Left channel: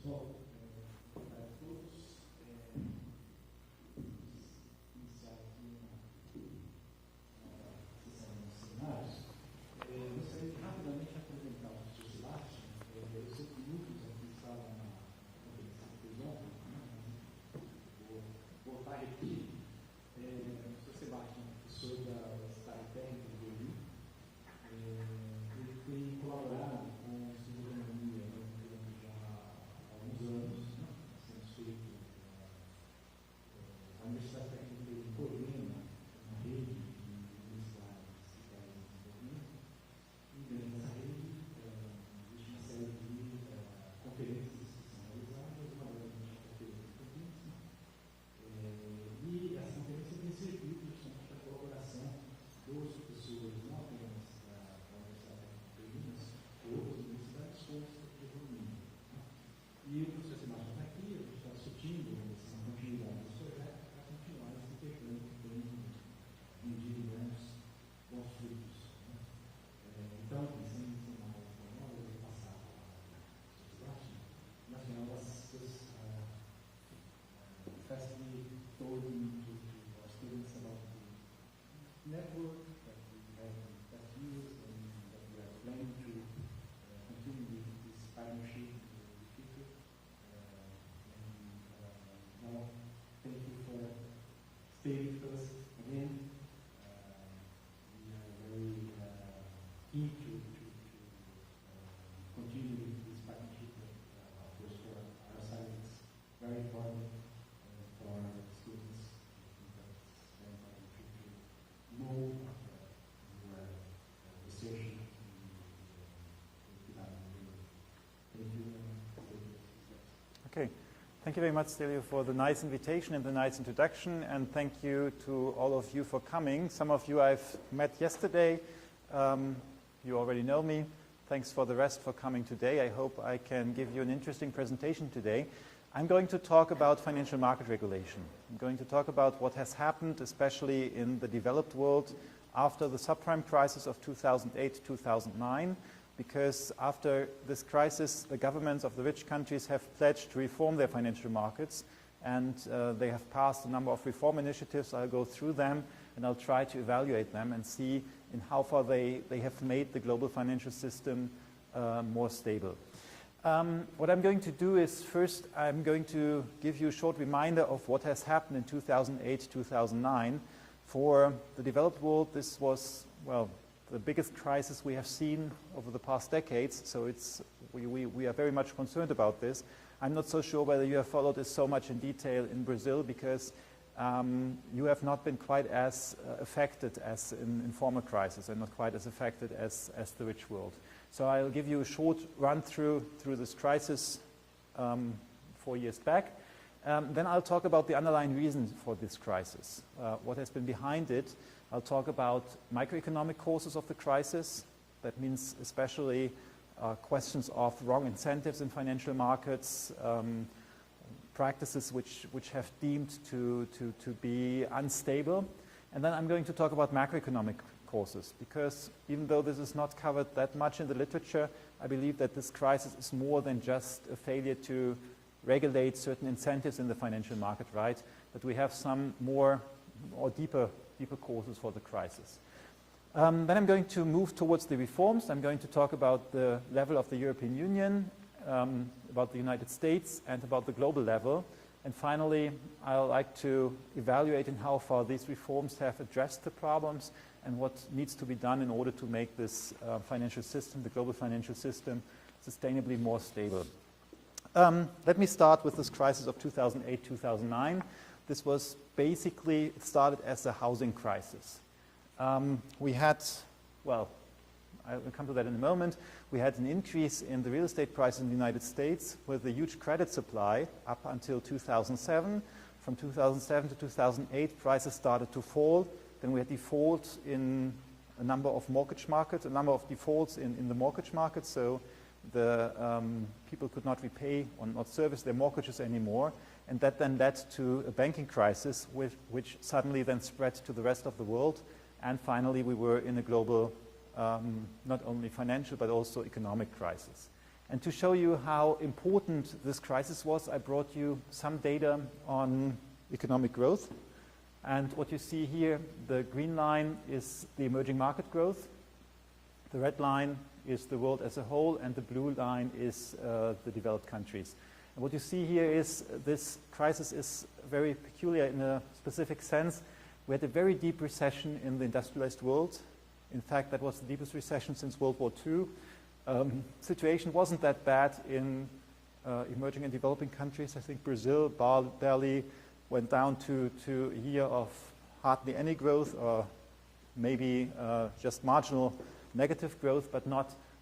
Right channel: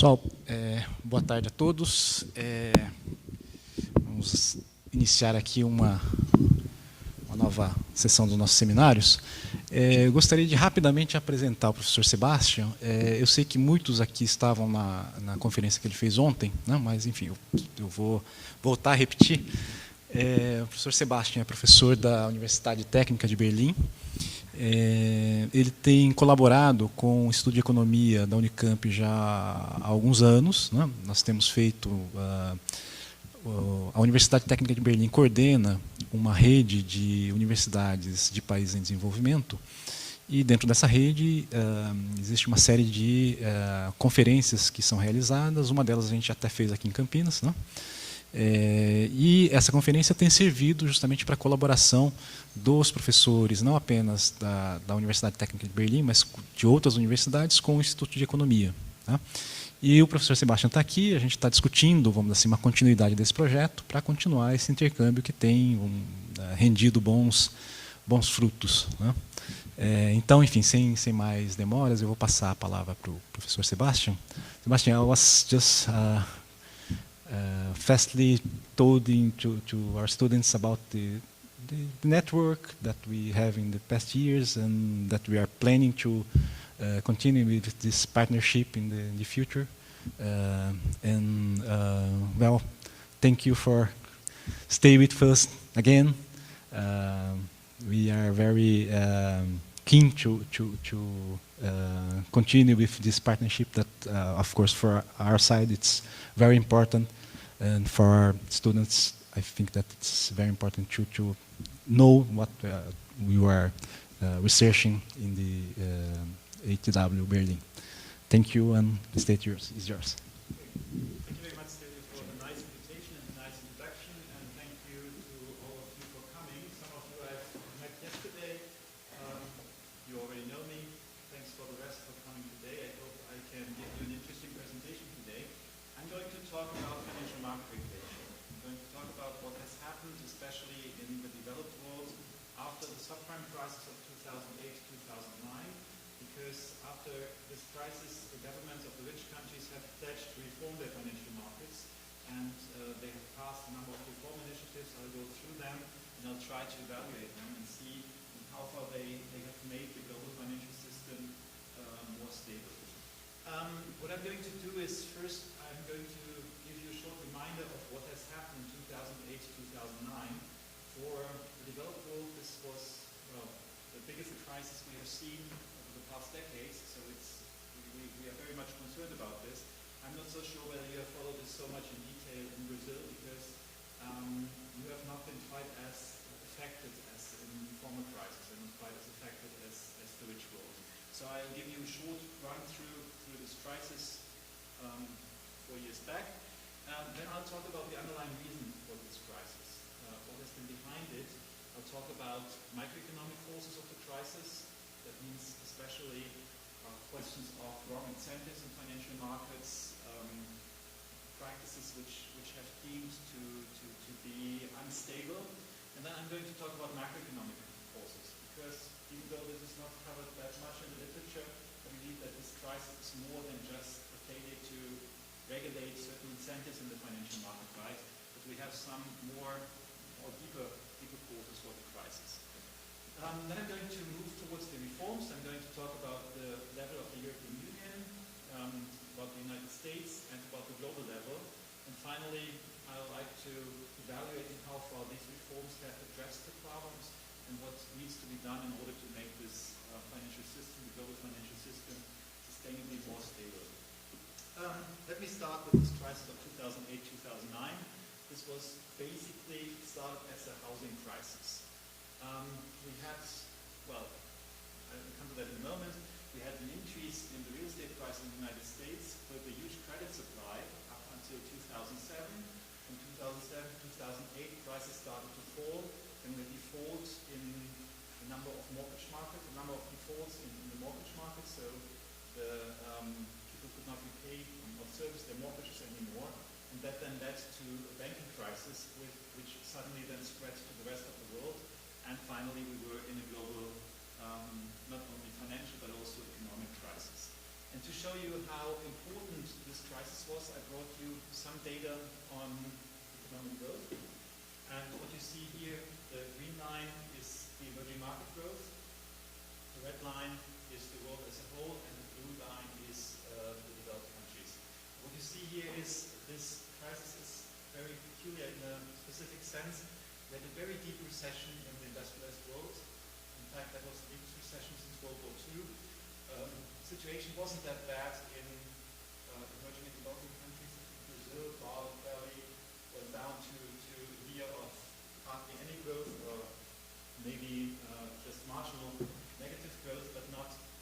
Pessoal, boa tarde a todos. Vamos iniciar aqui uma nova sessão dos nossos seminários. Eu gostaria de rapidamente apresentar o professor Sebastian. Eu sei que muitos aqui estavam na conferência que ele fez ontem, né, mas, enfim, eu vou voltar a repetir. O professor Sebastian é professor da Universidade Técnica de Berlim. Ele tem colaborado com o Instituto de Economia da Unicamp já há alguns anos, né? Nós temos feito... a Universidade Técnica de Berlim coordena uma rede de universidades de países em desenvolvimento, e dentro dessa rede existe uma série de conferências que são realizadas. Uma delas a gente até fez aqui em Campinas, né? E essa conferência tem servido justamente para a colaboração dos professores, não apenas da Universidade Técnica de Berlim, mas de outras universidades com o Instituto de Economia, tá? E o professor Sebastian está aqui, a gente está discutindo, vamos dizer assim, uma continuidade desse projeto para continuar esse intercâmbio que tem rendido bons frutos, né? Então, enfim, sem mais demoras, eu vou passar a palavra para o professor Sebastian. Sebastian, I was just fastly told to our students about the network that we have in the past years, and that we are planning to continue with this partnership in the future. Well, thank you for stay with us again. We are very keen to continue with this partnership that, of course, for our side, it's very important. And for our students, I think that it's very important to know what we were researching in the ATW Berlin. Thank you, and the stage is yours. Okay. Thank you very much, Stelio, for the nice invitation and the nice introduction, and thank you to all of you for coming. Some of you I've met yesterday. You already know me. Thanks for the rest for coming today. I hope I can give you an interesting presentation today. I'm going to talk about financial market regulation. I'm going to talk about what has happened, especially in the developed world, after the subprime crisis of 2008-2009, because after this crisis, the governments of the rich countries have pledged to reform their financial markets, and they have passed a number of reform initiatives. I'll go through them, and I'll try to evaluate them and see in how far they have made the global financial system more stable. What I'm going to do is, first, I'm going to give you a short reminder of what has happened in 2008-2009. For the developed world, this was, well, the biggest crisis we have seen over the past decades, so we are very much concerned about this. I'm not so sure whether you have followed this so much in detail in Brazil, because you have not been quite as affected as in former crises, and not quite as affected as the rich world. So I'll give you a short run through this crisis 4 years back. Then I'll talk about the underlying reason for this crisis, what has been behind it. I'll talk about macroeconomic causes of the crisis. That means especially questions of wrong incentives in financial markets, practices which have deemed to be unstable. And then I'm going to talk about macroeconomic causes, because even though this is not covered that much in the literature, I believe that this crisis is more than just a failure to regulate certain incentives in the financial market, right? But we have some more or deeper causes for the crisis. Then I'm going to move towards the reforms. I'm going to talk about the level of the European Union, about the United States, and about the global level. And finally, I'd like to evaluate in how far these reforms have addressed the problems, and what needs to be done in order to make this financial system, the global financial system, sustainably more stable. Let me start with this crisis of 2008-2009. This was basically started as a housing crisis. We had, well, I'll come to that in a moment. We had an increase in the real estate price in the United States with a huge credit supply up until 2007. From 2007 to 2008, prices started to fall. Then we had defaults in a number of mortgage markets, a number of defaults in the mortgage market, so the people could not repay or not service their mortgages anymore, and that then led to a banking crisis which suddenly then spread to the rest of the world, and finally we were in a global, not only financial but also economic crisis. And to show you how important this crisis was, I brought you some data on economic growth. And what you see here, the green line is the emerging market growth. The red line is the world as a whole, and the blue line is the developed countries. And what you see here is this crisis is very peculiar in a specific sense. We had a very deep recession in the industrialized world. In fact, that was the deepest recession since World War II. Situation wasn't that bad in emerging and developing countries. I think Brazil barely went down to a year of hardly any growth, or maybe just marginal negative growth, but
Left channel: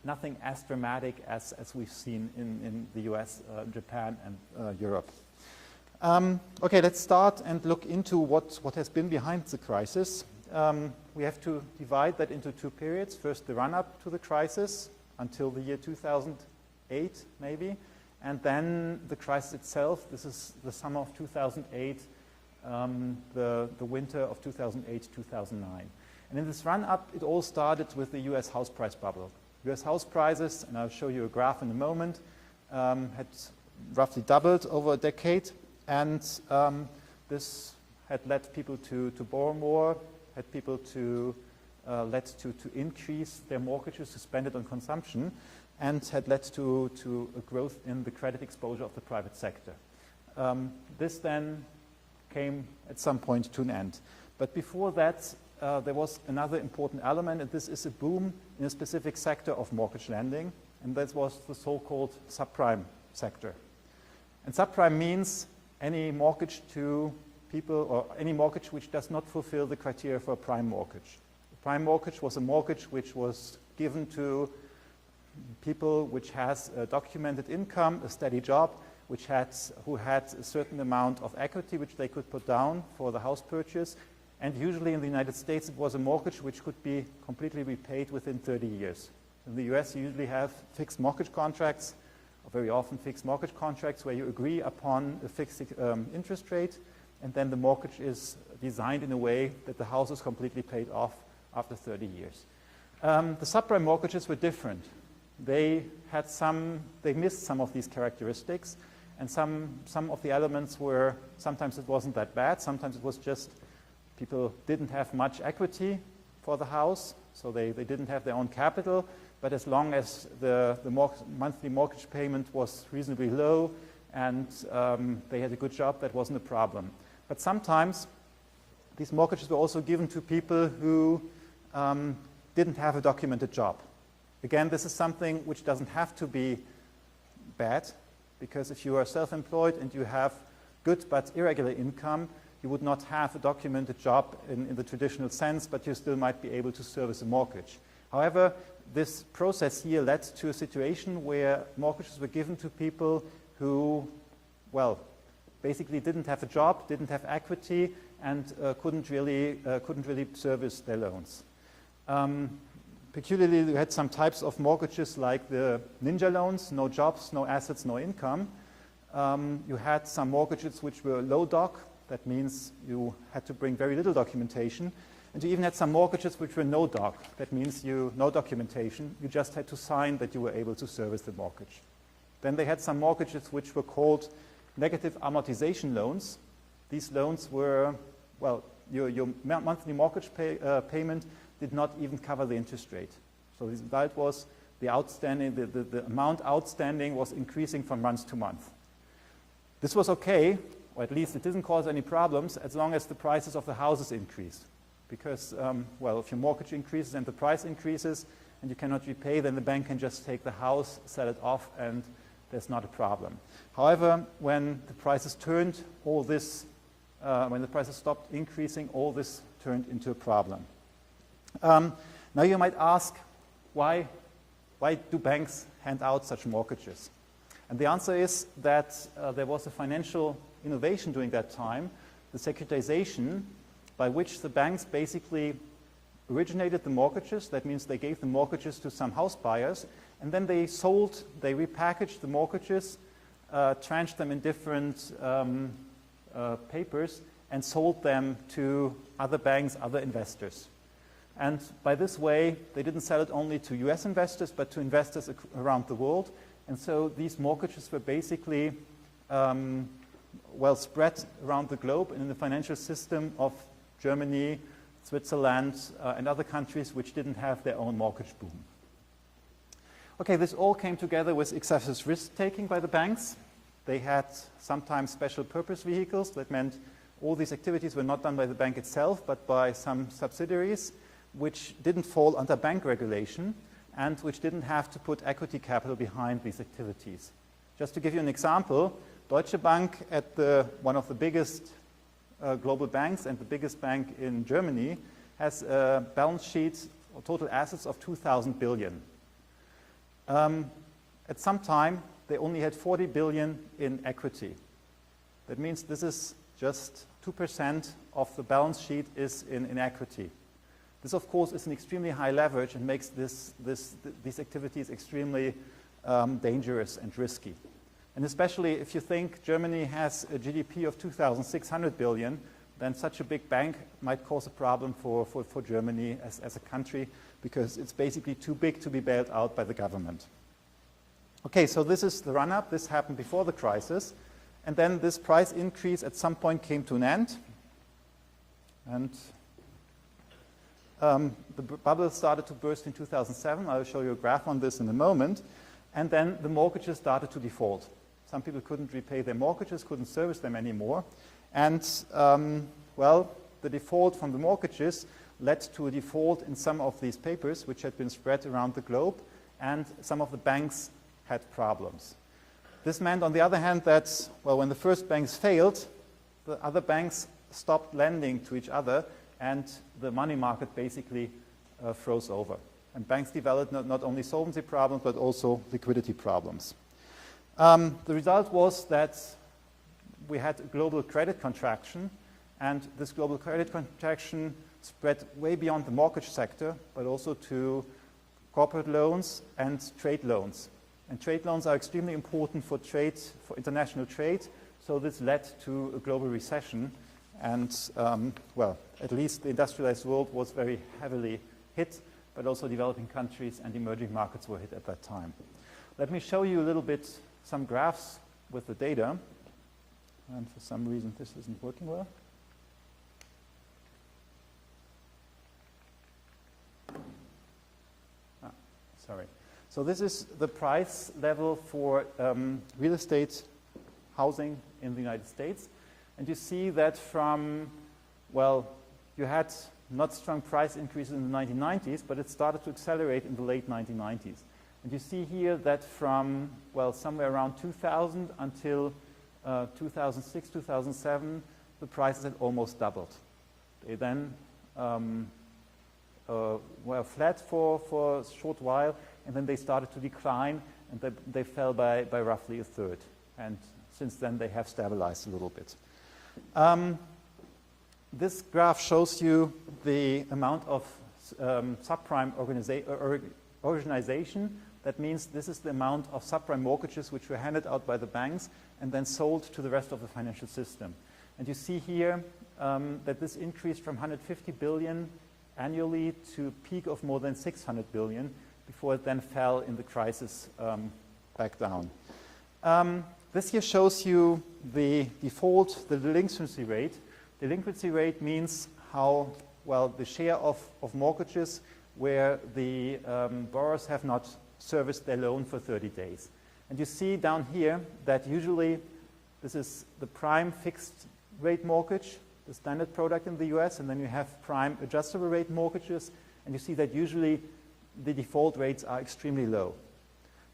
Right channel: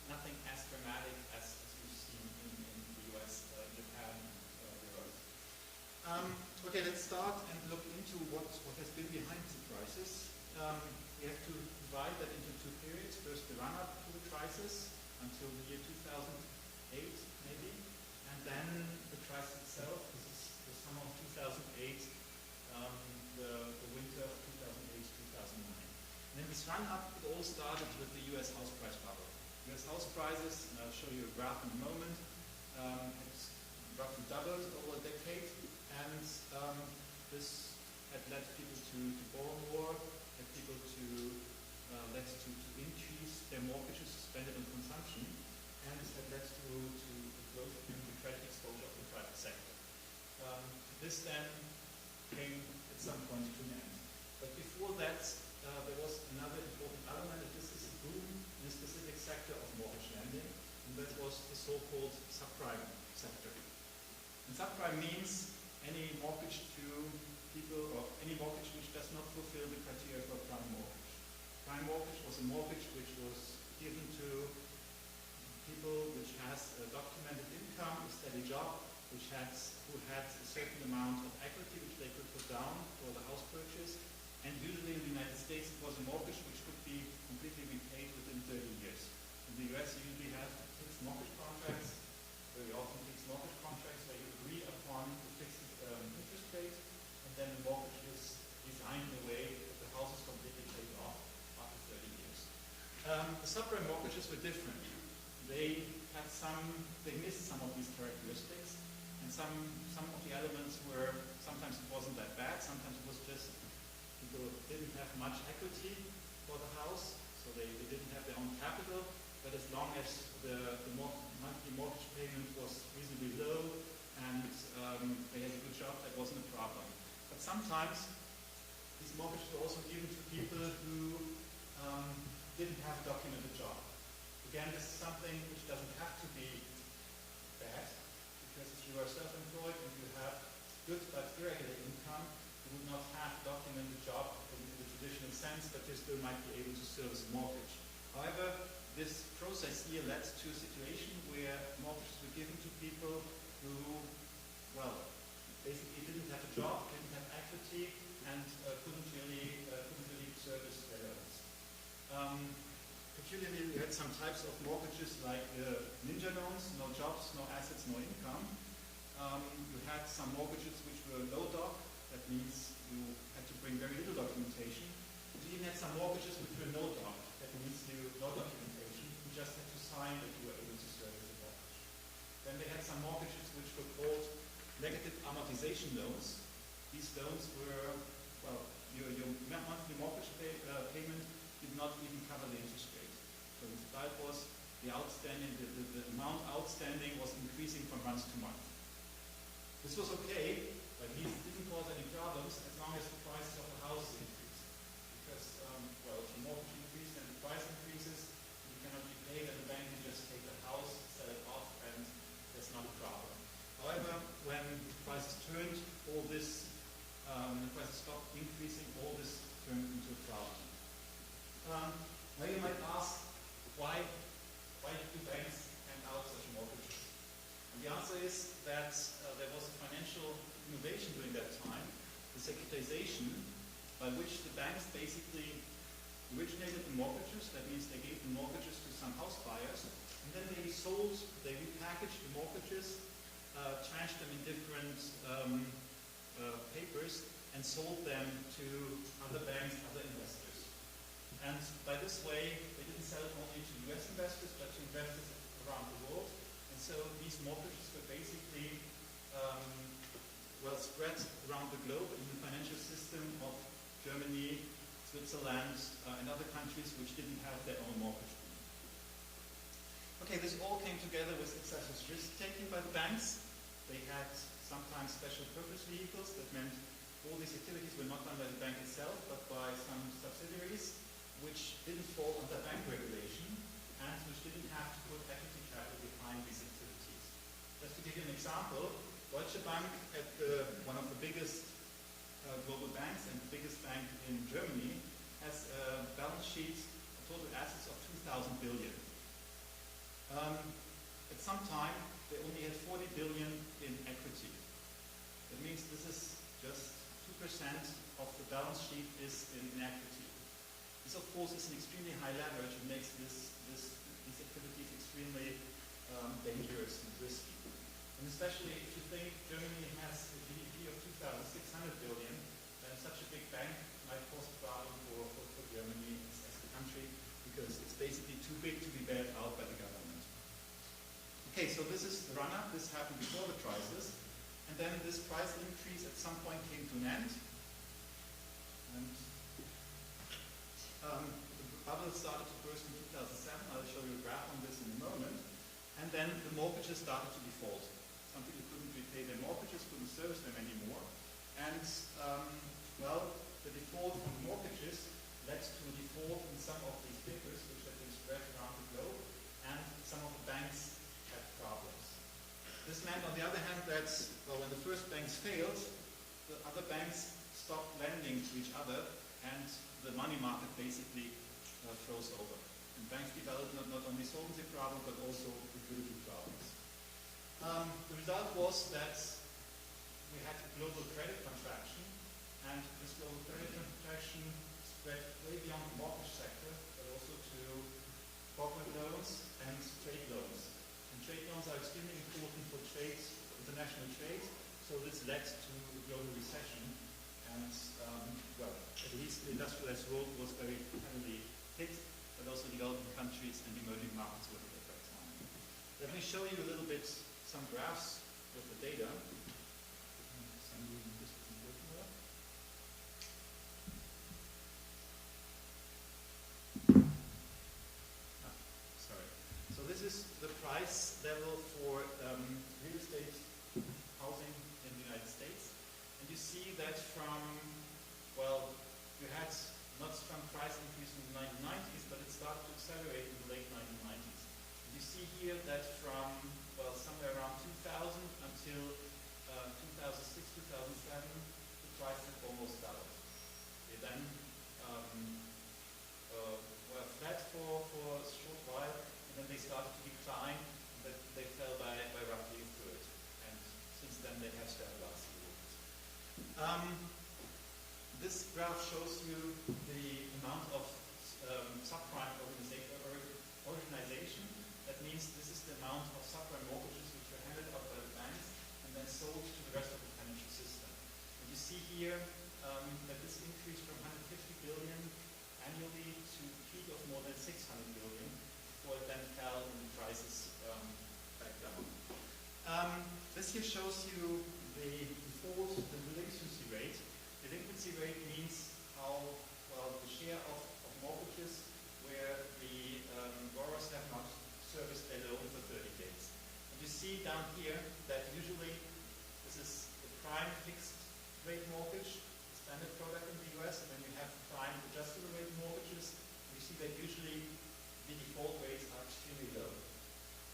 nothing as dramatic as we've seen in the US, Japan, and Europe. Okay, let's start and look into what has been behind the crisis. We have to divide that into two periods. First, the run-up to the crisis until the year 2008, maybe, and then the crisis itself. This is the summer of 2008, the winter of 2008, 2009. And in this run-up, it all started with the US house price bubble. US house prices, and I'll show you a graph in a moment, had roughly doubled over a decade, and this had led people to borrow more, had people to led to increase their mortgages, to spend it on consumption, and had led to a growth in the credit exposure of the private sector. This then came at some point to an end. But before that, there was another important element, and this is a boom in a specific sector of mortgage lending, and that was the so-called subprime sector. And subprime means any mortgage to people, or any mortgage which does not fulfill the criteria for a prime mortgage. A prime mortgage was a mortgage which was given to people which has a documented income, a steady job, who had a certain amount of equity which they could put down for the house purchase. And usually in the United States, it was a mortgage which could be completely repaid within 30 years. In the US, you usually have fixed mortgage contracts, or very often fixed mortgage contracts, where you agree upon a fixed interest rate, and then the mortgage is designed in a way that the house is completely paid off after 30 years. The subprime mortgages were different. They missed some of these characteristics, and some of the elements were, sometimes it wasn't that bad, sometimes it was just people didn't have much equity for the house, so they didn't have their own capital, but as long as the monthly mortgage payment was reasonably low and they had a good job, that wasn't a problem. But sometimes these mortgages were also given to people who didn't have a documented job. Again, this is something which doesn't have to be bad, because if you are self-employed and you have good but irregular income, you would not have a documented job in the traditional sense, but you still might be able to service a mortgage. However, this process here led to a situation where mortgages were given to people who, well, basically didn't have a job, didn't have equity, and couldn't really service their loans. Peculiarly, we had some types of mortgages like the ninja loans, no jobs, no assets, no income. You had some mortgages which were low doc. That means you had to bring very little documentation. And you even had some mortgages which were no doc. That means no documentation. You just had to sign that you were able to service the mortgage. Then they had some mortgages which were called negative amortization loans. These loans were, well, your monthly mortgage payment did not even cover the interest rate. So the result was the amount outstanding was increasing from month to month. This was okay, or at least it didn't cause any problems, as long as the prices of the houses increased. Because, well, if your mortgage increases and the price increases and you cannot repay, then the bank can just take the house, sell it off, and there's not a problem. However, when the prices turned, when the prices stopped increasing, all this turned into a problem. Now you might ask, why do banks hand out such mortgages? And the answer is that there was a financial innovation during that time, the securitization, by which the banks basically originated the mortgages. That means they gave the mortgages to some house buyers, and then they repackaged the mortgages, tranched them in different papers, and sold them to other banks, other investors. And by this way, they didn't sell it only to US investors, but to investors around the world. And so these mortgages were basically well spread around the globe in the financial system of Germany, Switzerland, and other countries which didn't have their own mortgage boom. Okay, this all came together with excessive risk-taking by the banks. They had sometimes special purpose vehicles. That meant all these activities were not done by the bank itself, but by some subsidiaries, which didn't fall under bank regulation and which didn't have to put equity capital behind these activities. Just to give you an example, Deutsche Bank, at one of the biggest global banks and the biggest bank in Germany, has a balance sheet or total assets of 2,000 billion. At some time, they only had 40 billion in equity. That means this is just 2% of the balance sheet is in equity. This, of course, is an extremely high leverage and makes these activities extremely dangerous and risky. And especially if you think Germany has a GDP of 2,600 billion, then such a big bank might cause a problem for Germany as a country, because it's basically too big to be bailed out by the government. Okay, so this is the run-up. This happened before the crisis. And then this price increase at some point came to an end. And the bubble started to burst in 2007. I'll show you a graph on this in a moment. And then the mortgages started to default. Some people couldn't repay their mortgages, couldn't service them anymore. And, well, the default from the mortgages led to a default in some of these papers, which had been spread around the globe, and some of the banks had problems. This meant, on the other hand, that, well, when the first banks failed, the other banks stopped lending to each other, and the money market basically froze over. And banks developed not only solvency problems, but also liquidity problems. The result was that we had a global credit contraction, and this global credit contraction spread way beyond the mortgage sector, but also to corporate loans and trade loans. And trade loans are extremely important for trade, for international trade, so this led to a global recession, and, well, at least the industrialized world was very heavily hit, but also developing countries and emerging markets were hit at that time. Let me show you a little bit some graphs with the data, and for some reason this isn't working well. Sorry. So this is the price level for real estate housing in the United States. And you see that from, well, you had not strong price increases in the 1990s, but it started to accelerate in the late 1990s. And you see here that from, well, somewhere around 2000 until 2006, 2007, the prices had almost doubled. They then were flat for a short while, and then they started to decline, and they fell by roughly a third. And since then, they have stabilized a little bit. This graph shows you the amount of subprime organization. That means this is the amount of subprime mortgages which were handed out by the banks and then sold to the rest of the financial system. And you see here that this increased from 150 billion annually to a peak of more than 600 billion before it then fell in the crisis back down. This here shows you the default, the delinquency rate. Delinquency rate means how, well, the share of mortgages where the borrowers have not serviced their loan for 30 days. And you see down here that usually this is the prime fixed rate mortgage, the standard product in the US, and then you have prime adjustable rate mortgages, and you see that usually the default rates are extremely low.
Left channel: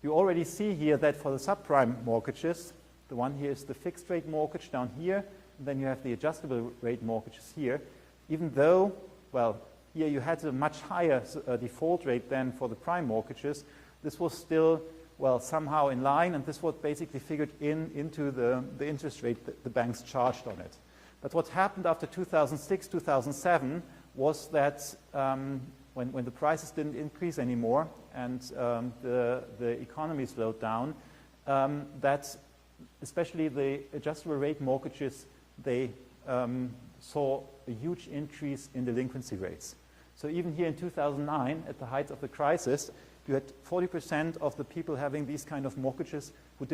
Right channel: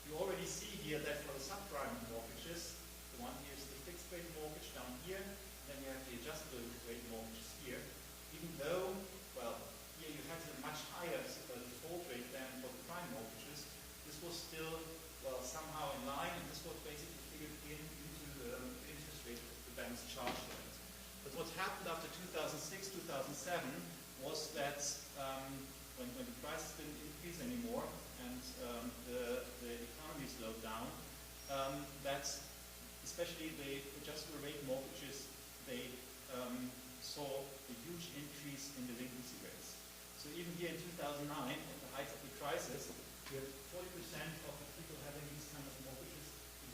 You already see here that for the subprime mortgages, the one here is the fixed rate mortgage down here, and then you have the adjustable rate mortgages here. Even though, well, here you had a much higher default rate than for the prime mortgages, this was still, well, somehow in line, and this was basically figured into the interest rate that the banks charged on it. But what happened after 2006, 2007 was that when the prices didn't increase anymore and the economy slowed down, that especially the adjustable rate mortgages, they saw a huge increase in delinquency rates. So even here in 2009, at the height of the crisis, you had 40% of the people having these kind of mortgages who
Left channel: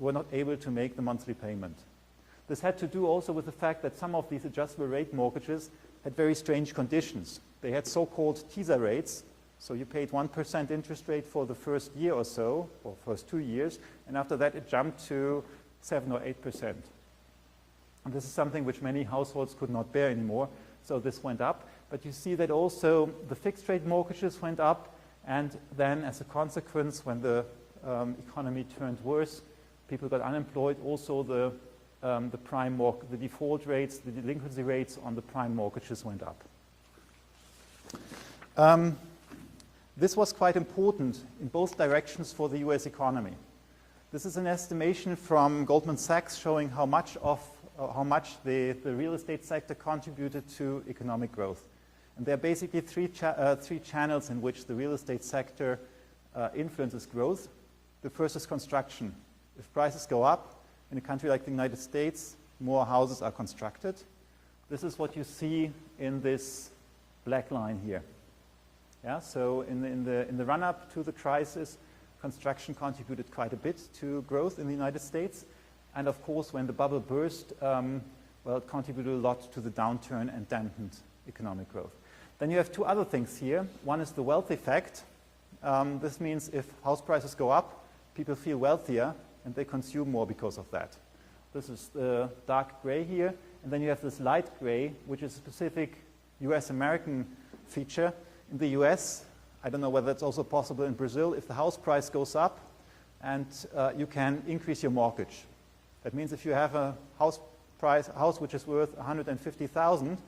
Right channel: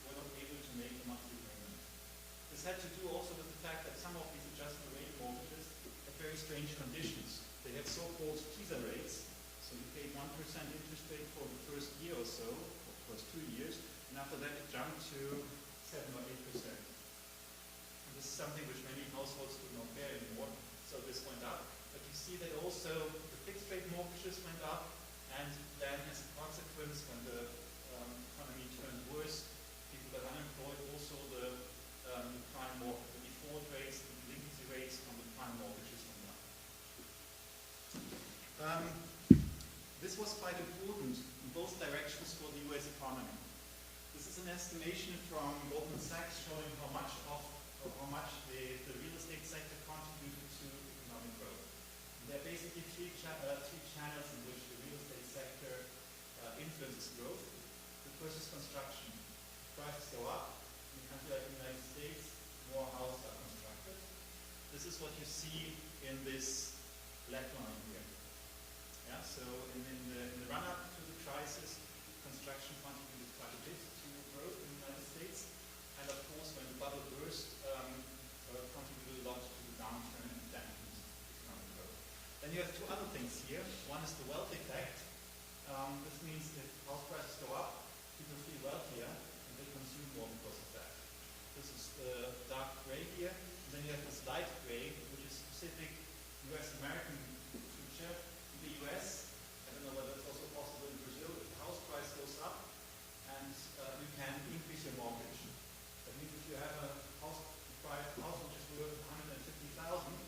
were not able to make the monthly payment. This had to do also with the fact that some of these adjustable rate mortgages had very strange conditions. They had so-called teaser rates, so you paid 1% interest rate for the first year or so, or first 2 years, and after that it jumped to 7 or 8%. And this is something which many households could not bear anymore, so this went up. But you see that also the fixed rate mortgages went up, and then as a consequence, when the economy turned worse, people got unemployed, also the default rates, the delinquency rates on the prime mortgages went up. This was quite important in both directions for the US economy. This is an estimation from Goldman Sachs showing how much the real estate sector contributed to economic growth. And there are basically three channels in which the real estate sector influences growth. The first is construction. If prices go up in a country like the United States, more houses are constructed. This is what you see in this black line here. Yeah, so in the run-up to the crisis, construction contributed quite a bit to growth in the United States. And of course, when the bubble burst, well, it contributed a lot to the downturn and dampened economic growth. Then you have two other things here. One is the wealth effect. This means if house prices go up, people feel wealthier and they consume more because of that. This is the dark gray here. And then you have this light gray, which is a specific US-American feature. In the US, I don't know whether it's also possible in Brazil, if the house price goes up and you can increase your mortgage. That means if you have a house which is worth 150,000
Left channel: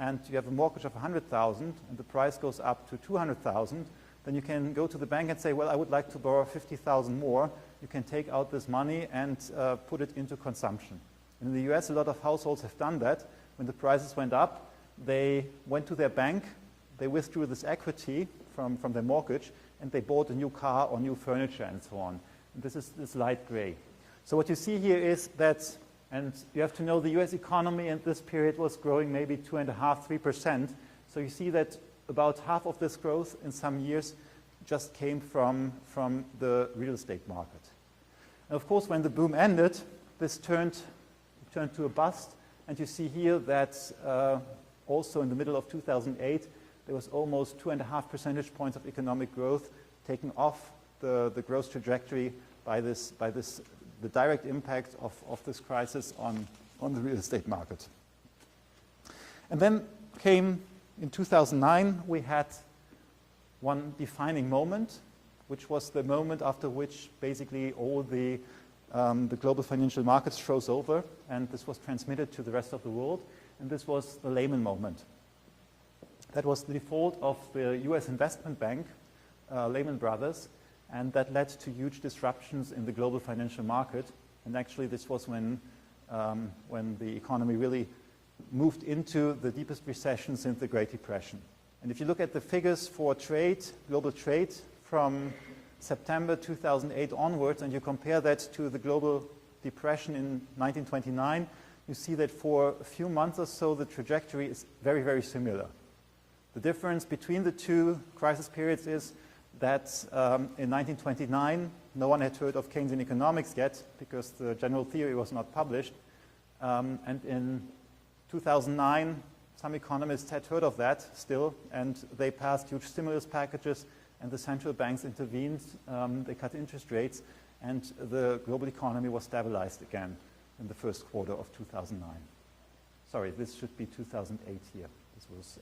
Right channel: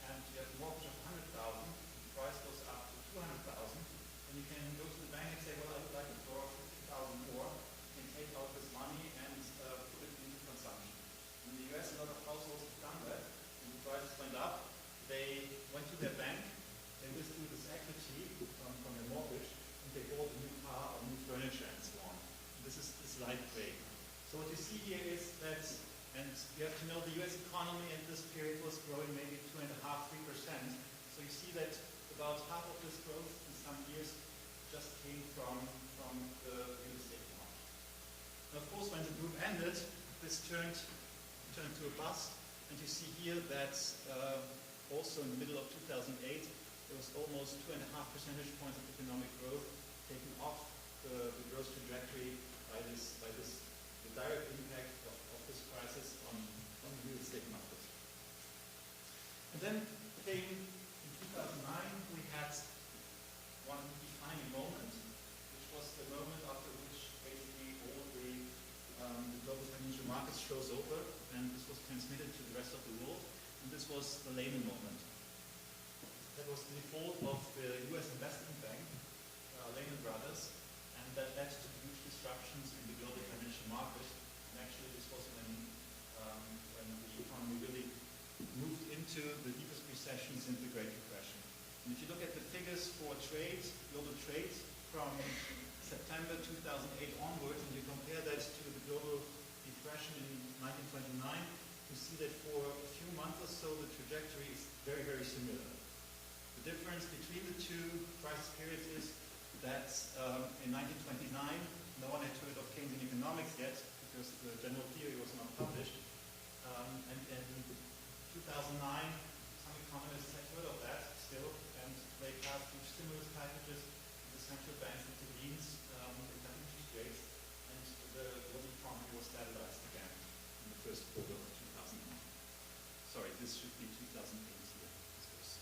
and you have a mortgage of 100,000 and the price goes up to 200,000, then you can go to the bank and say, well, I would like to borrow 50,000 more. You can take out this money and put it into consumption. In the US, a lot of households have done that. When the prices went up, they went to their bank, they withdrew this equity from their mortgage, and they bought a new car or new furniture and so on. And this is this light gray. So what you see here is that, and you have to know the US economy in this period was growing maybe 2.5%, 3%. So you see that about half of this growth in some years just came from the real estate market. And of course, when the boom ended, this turned to a bust. And you see here that also in the middle of 2008, there was almost 2.5 percentage points of economic growth taken off the growth trajectory by the direct impact of this crisis on the real estate market. And then came, in 2009, we had one defining moment, which was the moment after which basically all the global financial markets froze over, and this was transmitted to the rest of the world, and this was the Lehman moment. That was the default of the US investment bank, Lehman Brothers, and that led to huge disruptions in the global financial market. And actually this was when the economy really moved into the deepest recession since the Great Depression. And if you look at the figures for trade, global trade, from September 2008 onwards, and you compare that to the global depression in 1929, you see that for a few months or so, the trajectory is very, very similar. The difference between the two crisis periods is that in 1929, no one had heard of Keynesian economics yet because the general theory was not published. And in 2009, some economists had heard of that still, and they passed huge stimulus packages, and the central banks intervened. They cut interest rates, and the global economy was stabilized again in the first quarter of 2009. Sorry, this should be 2008 here. This was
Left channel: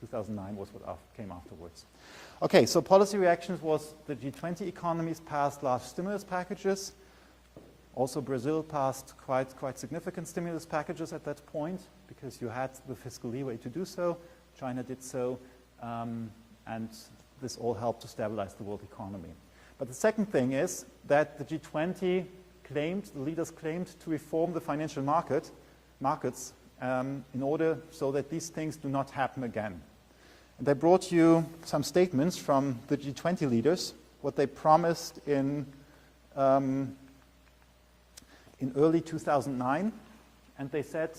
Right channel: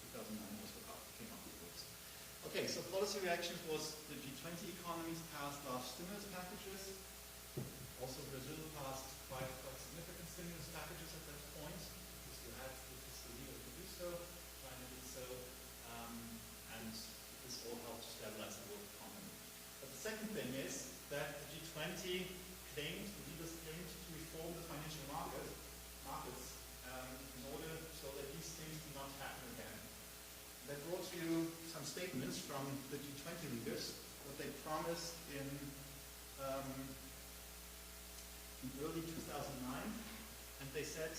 2009 was what came afterwards. Okay, so policy reactions was the G20 economies passed large stimulus packages. Also, Brazil passed quite significant stimulus packages at that point because you had the fiscal leeway to do so. China did so, and this all helped to stabilize the world economy. But the second thing is that the G20 claimed, the leaders claimed to reform the financial markets in order so that these things do not happen again. And I brought you some statements from the G20 leaders, what they promised in early 2009, and they said,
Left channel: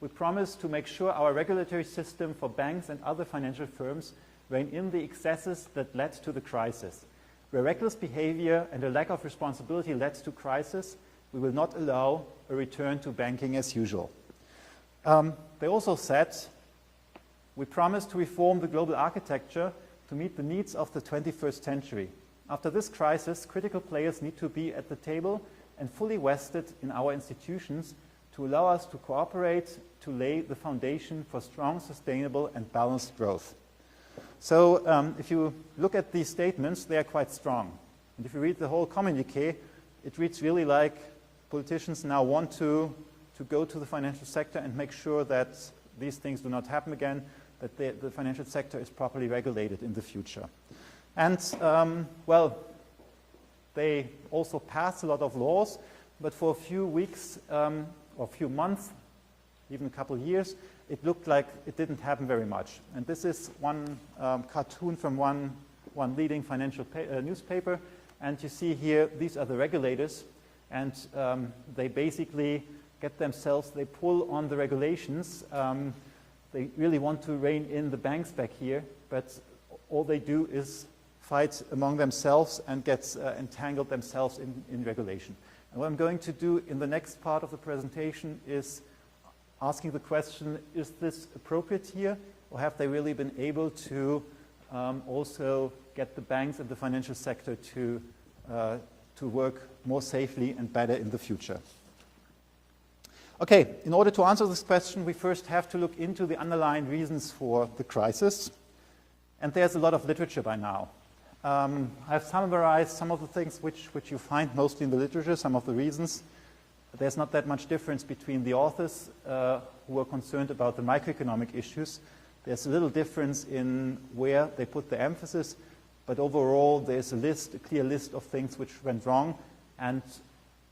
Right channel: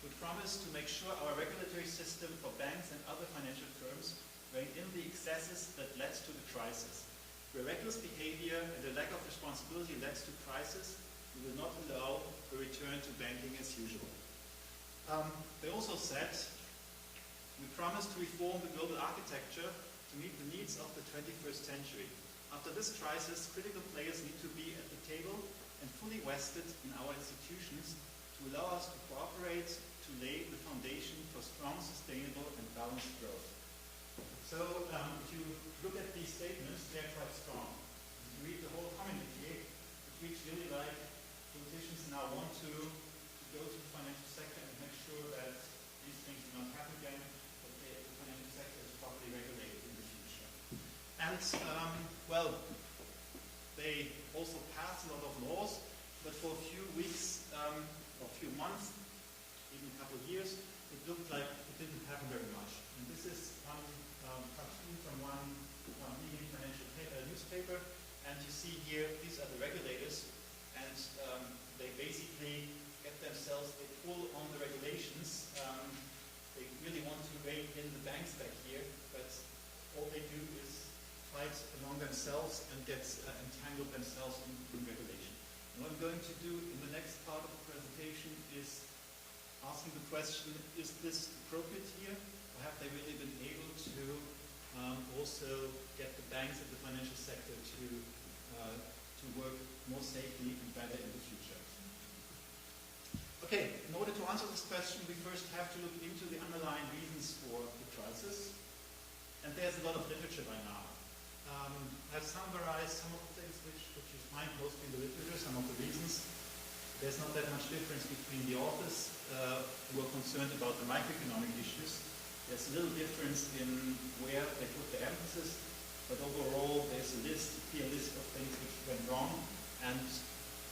we promise to make sure our regulatory system for banks and other financial firms rein in the excesses that led to the crisis. Where reckless behavior and a lack of responsibility led to crisis, we will not allow a return to banking as usual. They also said, we promise to reform the global architecture to meet the needs of the 21st century. After this crisis, critical players need to be at the table and fully vested in our institutions to allow us to cooperate to lay the foundation for strong, sustainable, and balanced growth. So if you look at these statements, they are quite strong. And if you read the whole communiqué, it reads really like politicians now want to go to the financial sector and make sure that these things do not happen again, that the financial sector is properly regulated in the future. And, well, they also passed a lot of laws, but for a few weeks or a few months, even a couple of years, it looked like it didn't happen very much. And this is one cartoon from one leading financial newspaper. And you see here, these are the regulators. And they basically get themselves, they pull on the regulations. They really want to rein in the banks back here. But all they do is fight among themselves and get entangled themselves in regulation. And what I'm going to do in the next part of the presentation is asking the question, is this appropriate here? Or have they really been able to also get the banks and the financial sector to work more safely and better in the future? Okay, in order to answer this question, we first have to look into the underlying reasons for the crisis. And there's a lot of literature by now. I've summarized some of the things which you find mostly in the literature, some of the reasons. There's not that much difference between the authors who are concerned about the microeconomic issues. There's a little difference in where they put the emphasis, but overall there's a clear list of things which went wrong, and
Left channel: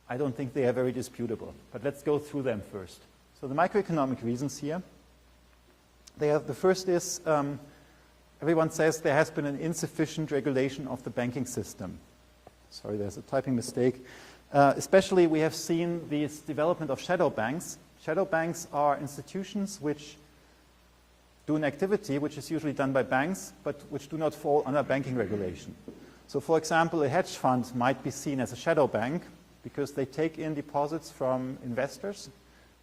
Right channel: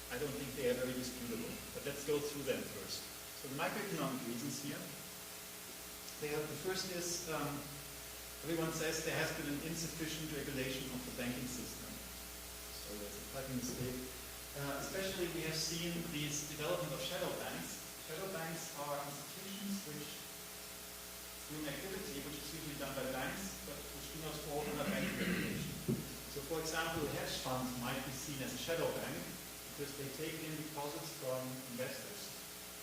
I don't think they are very disputable. But let's go through them first. So the microeconomic reasons here. The first is, everyone says there has been an insufficient regulation of the banking system. Sorry, there's a typing mistake. Especially we have seen this development of shadow banks. Shadow banks are institutions which do an activity which is usually done by banks, but which do not fall under banking regulation. So for example, a hedge fund might be seen as a shadow bank because they take in deposits from investors,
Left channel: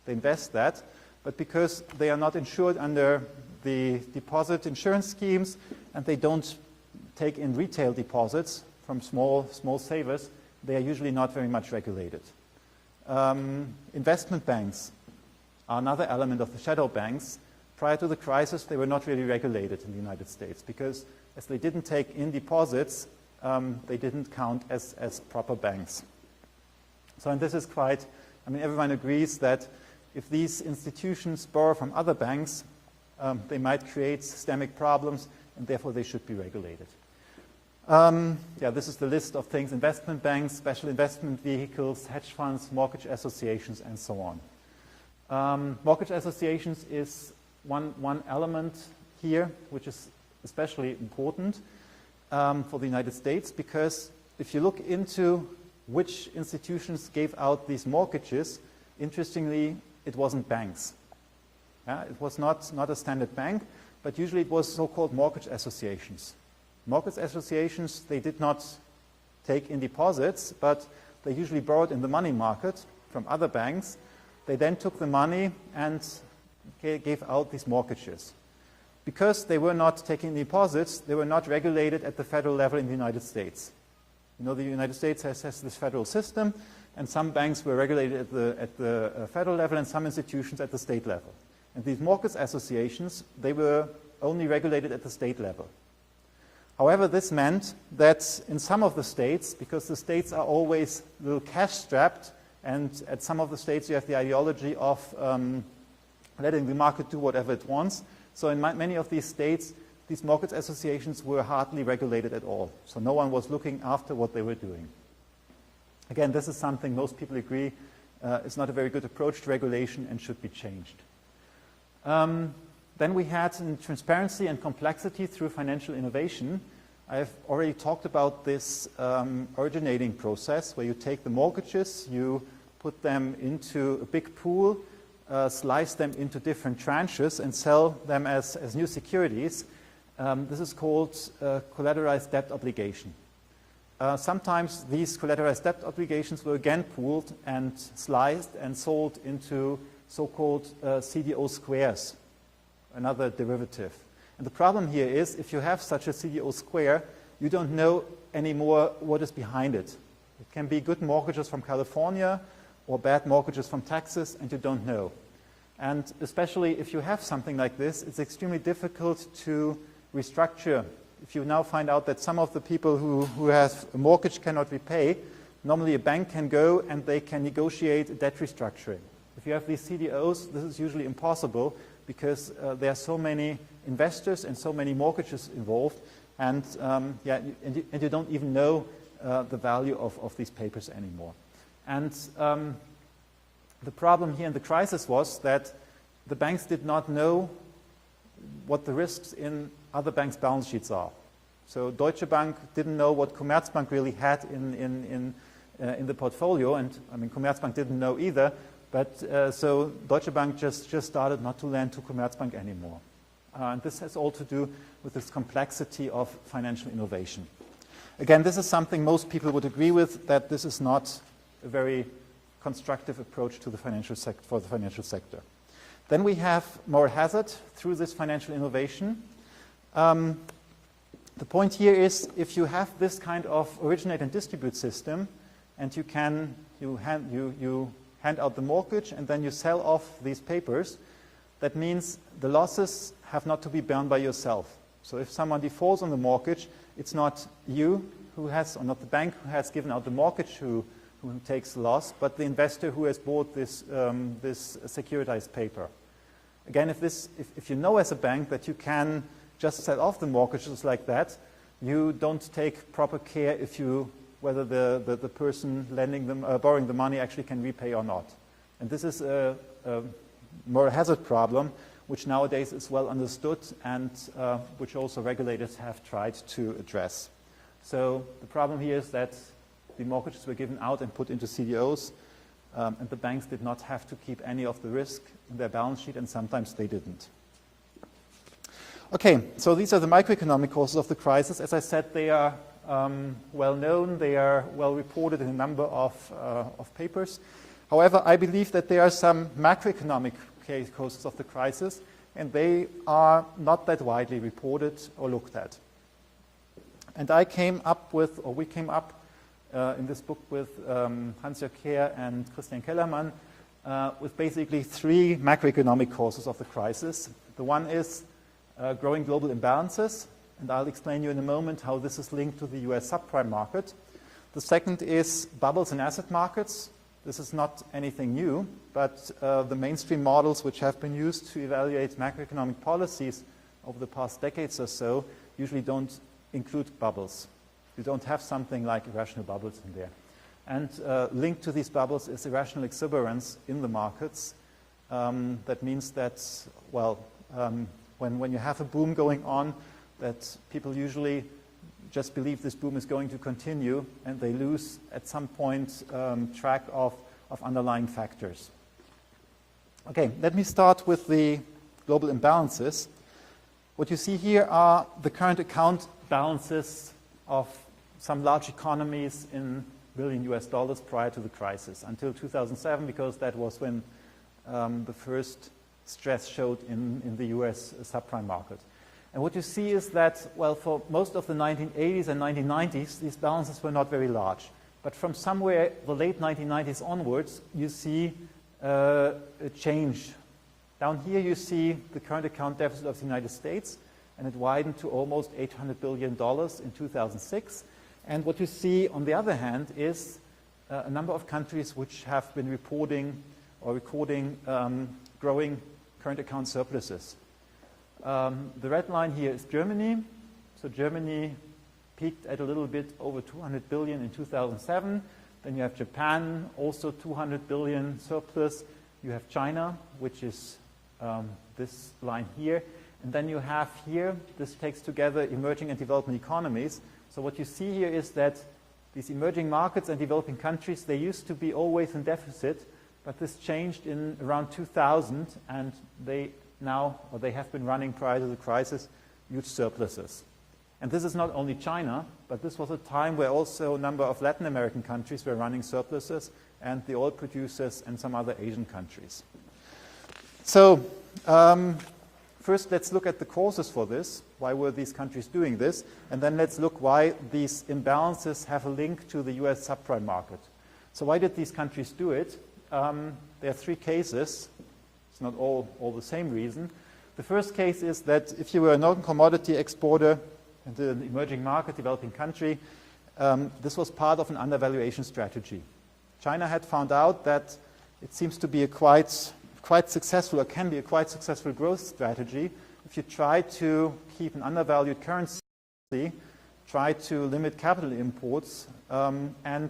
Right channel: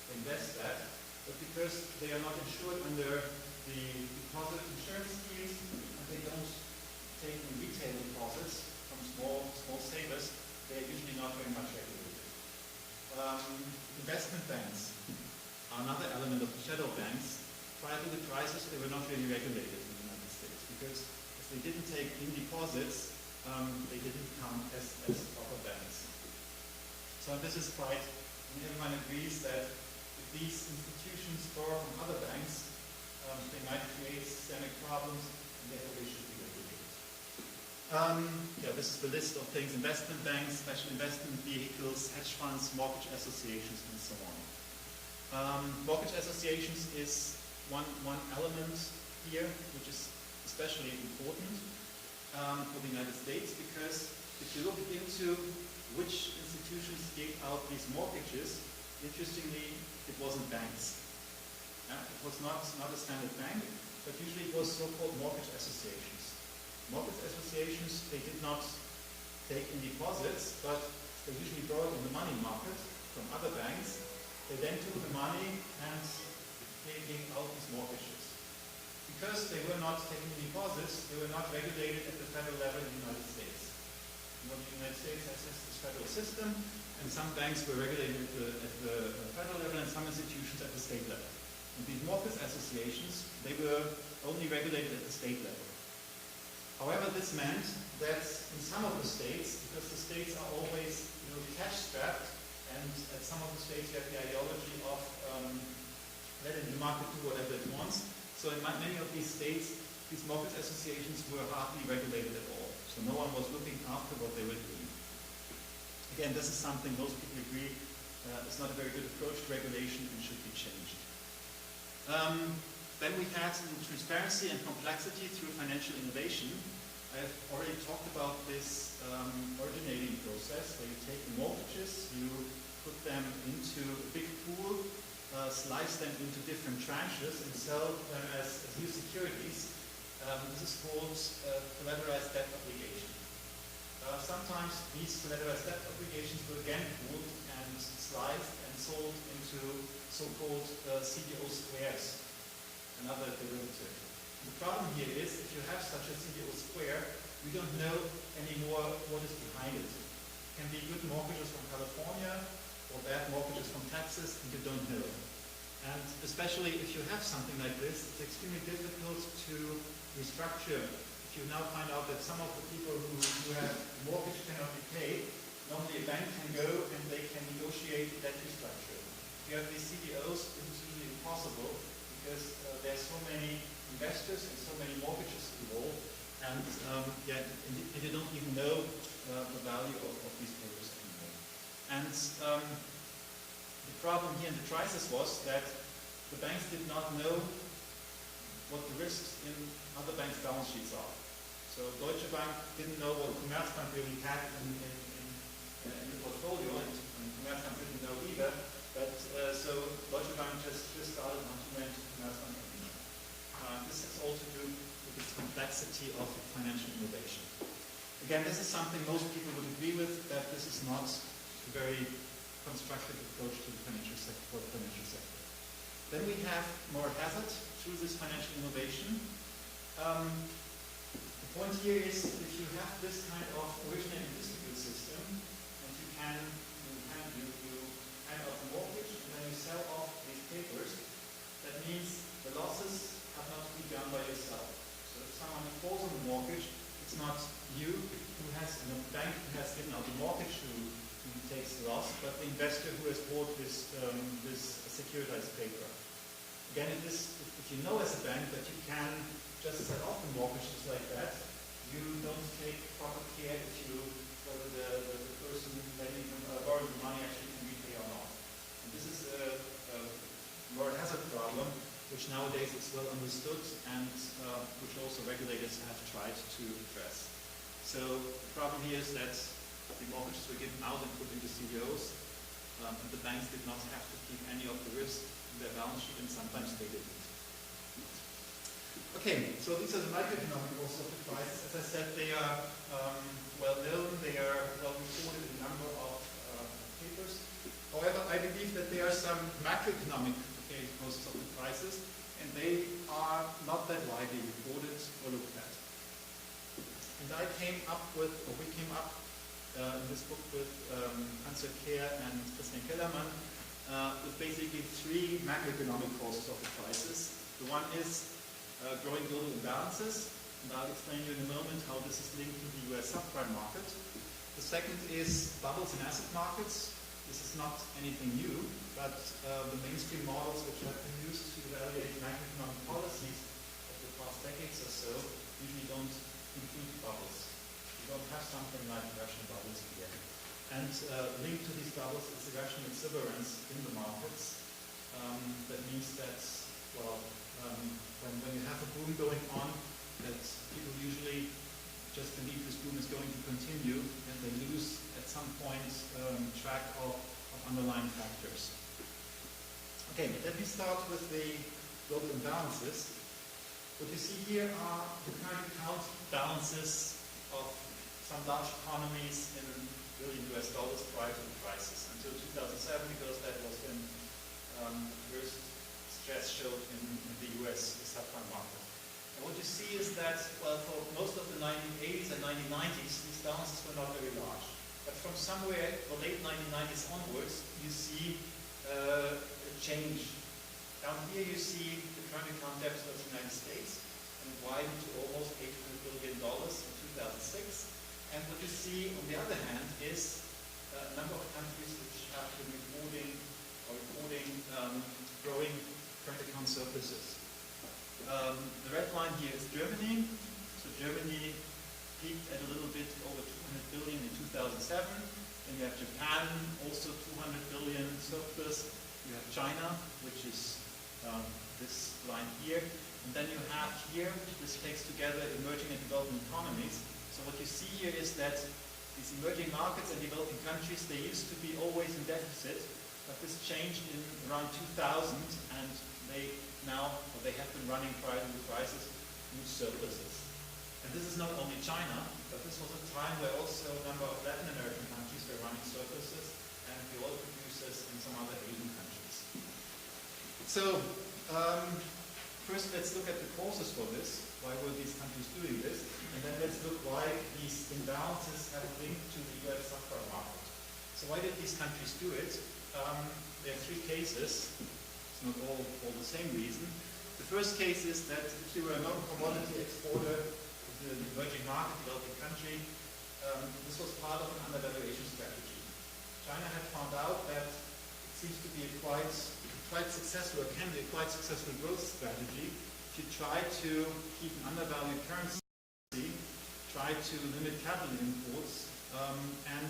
they invest that, but because they are not insured under the deposit insurance schemes and they don't take in retail deposits from small savers, they are usually not very much regulated. Investment banks are another element of the shadow banks. Prior to the crisis, they were not really regulated in the United States because as they didn't take in deposits, they didn't count as proper banks. So and this is quite, I mean, everyone agrees that if these institutions borrow from other banks, they might create systemic problems and therefore they should be regulated. Yeah, this is the list of things: investment banks, special investment vehicles, hedge funds, mortgage associations, and so on. Mortgage associations is one element here, which is especially important for the United States, because if you look into which institutions gave out these mortgages, interestingly, it wasn't banks. It was not a standard bank, but usually it was so-called mortgage associations. Mortgage associations, they did not take in deposits, but they usually borrowed in the money market from other banks. They then took the money and gave out these mortgages. Because they were not taking deposits, they were not regulated at the federal level in the United States. You know, the United States has this federal system, and some banks were regulated at the federal level and some institutions at the state level. And these mortgage associations, they were only regulated at the state level. However, this meant that in some of the states, because the states are always a little cash-strapped, and at some of the states you have the ideology of letting the market do whatever it wants. So in many of these states, these mortgage associations were hardly regulated at all. So no one was looking after what they were doing. Again, this is something most people agree is not a very good approach to regulation and should be changed. Then we had transparency and complexity through financial innovation. I've already talked about this originating process where you take the mortgages, you put them into a big pool, slice them into different tranches and sell them as new securities. This is called collateralized debt obligation. Sometimes these collateralized debt obligations were again pooled and sliced and sold into so-called CDO squares, another derivative. And the problem here is if you have such a CDO square, you don't know anymore what is behind it. It can be good mortgages from California or bad mortgages from Texas, and you don't know. And especially if you have something like this, it's extremely difficult to restructure. If you now find out that some of the people who have a mortgage cannot repay, normally a bank can go and they can negotiate a debt restructuring. If you have these CDOs, this is usually impossible because there are so many investors and so many mortgages involved, and you don't even know the value of these papers anymore. And the problem here in the crisis was that the banks did not know what the risks in other banks' balance sheets are. So Deutsche Bank didn't know what Commerzbank really had in the portfolio, and I mean Commerzbank didn't know either. But so Deutsche Bank just started not to lend to Commerzbank anymore. And this has all to do with this complexity of financial innovation. Again, this is something most people would agree with, that this is not a very constructive approach to the financial sector. Then we have moral hazard through this financial innovation. The point here is if you have this kind of originate and distribute system, and you hand out the mortgage and then you sell off these papers, that means the losses have not to be borne by yourself. So if someone defaults on the mortgage, it's not you who has, or not the bank who has given out the mortgage who takes the loss, but the investor who has bought this securitized paper. Again, if you know as a bank that you can just sell off the mortgages like that, you don't take proper care whether the person borrowing the money actually can repay or not. And this is a moral hazard problem which nowadays is well understood and which also regulators have tried to address. So the problem here is that the mortgages were given out and put into CDOs, and the banks did not have to keep any of the risk in their balance sheet, and sometimes they didn't. Okay, so these are the microeconomic causes of the crisis. As I said, they are well known, they are well reported in a number of papers. However, I believe that there are some macroeconomic causes of the crisis, and they are not that widely reported or looked at. And we came up in this book with Hans-Jörg Kehr and Christian Kellermann with basically three macroeconomic causes of the crisis. The one is growing global imbalances, and I'll explain you in a moment how this is linked to the US subprime market. The second is bubbles in asset markets. This is not anything new, but the mainstream models which have been used to evaluate macroeconomic policies over the past decades or so usually don't include bubbles. You don't have something like irrational bubbles in there. And linked to these bubbles is irrational exuberance in the markets. That means that, well, when you have a boom going on, that people usually just believe this boom is going to continue, and they lose at some point track of underlying factors. Okay, let me start with the global imbalances. What you see here are the current account balances of some large economies in billion US dollars prior to the crisis, until 2007, because that was when the first stress showed in the US subprime market. And what you see is that, well, for most of the 1980s and 1990s, these balances were not very large. But from somewhere the late 1990s onwards, you see a change. Down here you see the current account deficit of the United States, and it widened to almost $800 billion in 2006. And what you see, on the other hand, is a number of countries which have been reporting or recording growing current account surpluses. The red line here is Germany. So Germany peaked at a little bit over 200 billion in 2007. Then you have Japan, also 200 billion surplus. You have China, which is this line here. And then you have here, this takes together emerging and developing economies. So what you see here is that these emerging markets and developing countries, they used to be always in deficit, but this changed in around 2000, and they have been running prior to the crisis huge surpluses. And this is not only China, but this was a time where also a number of Latin American countries were running surpluses, and the oil producers and some other Asian countries. So first let's look at the causes for this. Why were these countries doing this? And then let's look why these imbalances have a link to the US subprime market. So why did these countries do it? There are three cases. It's not all the same reason. The first case is that if you were a non-commodity exporter into an emerging market, developing country, this was part of an undervaluation strategy. China had found out that it seems to be a quite successful, or can be a quite successful growth strategy if you try to keep an undervalued currency, try to limit capital imports, and,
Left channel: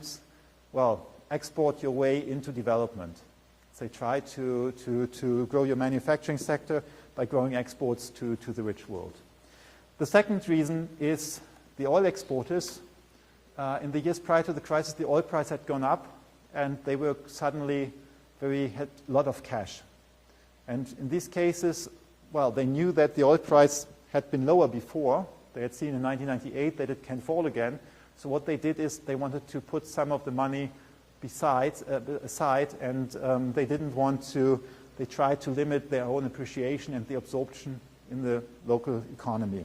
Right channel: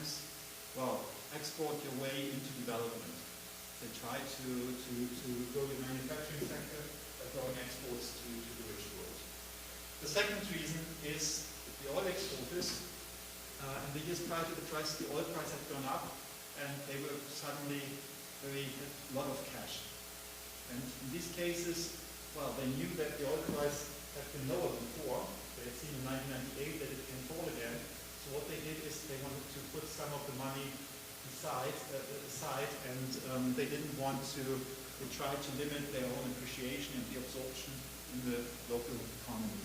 well, export your way into development. So try to grow your manufacturing sector by growing exports to the rich world. The second reason is the oil exporters. In the years prior to the crisis, the oil price had gone up, and they were suddenly had a lot of cash. And in these cases, well, they knew that the oil price had been lower before. They had seen in 1998 that it can fall again. So what they did is they wanted to put some of the money aside, and they didn't want to, they tried to limit their own appreciation and the absorption in the local economy.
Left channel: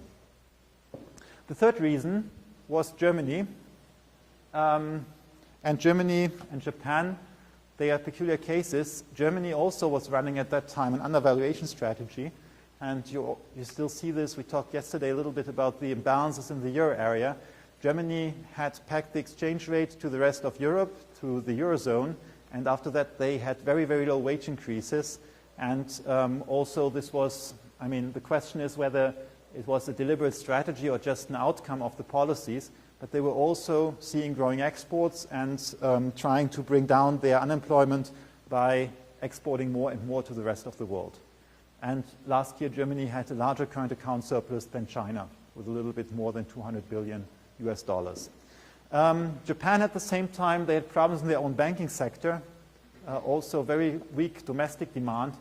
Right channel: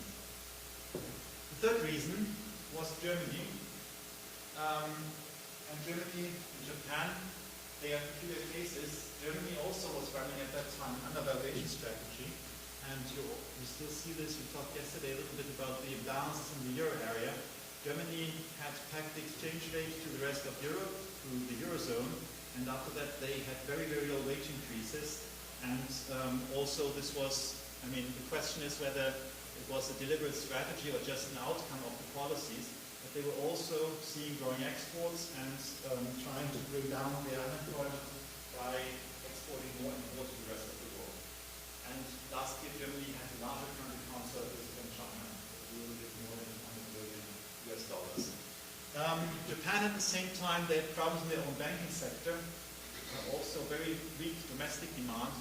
The third reason was Germany. And Germany and Japan, they are peculiar cases. Germany also was running at that time an undervaluation strategy. And you still see this. We talked yesterday a little bit about the imbalances in the euro area. Germany had pegged the exchange rate to the rest of Europe, to the Eurozone. And after that, they had very, very low wage increases. And also this was, I mean, the question is whether it was a deliberate strategy or just an outcome of the policies. But they were also seeing growing exports and trying to bring down their unemployment by exporting more and more to the rest of the world. And last year, Germany had a larger current account surplus than China, with a little bit more than 200 billion US dollars. Japan, at the same time, they had problems in their own banking sector, also very weak domestic demand,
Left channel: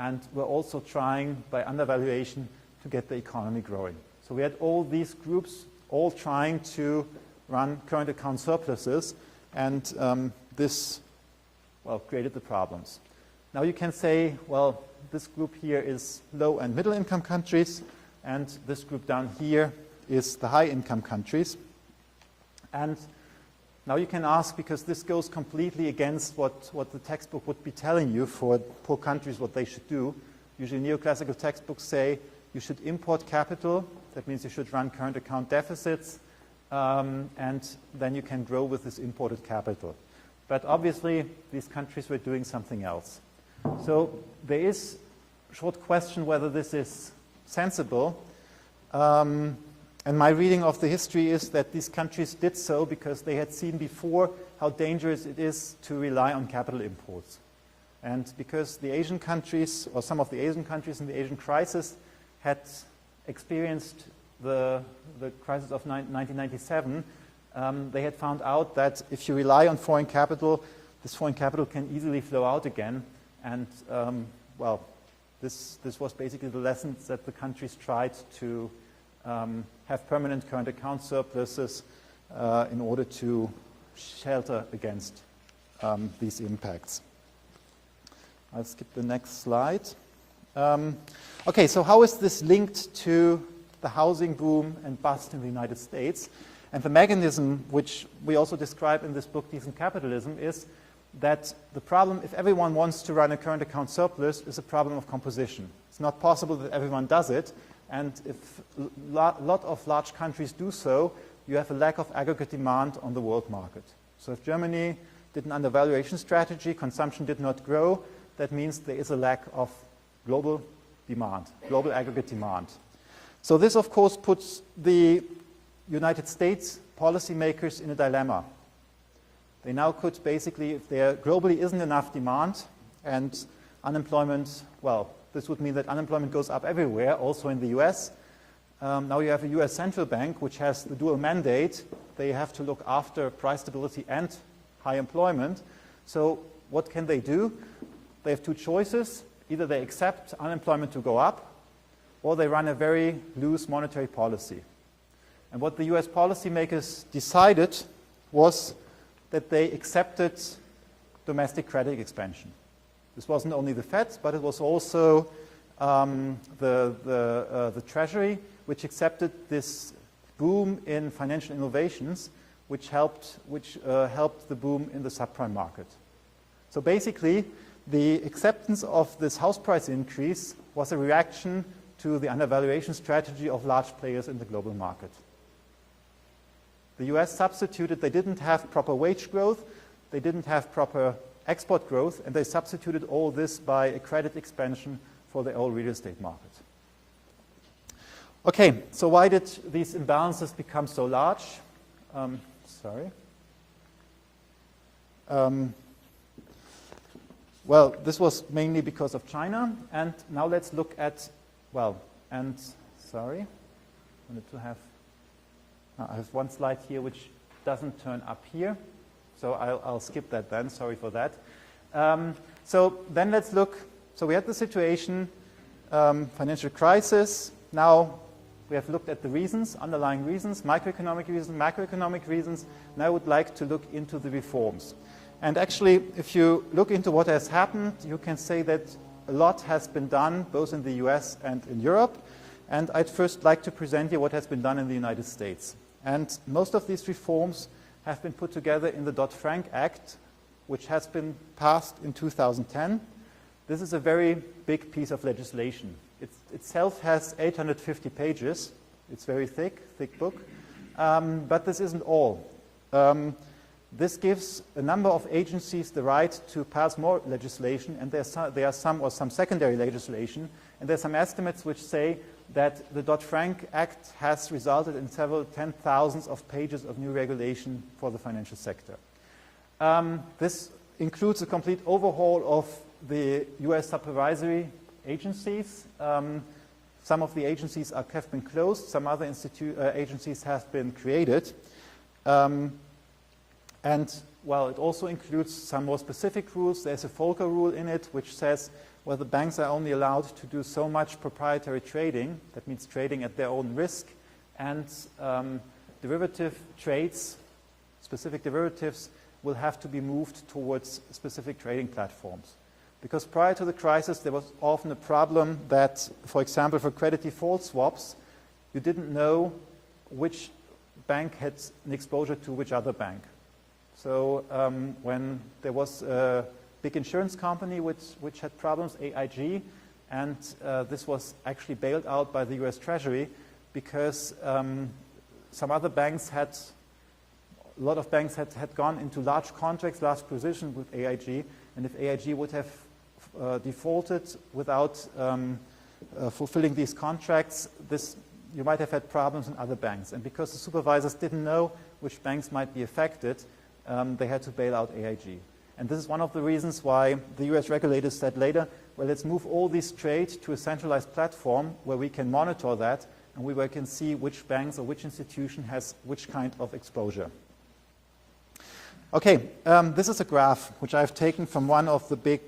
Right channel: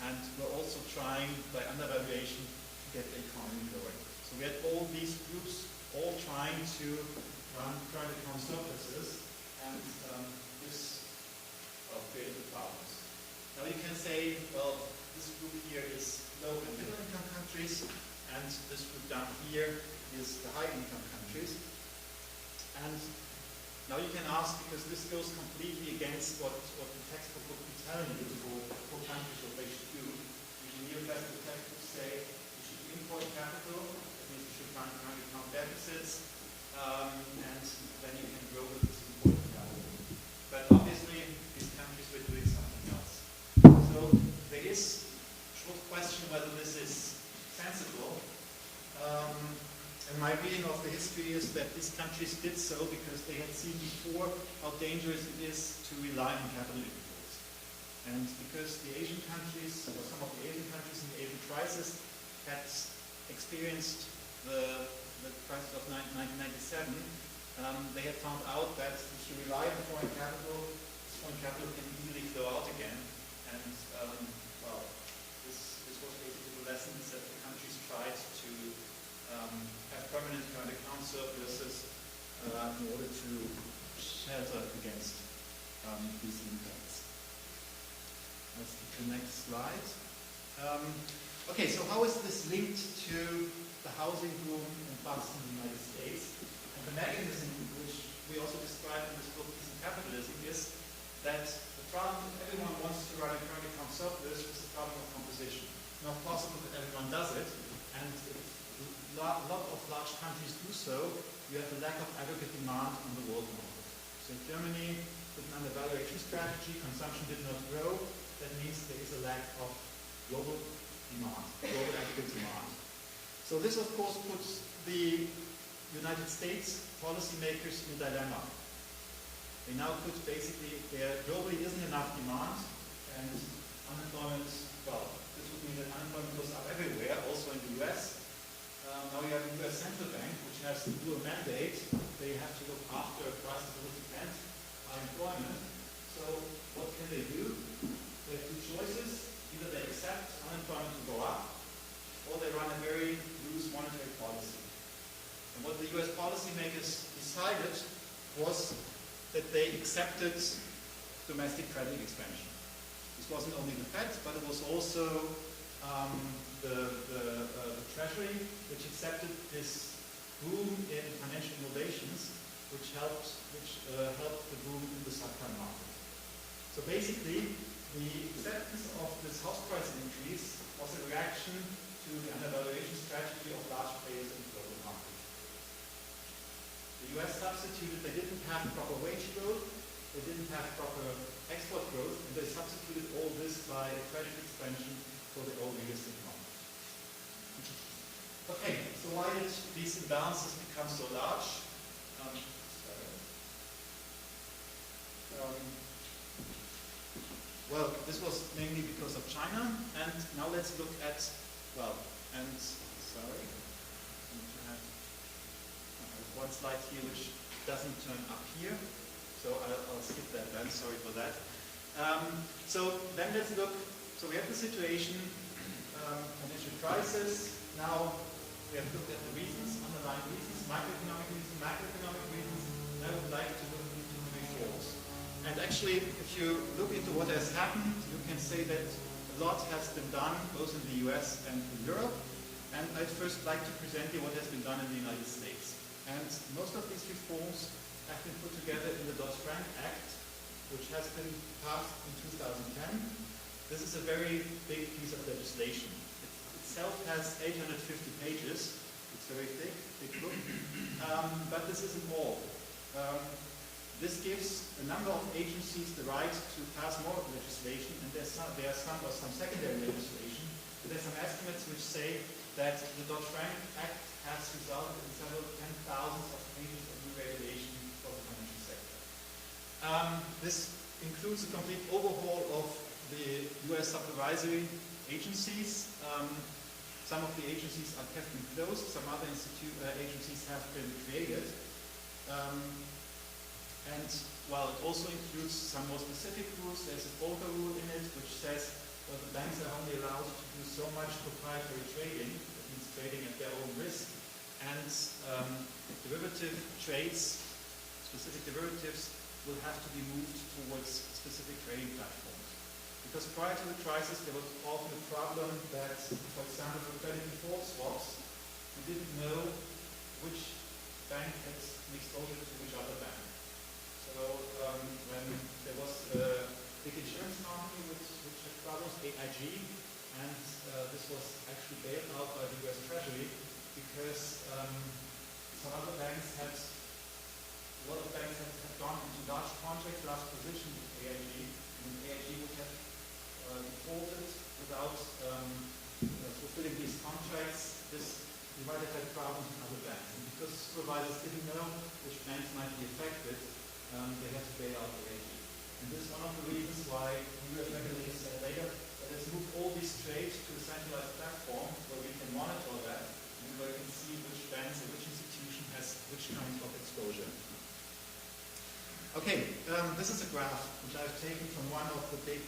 and were also trying, by undervaluation, to get the economy growing. So we had all these groups all trying to run current account surpluses, and this, well, created the problems. Now you can say, well, this group here is low and middle income countries, and this group down here is the high income countries. And now you can ask, because this goes completely against what the textbook would be telling you for poor countries what they should do. Usually neoclassical textbooks say you should import capital. That means you should run current account deficits, and then you can grow with this imported capital. But obviously, these countries were doing something else. So there is a short question whether this is sensible. And my reading of the history is that these countries did so because they had seen before how dangerous it is to rely on capital imports. And because the Asian countries, or some of the Asian countries in the Asian crisis, had experienced the crisis of 1997, they had found out that if you rely on foreign capital, this foreign capital can easily flow out again. And, well, this was basically the lessons that the countries tried to have permanent current account surpluses in order to shelter against these impacts. I'll skip the next slide. Okay, so how is this linked to the housing boom and bust in the United States? And the mechanism, which we also describe in this book, Decent Capitalism, is that the problem, if everyone wants to run a current account surplus, is a problem of composition. It's not possible that everyone does it, and if a lot of large countries do so, you have a lack of aggregate demand on the world market. So if Germany did an undervaluation strategy, consumption did not grow, that means there is a lack of global demand, global aggregate demand. So this, of course, puts the United States policymakers in a dilemma. They now could basically, there globally isn't enough demand, and unemployment, well, this would mean that unemployment goes up everywhere, also in the US. Now you have a US central bank, which has the dual mandate. They have to look after price stability and high employment. So what can they do? They have two choices. Either they accept unemployment to go up, or they run a very loose monetary policy. And what the US policymakers decided was that they accepted domestic credit expansion. This wasn't only the Fed, but it was also the Treasury, which accepted this boom in financial innovations, which helped the boom in the subprime market. So basically, the acceptance of this house price increase was a reaction to the undervaluation strategy of large players in the global market. The US substituted, they didn't have proper wage growth, they didn't have proper export growth, and they substituted all this by a credit expansion for the old real estate market. Okay, so why did these imbalances become so large? Well, this was mainly because of China, and now let's look at, I have one slide here which doesn't turn up here, so I'll skip that then, sorry for that. So then let's look, so we had the situation, financial crisis. Now we have looked at the reasons, underlying reasons, microeconomic reasons, macroeconomic reasons. Now I would like to look into the reforms. And actually, if you look into what has happened, you can say that a lot has been done, both in the US and in Europe. And I'd first like to present you what has been done in the United States. And most of these reforms have been put together in the Dodd-Frank Act, which has been passed in 2010. This is a very big piece of legislation. It itself has 850 pages. It's very thick book. But this isn't all. This gives a number of agencies the right to pass more legislation, and there are some secondary legislation, and there are some estimates which say that the Dodd-Frank Act has resulted in several 10,000s of pages of new regulation for the financial sector. This includes a complete overhaul of the US supervisory agencies. Some of the agencies have been closed, some other agencies have been created. And, it also includes some more specific rules. There's a Volcker rule in it, which says, well, the banks are only allowed to do so much proprietary trading, that means trading at their own risk, and derivative trades, specific derivatives, will have to be moved towards specific trading platforms. Because prior to the crisis, there was often a problem that, for example, for credit default swaps, you didn't know which bank had an exposure to which other bank. So when there was a big insurance company which had problems, AIG, and this was actually bailed out by the US Treasury because some other banks a lot of banks had gone into large contracts, large positions with AIG, and if AIG would have defaulted without fulfilling these contracts, you might have had problems in other banks. And because the supervisors didn't know which banks might be affected, they had to bail out AIG. And this is one of the reasons why the US regulators said later, well, let's move all these trades to a centralized platform where we can monitor that and where we can see which banks or which institution has which kind of exposure. Okay, this is a graph which I've taken from one of the big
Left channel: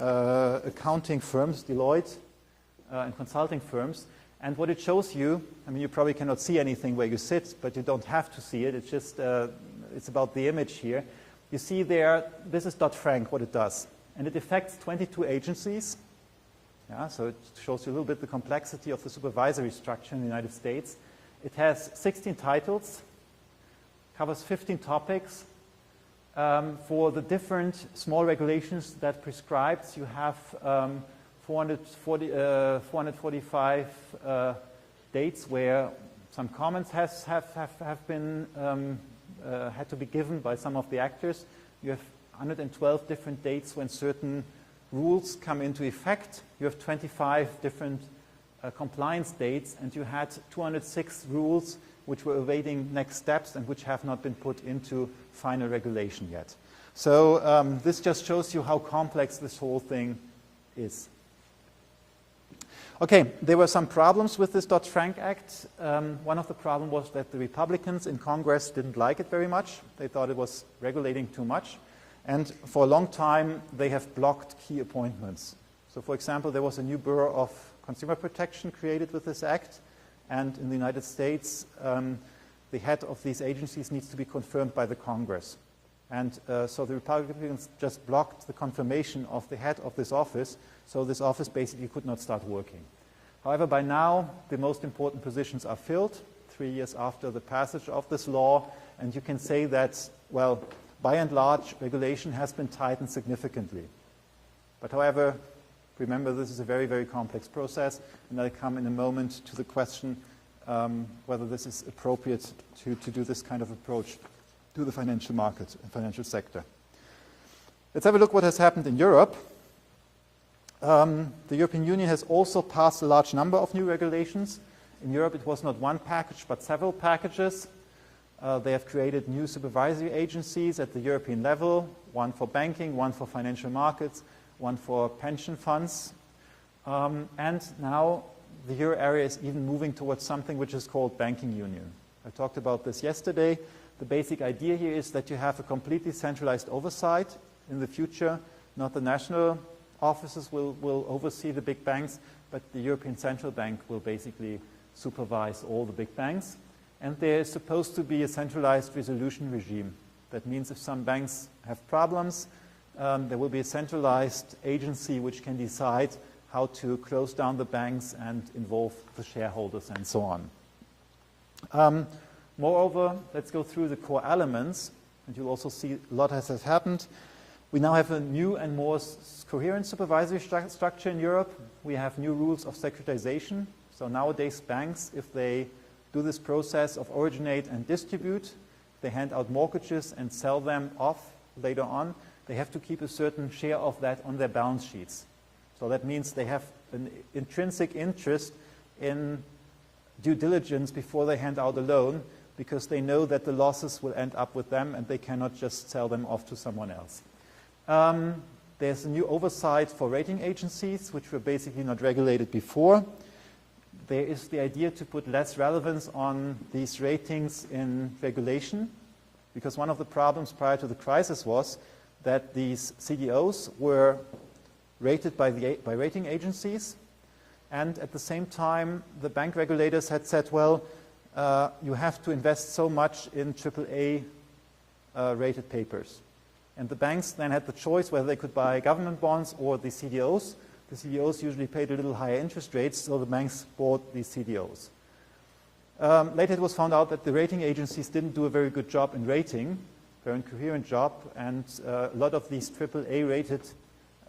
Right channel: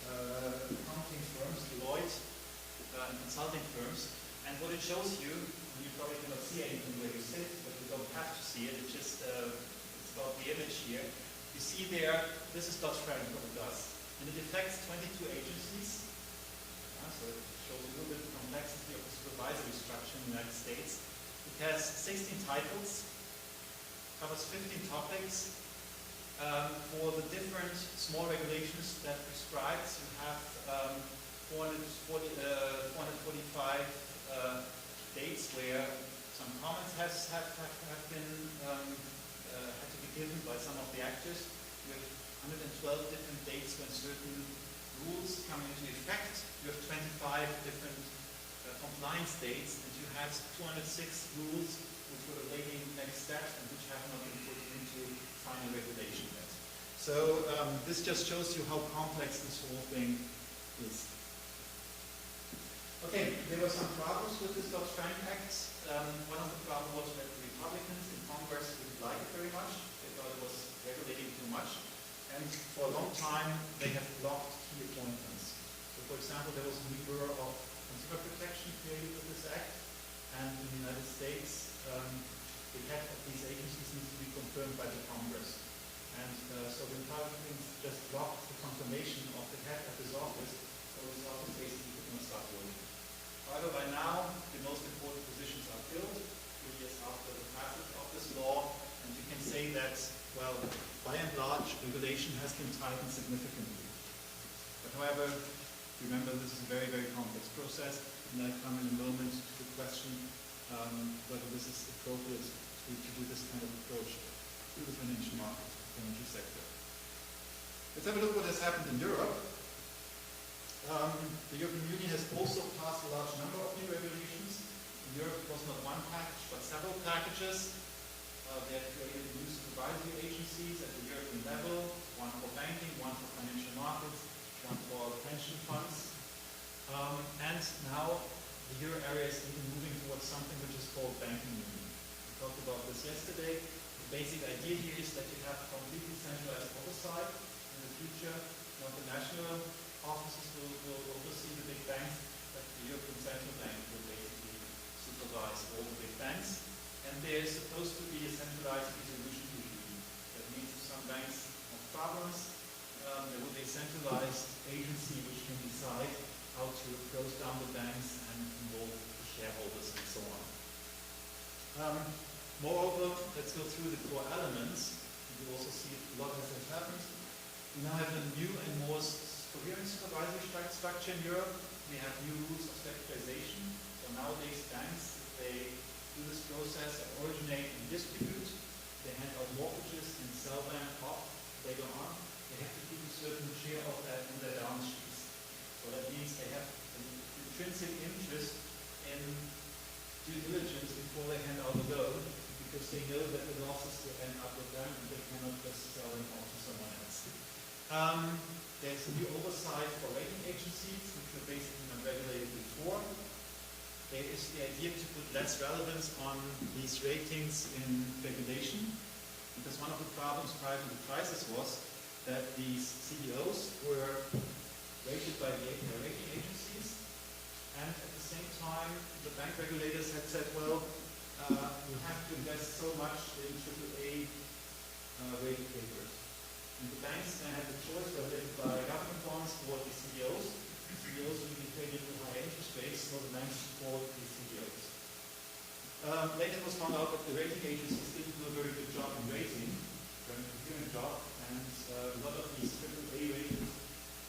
accounting firms, Deloitte, and consulting firms. And what it shows you, I mean, you probably cannot see anything where you sit, but you don't have to see it. It's just, it's about the image here. You see there, this is Dodd-Frank, what it does. And it affects 22 agencies. Yeah, so it shows you a little bit the complexity of the supervisory structure in the United States. It has 16 titles, covers 15 topics. For the different small regulations that prescribes, you have 445 dates where some comments have been had to be given by some of the actors. You have 112 different dates when certain rules come into effect. You have 25 different compliance dates, and you had 206 rules which were awaiting next steps and which have not been put into final regulation yet. So this just shows you how complex this whole thing is. Okay, there were some problems with this Dodd-Frank Act. One of the problems was that the Republicans in Congress didn't like it very much. They thought it was regulating too much. And for a long time, they have blocked key appointments. So for example, there was a new Bureau of consumer protection created with this act. And in the United States, the head of these agencies needs to be confirmed by the Congress. And so the Republicans just blocked the confirmation of the head of this office, so this office basically could not start working. However, by now, the most important positions are filled, 3 years after the passage of this law, and you can say that, well, by and large, regulation has been tightened significantly. But however, remember, this is a very, very complex process, and I'll come in a moment to the question whether this is appropriate to do this kind of approach to the financial markets and financial sector. Let's have a look what has happened in Europe. The European Union has also passed a large number of new regulations. In Europe, it was not one package, but several packages. They have created new supervisory agencies at the European level, one for banking, one for financial markets, one for pension funds. And now the euro area is even moving towards something which is called banking union. I talked about this yesterday. The basic idea here is that you have a completely centralized oversight in the future. Not the national offices will oversee the big banks, but the European Central Bank will basically supervise all the big banks. And there is supposed to be a centralized resolution regime. That means if some banks have problems, there will be a centralized agency which can decide how to close down the banks and involve the shareholders and so on. Moreover, let's go through the core elements, and you'll also see a lot has happened. We now have a new and more coherent supervisory structure in Europe. We have new rules of securitization. So nowadays banks, if they do this process of originate and distribute, they hand out mortgages and sell them off later on, they have to keep a certain share of that on their balance sheets. So that means they have an intrinsic interest in due diligence before they hand out a loan, because they know that the losses will end up with them and they cannot just sell them off to someone else. There's a new oversight for rating agencies, which were basically not regulated before. There is the idea to put less relevance on these ratings in regulation, because one of the problems prior to the crisis was that these CDOs were rated by rating agencies, and at the same time the bank regulators had said, well, you have to invest so much in AAA rated papers. And the banks then had the choice whether they could buy government bonds or the CDOs. The CDOs usually paid a little higher interest rates, so the banks bought these CDOs. Later it was found out that the rating agencies didn't do a very good job in rating, very incoherent job, and a lot of these AAA rated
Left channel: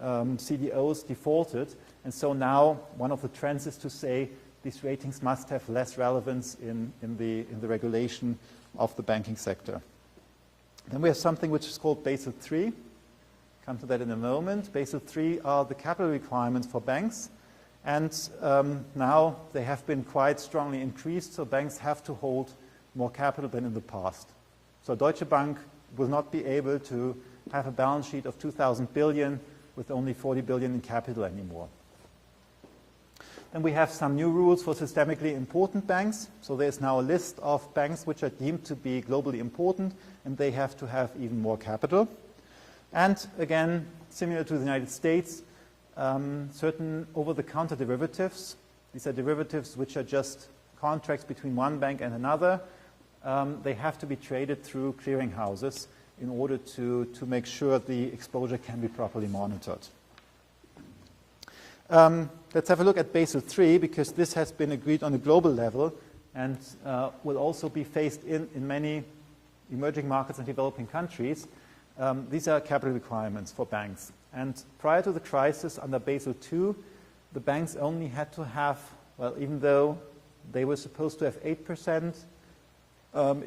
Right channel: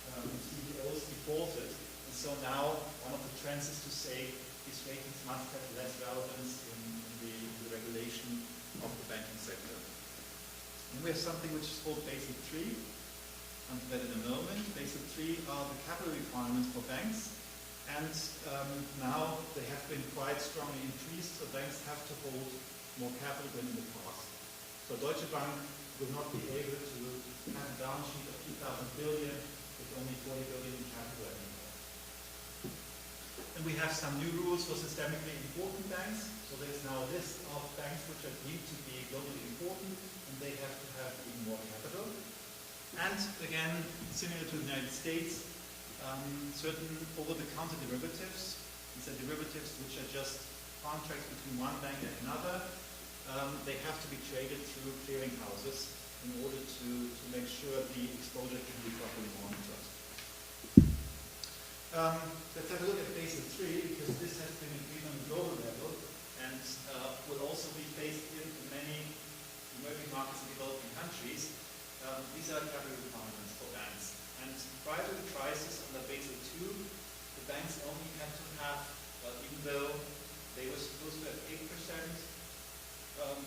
CDOs defaulted. And so now one of the trends is to say these ratings must have less relevance in the regulation of the banking sector. Then we have something which is called Basel III. Come to that in a moment. Basel III are the capital requirements for banks, and now they have been quite strongly increased, so banks have to hold more capital than in the past. So Deutsche Bank will not be able to have a balance sheet of 2,000 billion with only 40 billion in capital anymore. Then we have some new rules for systemically important banks. So there's now a list of banks which are deemed to be globally important, and they have to have even more capital. And again, similar to the United States, certain over-the-counter derivatives. These are derivatives which are just contracts between one bank and another. They have to be traded through clearing houses in order to make sure the exposure can be properly monitored. Let's have a look at Basel III, because this has been agreed on a global level and will also be phased in many emerging markets and developing countries. These are capital requirements for banks. And prior to the crisis, under Basel II, the banks only had to have, well, even though they were supposed to have 8%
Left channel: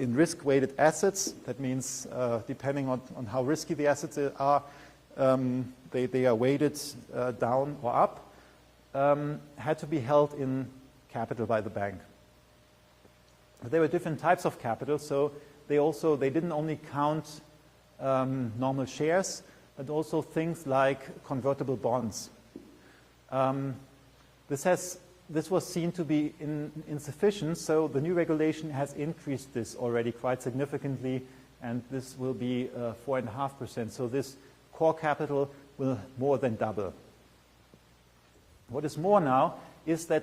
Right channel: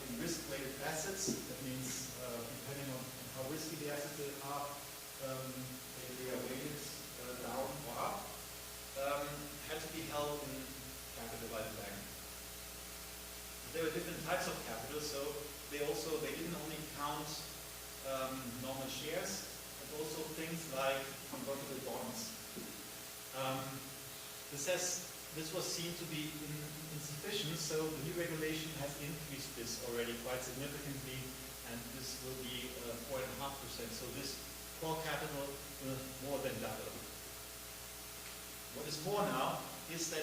in risk-weighted assets, that means depending on how risky the assets are, they are weighted down or up, had to be held in capital by the bank. But there were different types of capital, so they didn't only count normal shares, but also things like convertible bonds. This was seen to be insufficient, so the new regulation has increased this already quite significantly, and this will be 4.5%. So this core capital will more than double. What is more now is that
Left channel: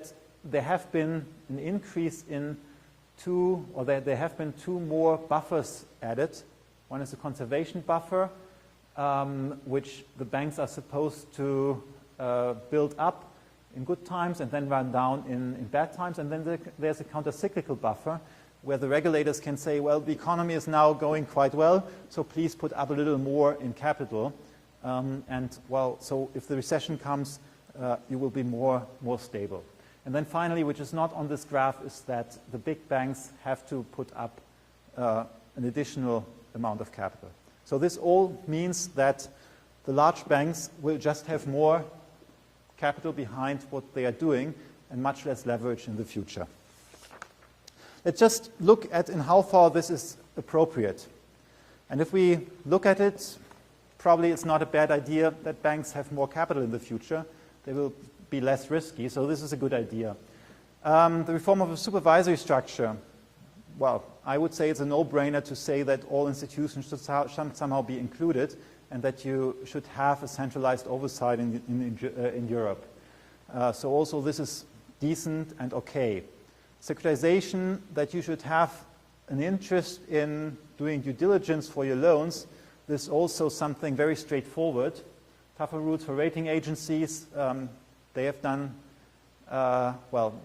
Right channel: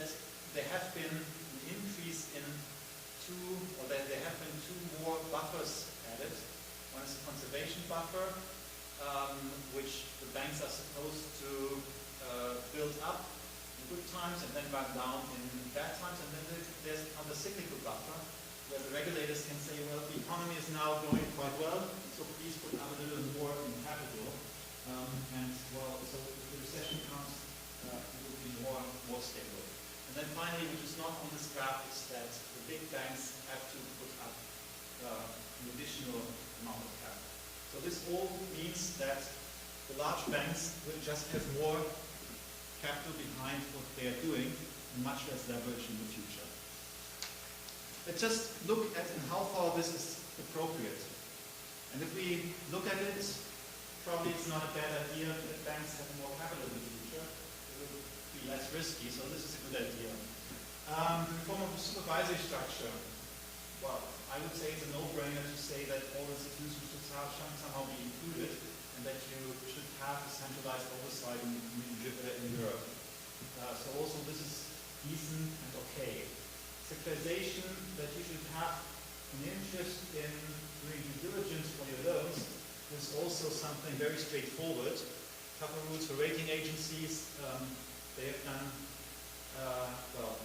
there have been an increase in there have been two more buffers added. One is a conservation buffer, which the banks are supposed to build up in good times and then run down in bad times. And then there's a counter-cyclical buffer where the regulators can say, well, the economy is now going quite well, so please put up a little more in capital. So if the recession comes, you will be more stable. And then finally, which is not on this graph, is that the big banks have to put up an additional amount of capital. So this all means that the large banks will just have more capital behind what they are doing and much less leverage in the future. Let's just look at in how far this is appropriate. And if we look at it, probably it's not a bad idea that banks have more capital in the future. They will be less risky, so this is a good idea. The reform of the supervisory structure, well, I would say it's a no-brainer to say that all institutions should somehow be included and that you should have a centralized oversight in Europe. So also this is decent and okay. Securitization, that you should have an interest in doing due diligence for your loans, this is also something very straightforward. Tougher rules for rating agencies. They have done,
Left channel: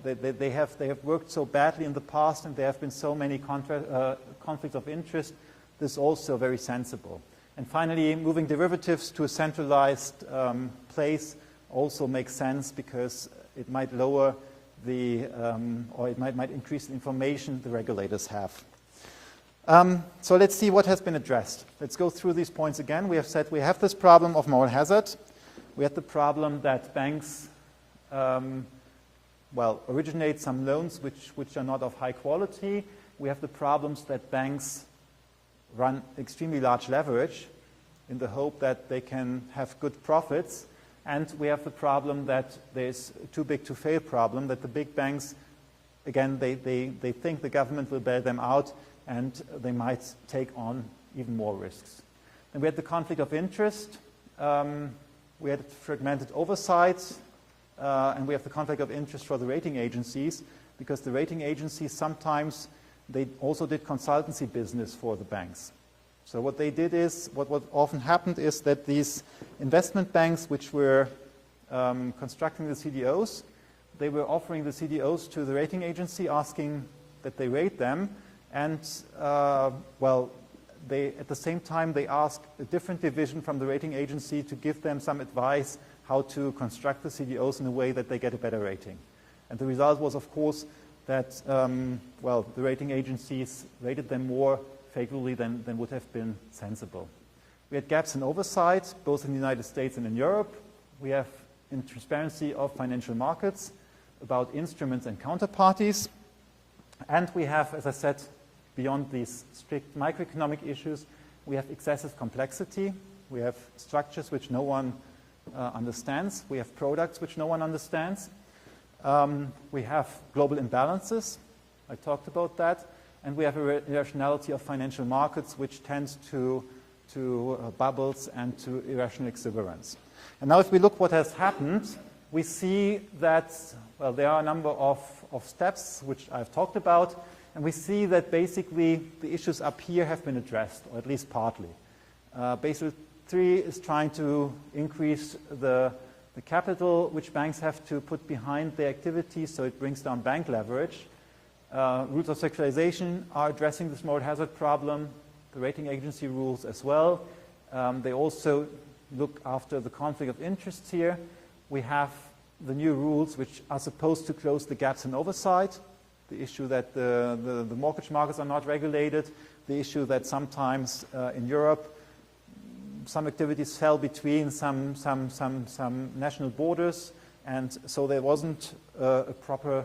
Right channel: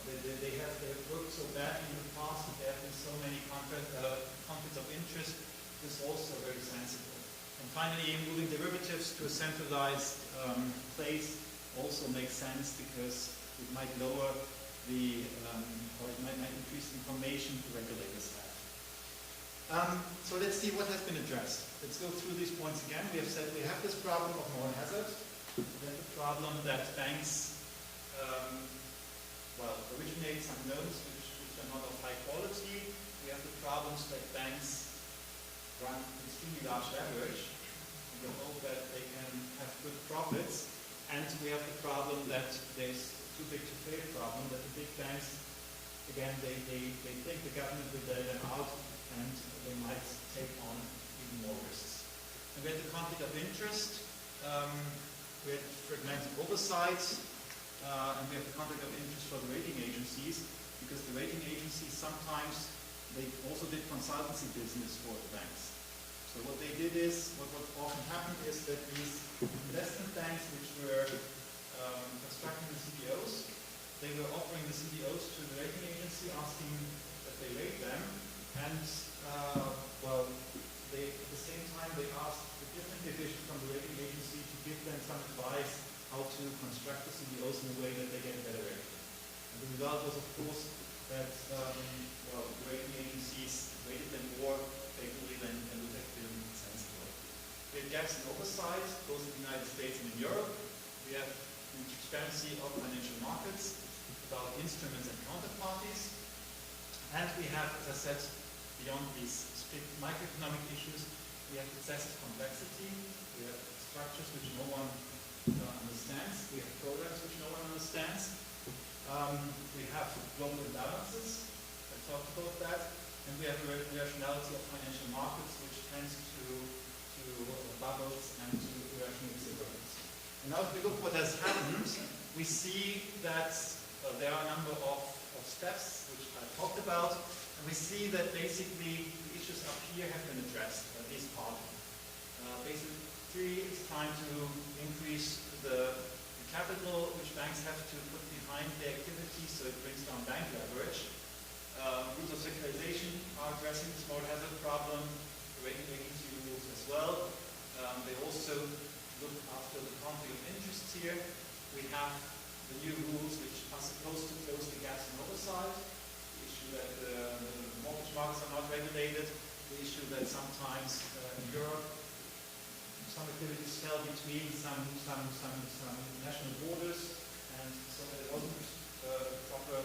they have worked so badly in the past and there have been so many conflicts of interest. This is also very sensible. And finally, moving derivatives to a centralized place also makes sense because it might lower or it might increase the information the regulators have. So let's see what has been addressed. Let's go through these points again. We have said we have this problem of moral hazard. We have the problem that banks originate some loans which are not of high quality. We have the problems that banks run extremely large leverage in the hope that they can have good profits. And we have the problem that there's too big to fail problem, that the big banks, again, they think the government will bail them out and they might take on even more risks. And we had the conflict of interest. We had fragmented oversight. And we have the conflict of interest for the rating agencies because the rating agencies sometimes, they also did consultancy business for the banks. So what they did is, what often happened is that these investment banks which were constructing the CDOs, they were offering the CDOs to the rating agency asking that they rate them and at the same time they asked a different division from the rating agency to give them some advice how to construct the CDOs in a way that they get a better rating. And the result was, of course, that the rating agencies rated them more favorably than would have been sensible. We had gaps in oversight, both in the United States and in Europe. We have in transparency of financial markets, about instruments and counterparties. And we have, as I said, beyond these strict microeconomic issues, we have excessive complexity. We have structures which no one understands. We have products which no one understands. We have global imbalances. I talked about that. And we have a irrationality of financial markets which tends to bubbles and to irrational exuberance. And now if we look what has happened, we see that, well, there are a number of steps which I've talked about, and we see that basically the issues up here have been addressed, or at least partly. Basel III is trying to increase the capital which banks have to put behind their activities, so it brings down bank leverage. Rules of securitization are addressing this moral hazard problem, the rating agency rules as well. They also look after the conflict of interests here. We have the new rules which are supposed to close the gaps in oversight, the issue that the mortgage markets are not regulated, the issue that sometimes in Europe some activities fell between some national borders, and so there wasn't a proper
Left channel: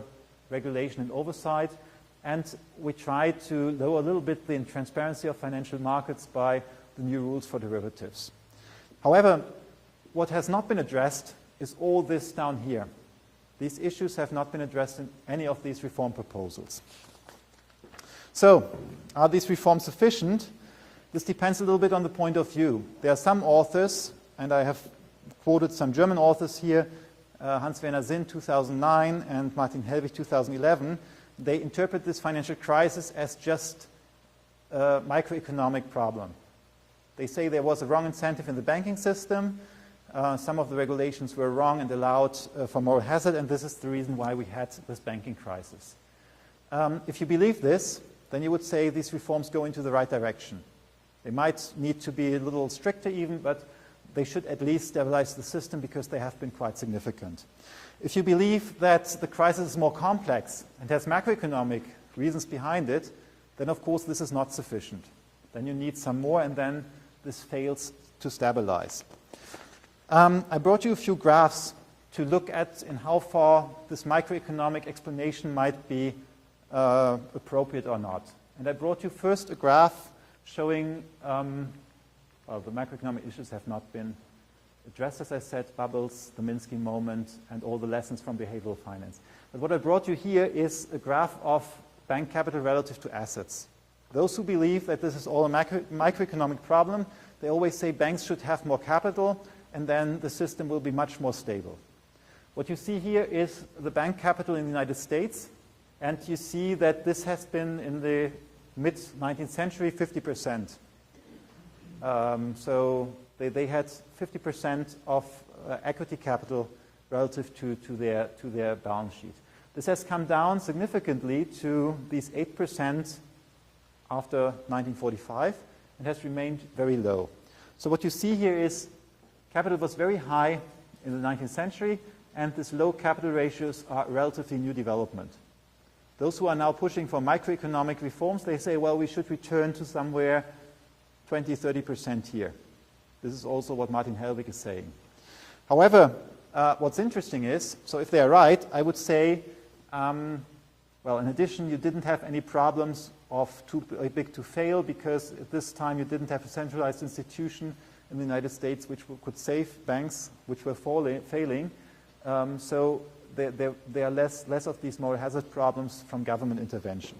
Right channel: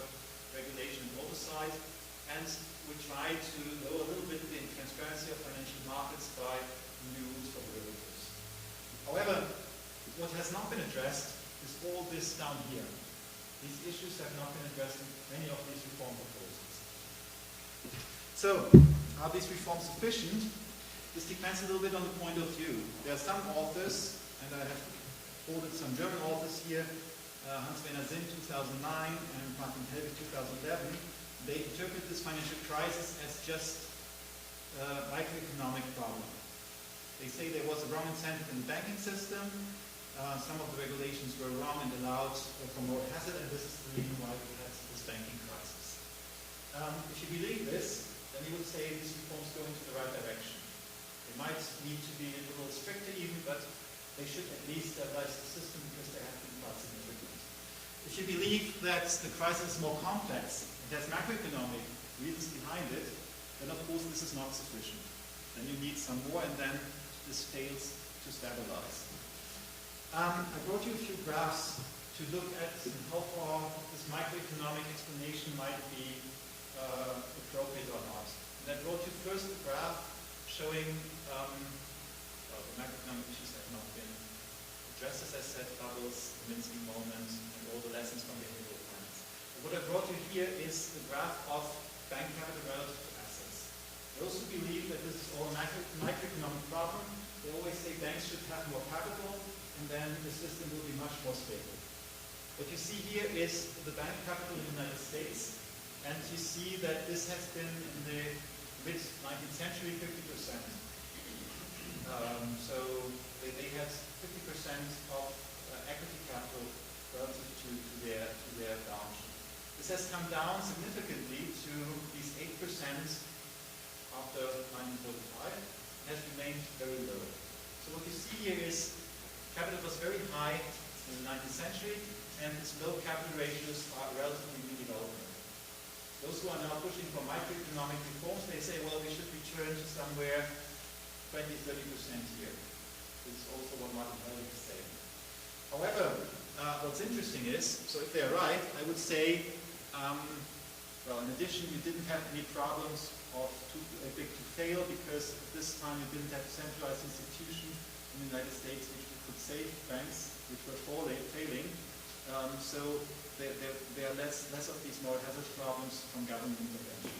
regulation and oversight. And we tried to lower a little bit the transparency of financial markets by new rules for derivatives. However, what has not been addressed is all this down here. These issues have not been addressed in any of these reform proposals. So, are these reforms sufficient? This depends a little bit on the point of view. There are some authors, and I have quoted some German authors here, Hans-Werner Sinn 2009 and Martin Hellwig 2011, they interpret this financial crisis as just a macroeconomic problem. They say there was a wrong incentive in the banking system, some of the regulations were wrong and allowed for moral hazard, and this is the reason why we had this banking crisis. If you believe this, then you would say these reforms go into the right direction. They might need to be a little stricter even, but they should at least stabilize the system because they have been quite significant. If you believe that the crisis is more complex and has macroeconomic reasons behind it, then of course this is not sufficient. Then you need some more, and then this fails to stabilize. I brought you a few graphs to look at in how far this macroeconomic explanation might be appropriate or not. And I brought you first a graph showing the macroeconomic issues have not been addressed, as I said, bubbles, the Minsky moment, and all the lessons from behavioral finance. But what I brought you here is a graph of bank capital relative to assets. Those who believe that this is all a microeconomic problem, they always say banks should have more capital, and then the system will be much more stable. What you see here is the bank capital in the United States, and you see that this has been in the mid-19th century 50%. So they had 50% of equity capital relative to their balance sheet. This has come down significantly to these 8% after 1945 and has remained very low. So what you see here is capital was very high in the 19th century, and these low capital ratios are relatively new development. Those who are now pushing for macroeconomic reforms, they say, well, we should return to somewhere 20–30% here. This is also what Martin Hellwig is saying. However, what's interesting is, so if they're right, I would say, well, in addition, you didn't have any problems of too big to fail, because at this time you didn't have a centralized institution in the United States which could save banks which were failing. So there are less of these moral hazard problems from government intervention.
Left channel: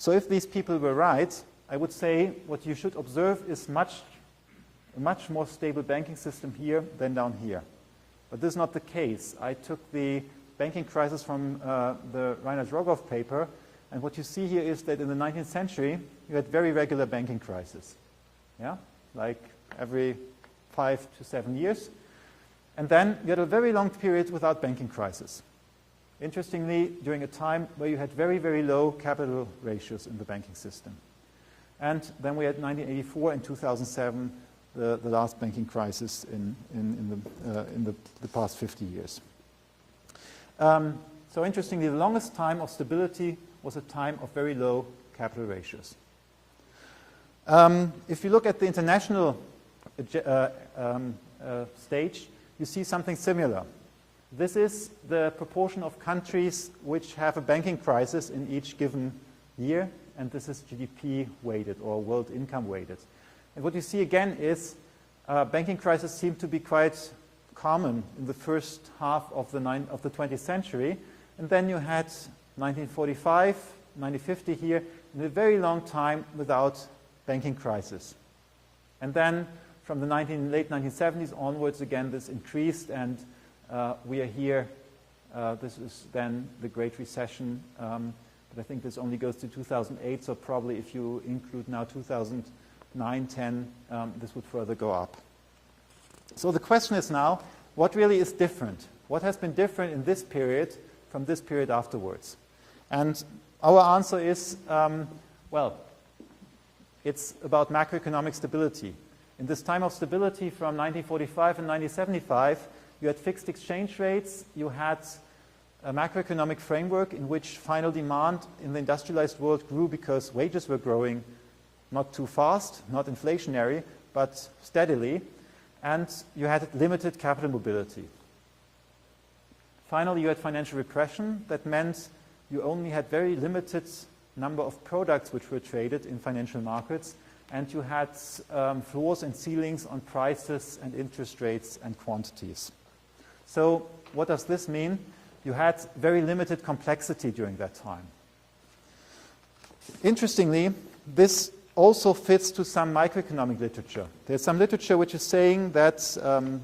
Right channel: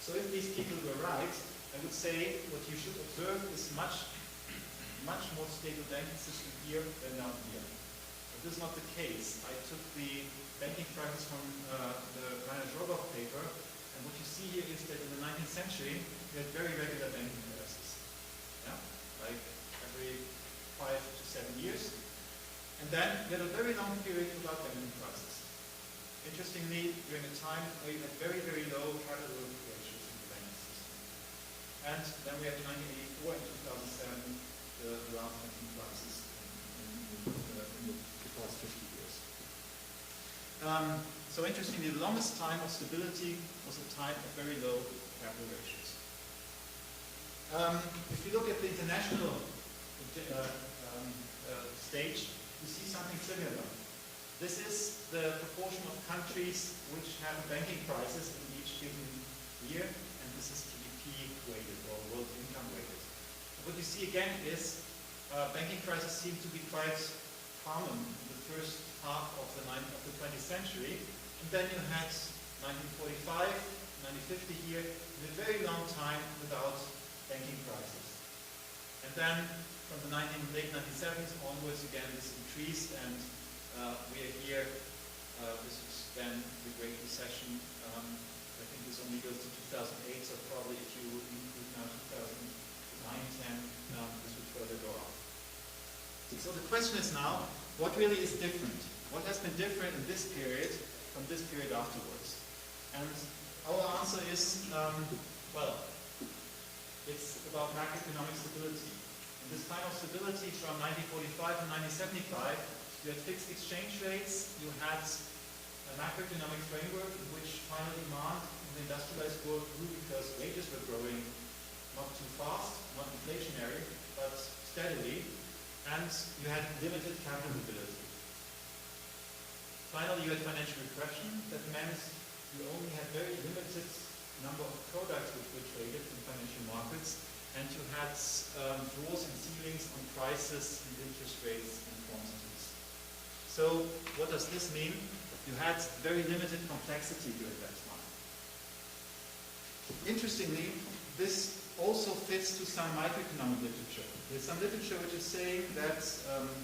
So if these people were right, I would say what you should observe is a much more stable banking system here than down here. But this is not the case. I took the banking crisis from the Reinhard Rogoff paper, and what you see here is that in the 19th century you had very regular banking crises. Yeah? Like every 5 to 7 years. And then you had a very long period without banking crisis. Interestingly, during a time where you had very, very low capital ratios in the banking system. And then we had 1984 and 2007, the last banking crisis in the past 50 years. So interestingly, the longest time of stability was a time of very low capital ratios. If you look at the international stage, you see something similar. This is the proportion of countries which have a banking crisis in each given year, and this is GDP weighted or world income weighted. And what you see again is banking crises seem to be quite common in the first half of the 20th century, and then you had 1945, 1950 here, and a very long time without banking crisis. And then from the late 1970s onwards, again, this increased, and we are here. This is then the Great Recession. I think this only goes to 2008, so probably if you include now 2009, 10, this would further go up. So the question is now, what really is different? What has been different in this period from this period afterwards? And our answer is, well, it's about macroeconomic stability. In this time of stability from 1945 and 1975, you had fixed exchange rates, you had a macroeconomic framework in which final demand in the industrialized world grew because wages were growing not too fast, not inflationary, but steadily, and you had limited capital mobility. Finally, you had financial repression. That meant you only had very limited number of products which were traded in financial markets, and you had floors and ceilings on prices and interest rates and quantities. So what does this mean? You had very limited complexity during that time. Interestingly, this also fits to some microeconomic literature. There's some literature which is saying that,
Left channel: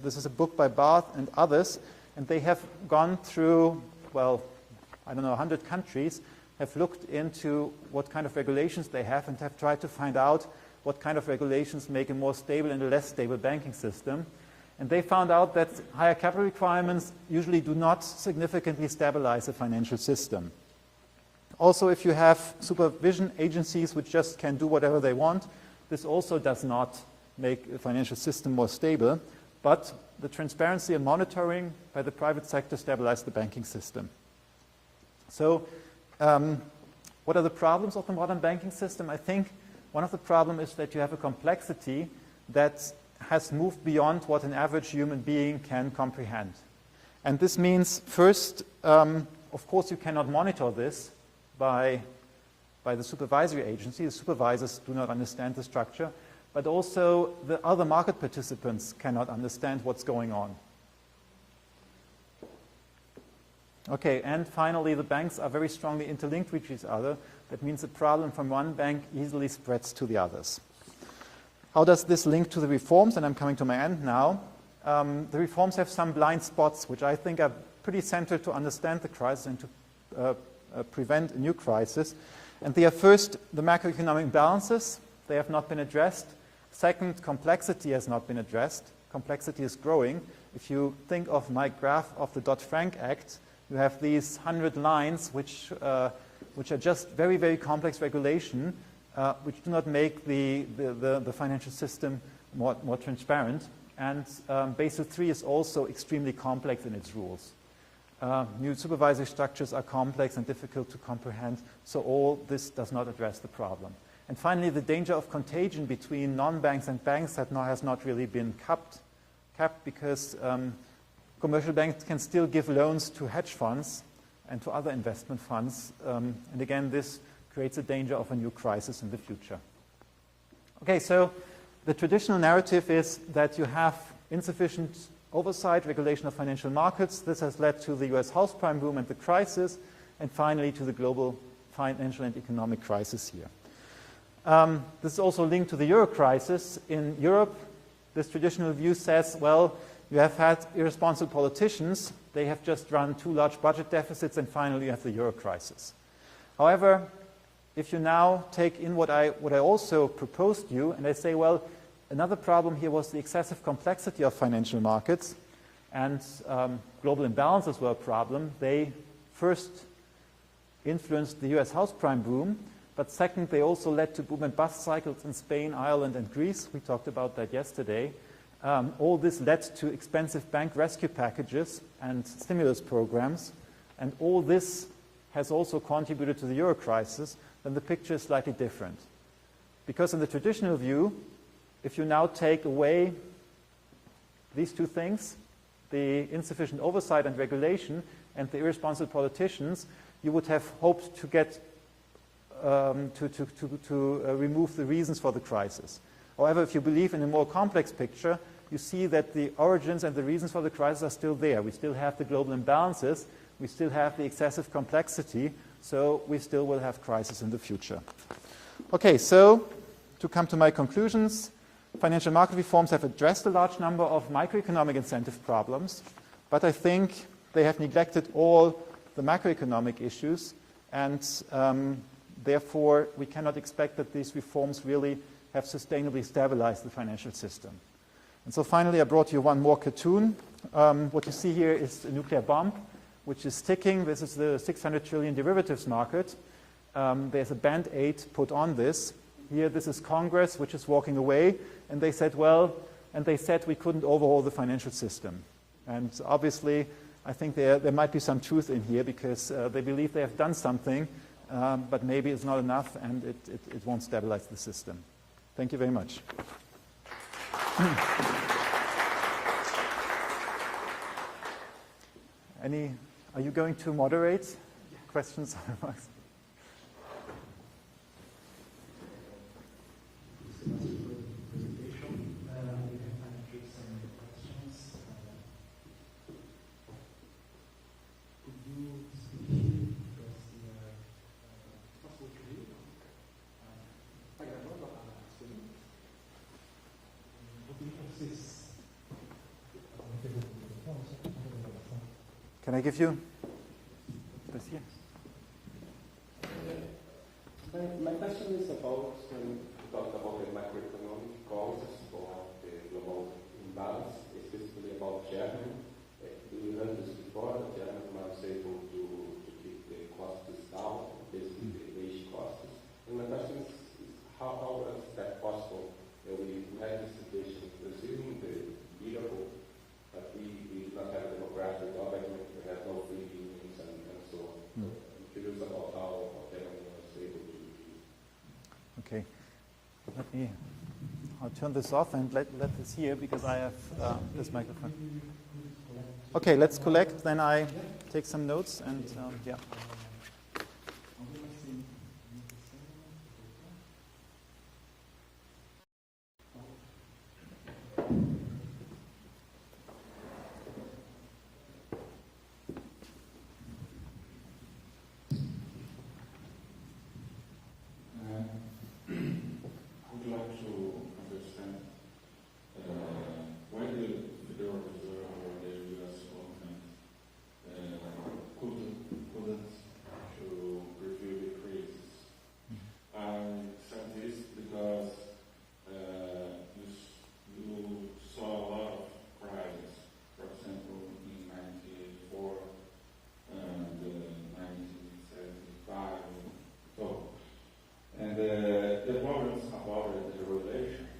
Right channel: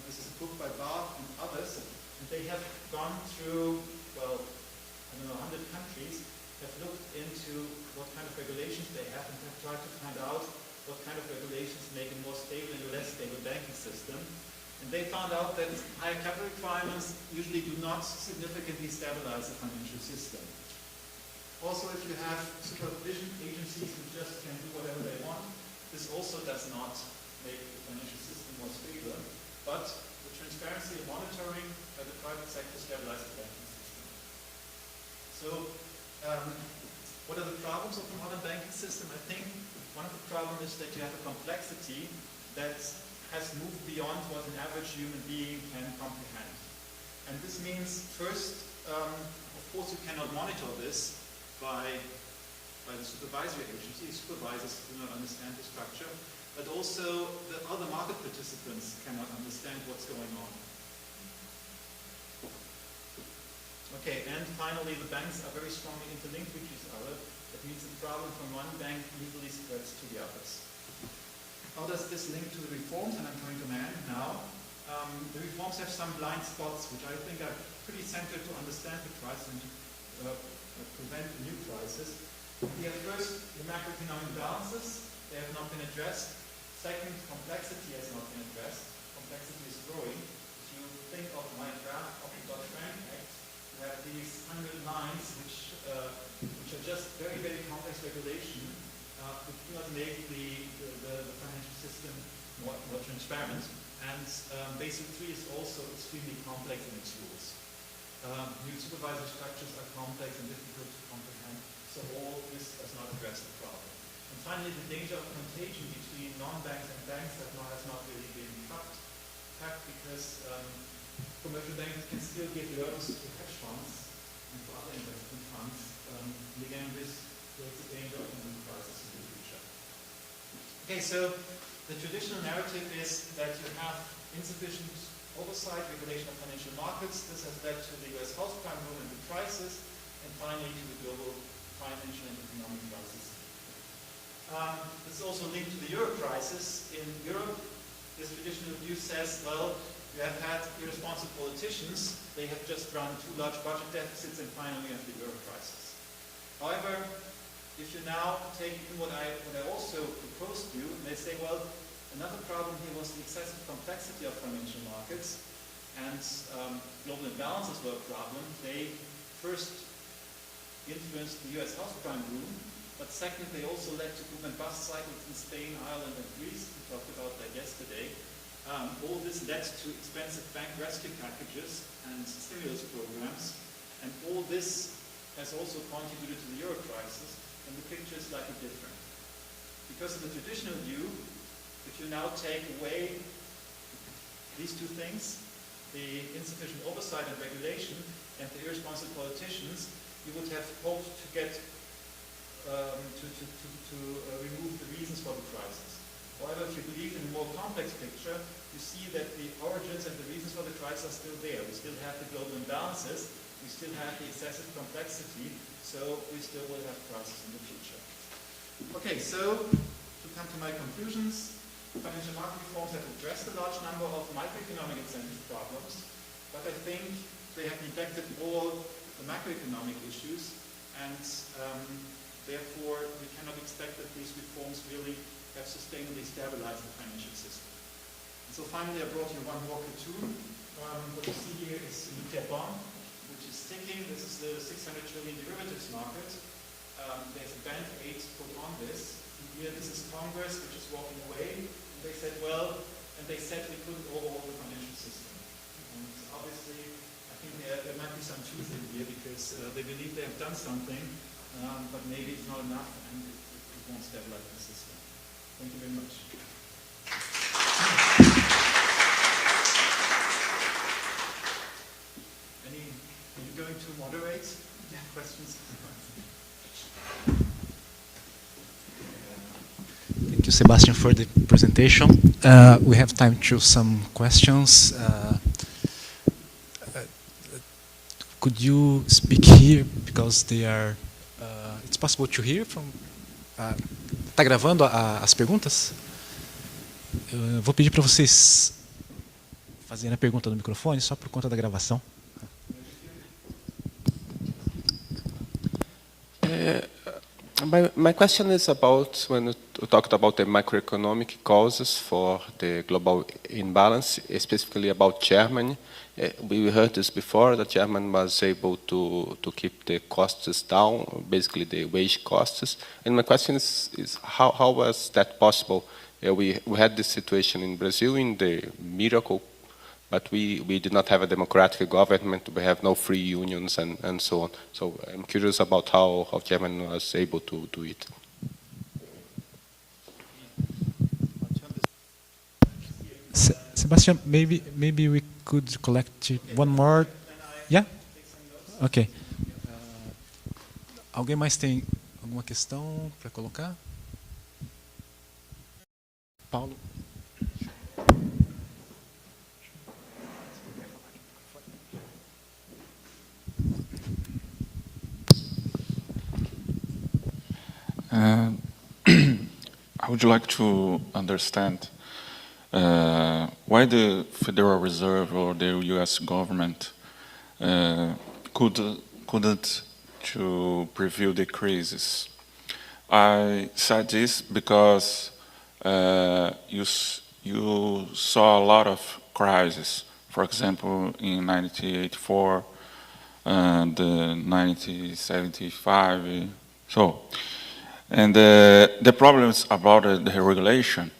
this is a book by Barth and others, and they have gone through, well, I don't know, 100 countries, have looked into what kind of regulations they have and have tried to find out what kind of regulations make a more stable and a less stable banking system. And they found out that higher capital requirements usually do not significantly stabilize the financial system. Also, if you have supervision agencies which just can do whatever they want, this also does not make the financial system more stable, but the transparency and monitoring by the private sector stabilize the banking system. So, what are the problems of the modern banking system? I think one of the problems is that you have a complexity that has moved beyond what an average human being can comprehend. And this means, first, of course, you cannot monitor this by the supervisory agency. The supervisors do not understand the structure, but also the other market participants cannot understand what's going on. Okay, and finally, the banks are very strongly interlinked with each other. That means the problem from one bank easily spreads to the others. How does this link to the reforms? And I'm coming to my end now. The reforms have some blind spots, which I think are pretty central to understand the crisis and to prevent a new crisis. And they are first, the macroeconomic balances. They have not been addressed. Second, complexity has not been addressed. Complexity is growing. If you think of my graph of the Dodd-Frank Act, you have these 100 lines which are just very, very complex regulation, which do not make the financial system more transparent. And Basel III is also extremely complex in its rules. New supervisory structures are complex and difficult to comprehend, so all this does not address the problem. And finally, the danger of contagion between non-banks and banks has not really been capped because commercial banks can still give loans to hedge funds and to other investment funds. And again, this creates a danger of a new crisis in the future. Okay, so the traditional narrative is that you have insufficient oversight, regulation of financial markets. This has led to the US house prime boom and the crisis, and finally to the global financial and economic crisis here. This is also linked to the euro crisis. In Europe, this traditional view says, well, you have had irresponsible politicians. They have just run too large budget deficits, and finally you have the euro crisis. However, if you now take in what I also proposed to you, and I say, well, another problem here was the excessive complexity of financial markets, and global imbalances were a problem. They first influenced the US house prime boom, but second, they also led to boom and bust cycles in Spain, Ireland, and Greece. We talked about that yesterday. All this led to expensive bank rescue packages and stimulus programs, and all this has also contributed to the euro crisis. Then the picture is slightly different. Because in the traditional view, if you now take away these two things, the insufficient oversight and regulation and the irresponsible politicians, you would have hoped to get remove the reasons for the crisis. However, if you believe in a more complex picture, you see that the origins and the reasons for the crisis are still there. We still have the global imbalances, we still have the excessive complexity, so we still will have crisis in the future. Okay, so to come to my conclusions, financial market reforms have addressed a large number of microeconomic incentive problems, but I think they have neglected all the macroeconomic issues, and therefore we cannot expect that these reforms really have sustainably stabilized the financial system. And so finally I brought you one more cartoon. What you see here is a nuclear bomb which is ticking. This is the 600 trillion derivatives market. There's a band-aid put on this. Here this is Congress, which is walking away, and they said, well, and they said we couldn't overhaul the financial system. And obviously I think there might be some truth in here, because they believe they have done something, but maybe it's not enough, and it won't stabilize the system. Thank you very much. Are you going to moderate questions? Thank you, Sebastian, for the presentation. We have time to some questions. Could you speak here, because they are... it's possible to hear from... Está gravando as perguntas? Eu vou pedir para vocês fazerem a pergunta no microfone, só por conta da gravação. Can I give you? My question is about when you talked about the macroeconomic causes for the global imbalance, specifically about Germany. We heard this before, that Germany was able to keep the costs down, basically the wage costs. And my question is how was that possible? We had this situation in Brazil in the miracle, but we did not have a democratic government, we have no free unions and so on. So I'm curious about how Germany was able to do it. Okay. I'll turn this off and let this here because I have... Sebastian, maybe we could collect okay, one let's more. collect, then I Yeah? take some notes. Okay. And, yeah. Alguém mais tem alguma questão para colocar? Paulo? I would like to understand why the Federal Reserve or the U.S. government couldn't to preview the crisis. I said this because you saw a lot of crises. For example, in 1984 and 1975. So. And the problems about the regulation,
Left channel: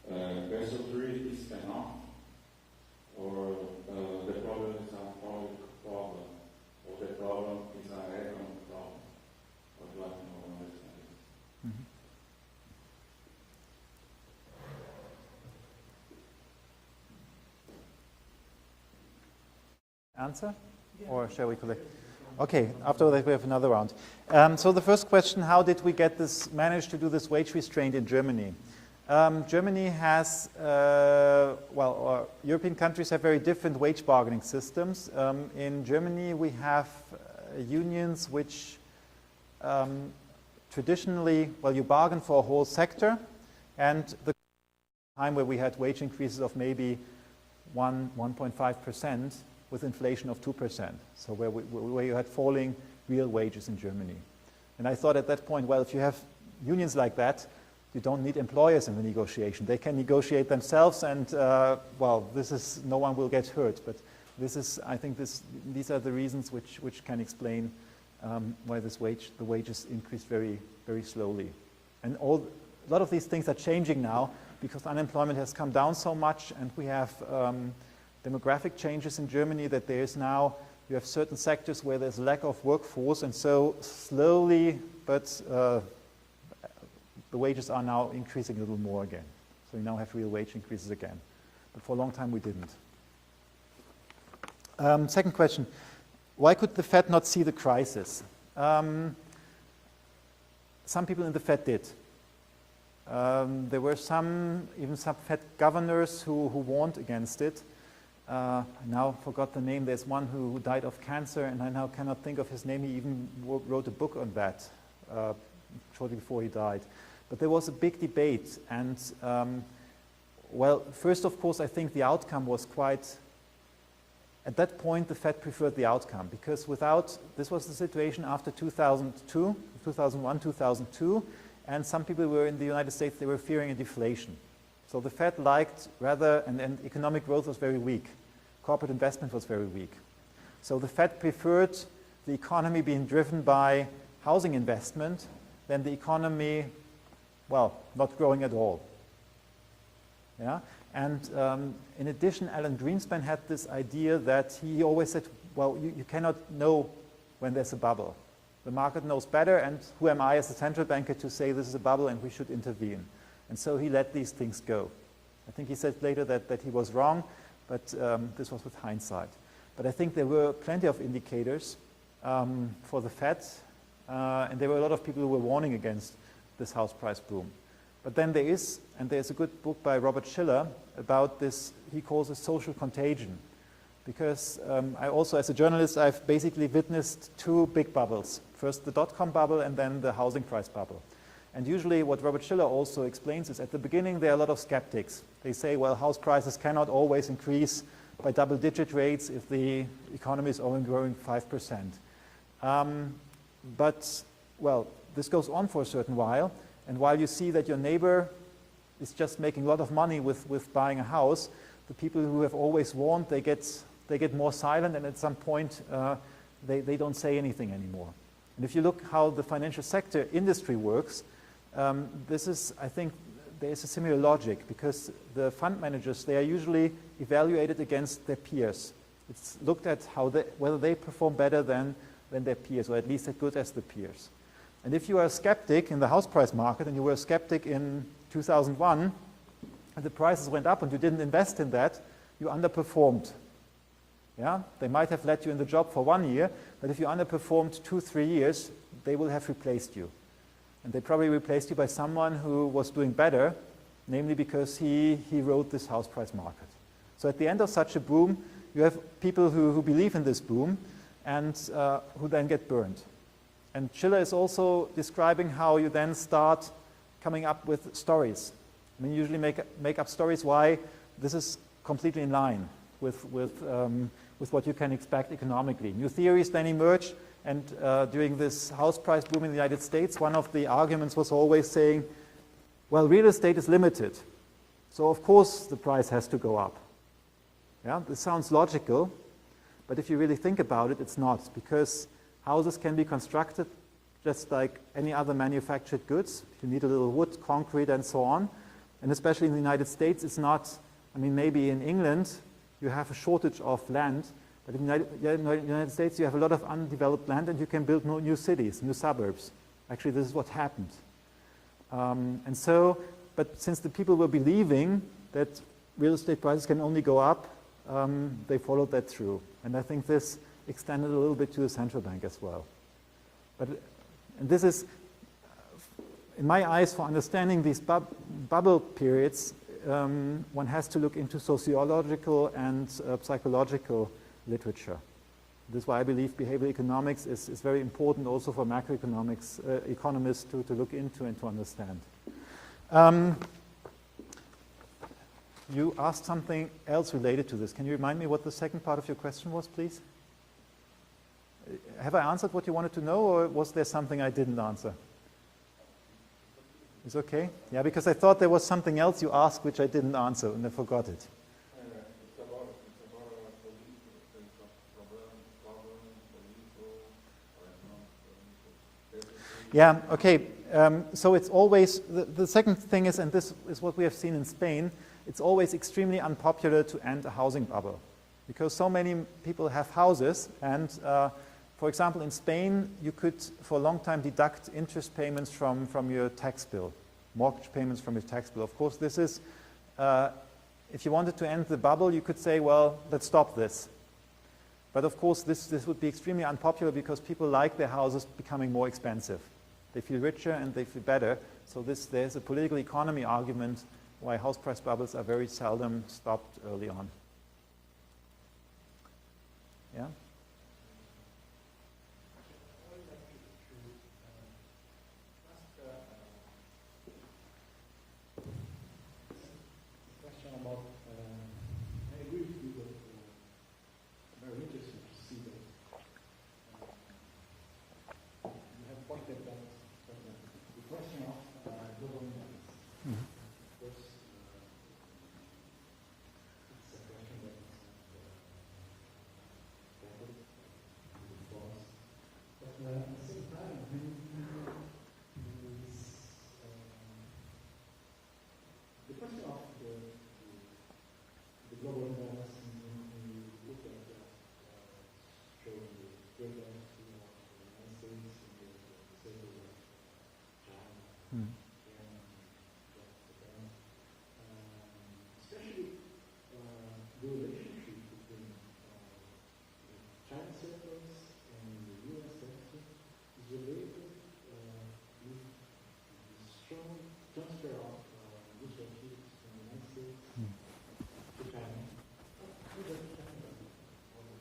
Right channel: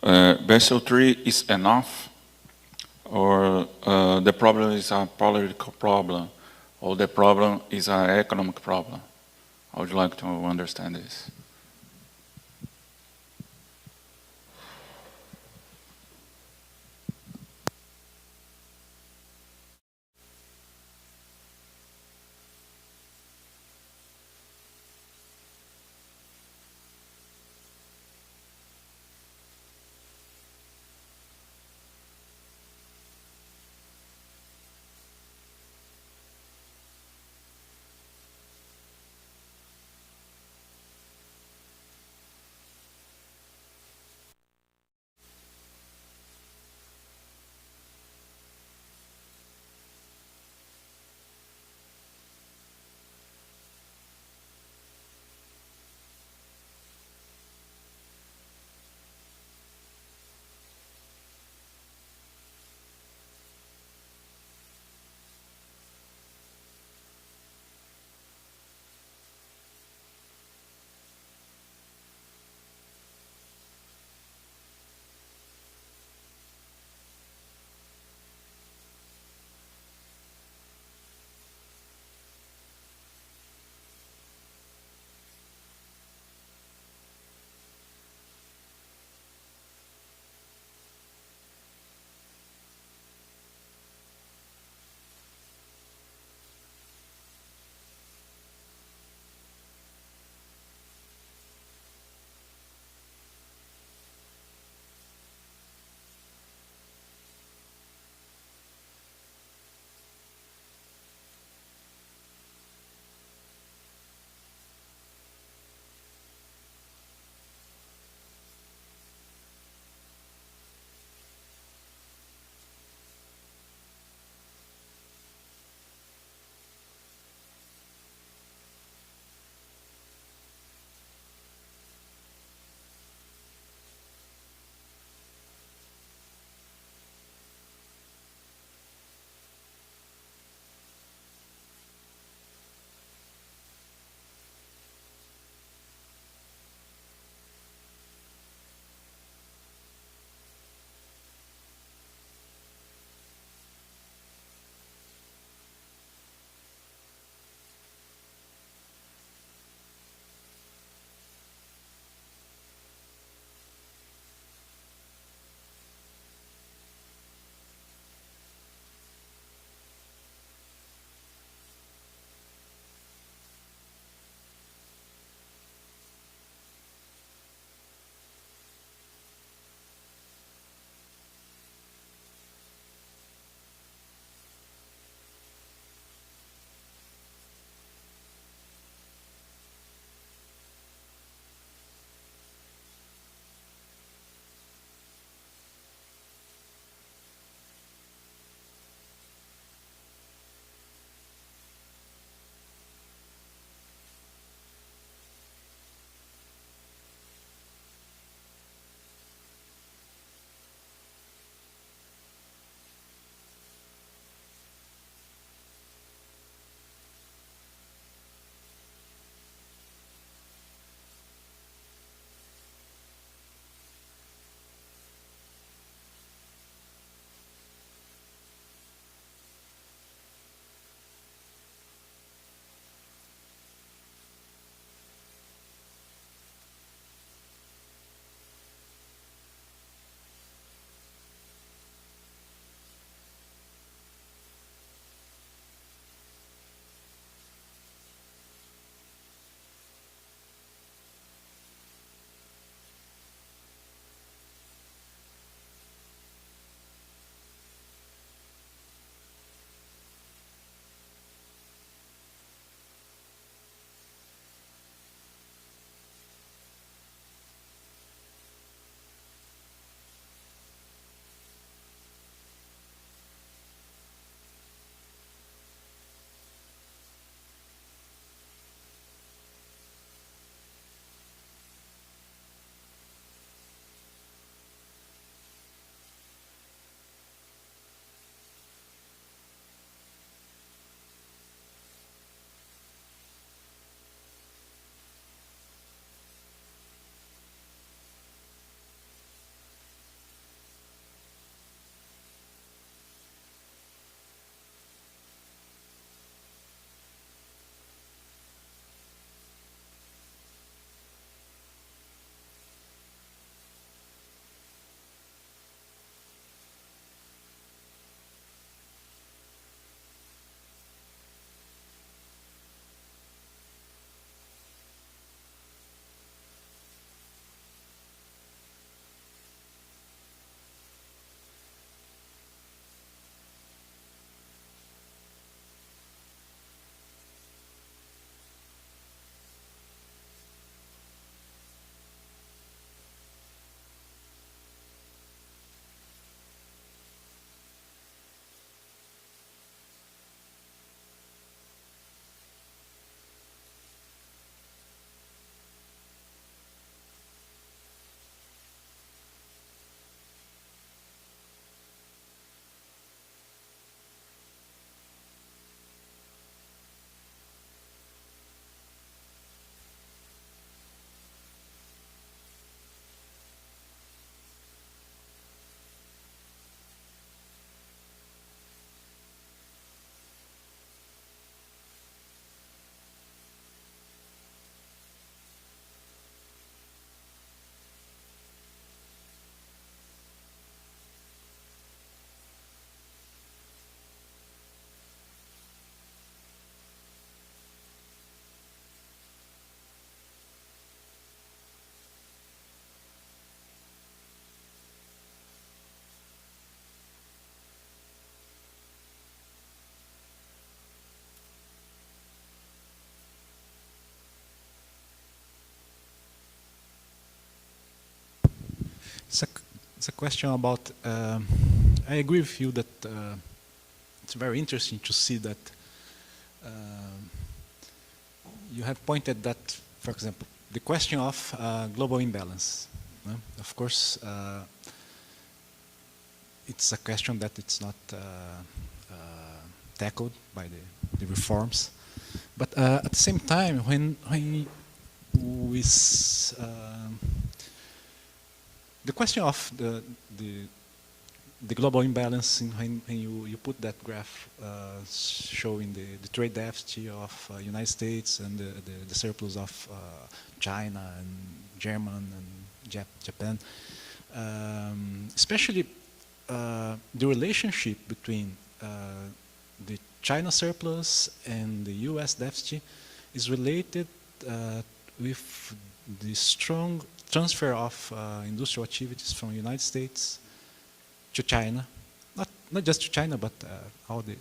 Basel III is enough, or the problem is a political problem, or the problem is an economic problem? I would like to understand this. Answer? Or shall we collect? Okay, after that we have another round. So the first question, how did we manage to do this wage restraint in Germany? Germany has, European countries have very different wage bargaining systems. In Germany we have unions which traditionally, you bargain for a whole sector, and the time where we had wage increases of maybe 1.5% with inflation of 2%. So where you had falling real wages in Germany. And I thought at that point, well, if you have unions like that, you don't need employers in the negotiation. They can negotiate themselves and, no one will get hurt. But I think these are the reasons which can explain why the wages increase very, very slowly. And a lot of these things are changing now because unemployment has come down so much, and we have demographic changes in Germany that you have certain sectors where there's lack of workforce, and so slowly, but the wages are now increasing a little more again. So we now have real wage increases again. But for a long time we didn't. Second question, why could the Fed not see the crisis? Some people in the Fed did. There were even some Fed governors who warned against it. I now forgot the name. There's one who died of cancer, and I now cannot think of his name. He even wrote a book on that shortly before he died. But there was a big debate, and first of course I think the outcome was at that point the Fed preferred the outcome, because this was the situation after 2001, 2002, and some people were in the United States, they were fearing a deflation. So the Fed liked and economic growth was very weak. Corporate investment was very weak. So the Fed preferred the economy being driven by housing investment than the economy, not growing at all. Yeah? And in addition, Alan Greenspan had this idea that he always said, you cannot know when there's a bubble. The market knows better, and who am I as a central banker to say this is a bubble and we should intervene? And so he let these things go. I think he said later that he was wrong, but this was with hindsight. But I think there were plenty of indicators for the Fed, and there were a lot of people who were warning against this house price boom. But then there's a good book by Robert Shiller about this, he calls it social contagion. Because I also, as a journalist, I've basically witnessed two big bubbles. First the dot-com bubble, and then the housing price bubble. And usually what Robert Shiller also explains is at the beginning there are a lot of skeptics. They say, house prices cannot always increase by double-digit rates if the economy is only growing 5%. But, well, this goes on for a certain while, and while you see that your neighbor is just making a lot of money with buying a house, the people who have always warned, they get more silent, and at some point they don't say anything anymore. And if you look how the financial sector industry works, this is, I think, there is a similar logic, because the fund managers, they are usually evaluated against their peers. It's looked at whether they perform better than their peers, or at least as good as the peers. And if you are a skeptic in the house price market, and you were a skeptic in 2001, and the prices went up and you didn't invest in that, you underperformed. Yeah? They might have let you in the job for 1 year, but if you underperformed 2-3 years, they will have replaced you. And they probably replaced you by someone who was doing better, namely because he rode this house price market. So at the end of such a boom, you have people who believe in this boom and who then get burned. And Schiller is also describing how you then start coming up with stories. I mean, you usually make up stories why this is completely in line with what you can expect economically. New theories then emerge, and during this house price boom in the United States, one of the arguments was always saying, well, real estate is limited, so of course the price has to go up. Yeah, this sounds logical, but if you really think about it, it's not, because houses can be constructed just like any other manufactured goods. You need a little wood, concrete, and so on. And especially in the United States, it's not, I mean, maybe in England, you have a shortage of land, but in the United States, you have a lot of undeveloped land, and you can build new cities, new suburbs. Actually, this is what happened. And so, but since the people were believing that real estate prices can only go up, they followed that through. And I think this extended a little bit to the central bank as well. But and this is, in my eyes, for understanding these bubble periods, one has to look into sociological and psychological literature. This is why I believe behavioral economics is very important also for macroeconomics economists to look into and to understand. You asked something else related to this. Can you remind me what the second part of your question was, please? Have I answered what you wanted to know, or was there something I didn't answer? It's okay? Yeah, because I thought there was something else you asked which I didn't answer, and I forgot it. Yeah, okay. So it's always, the second thing is, and this is what we have seen in Spain, it's always extremely unpopular to end a housing bubble, because so many people have houses, and for example, in Spain, you could, for a long time, deduct interest payments from your tax bill, mortgage payments from your tax bill. Of course, this is, if you wanted to end the bubble, you could say, well, let's stop this. But of course, this would be extremely unpopular, because people like their houses becoming more expensive. They feel richer and they feel better. So there's a political economy argument why house price bubbles are very seldom stopped early on. Yeah? It's a question about, I agree with you that it's very interesting to see that you have pointed that, for example, the question of global imbalance. Of course, it's a question that it's not tackled by the reforms. But at the same time, when we the question of the global imbalance, when you put that graph showing the trade deficit of United States and the surplus of China and German and Japan, especially the relationship between the China surplus and the US deficit is related with the strong transfer of industrial activities from the United States to China, not just to China, but all the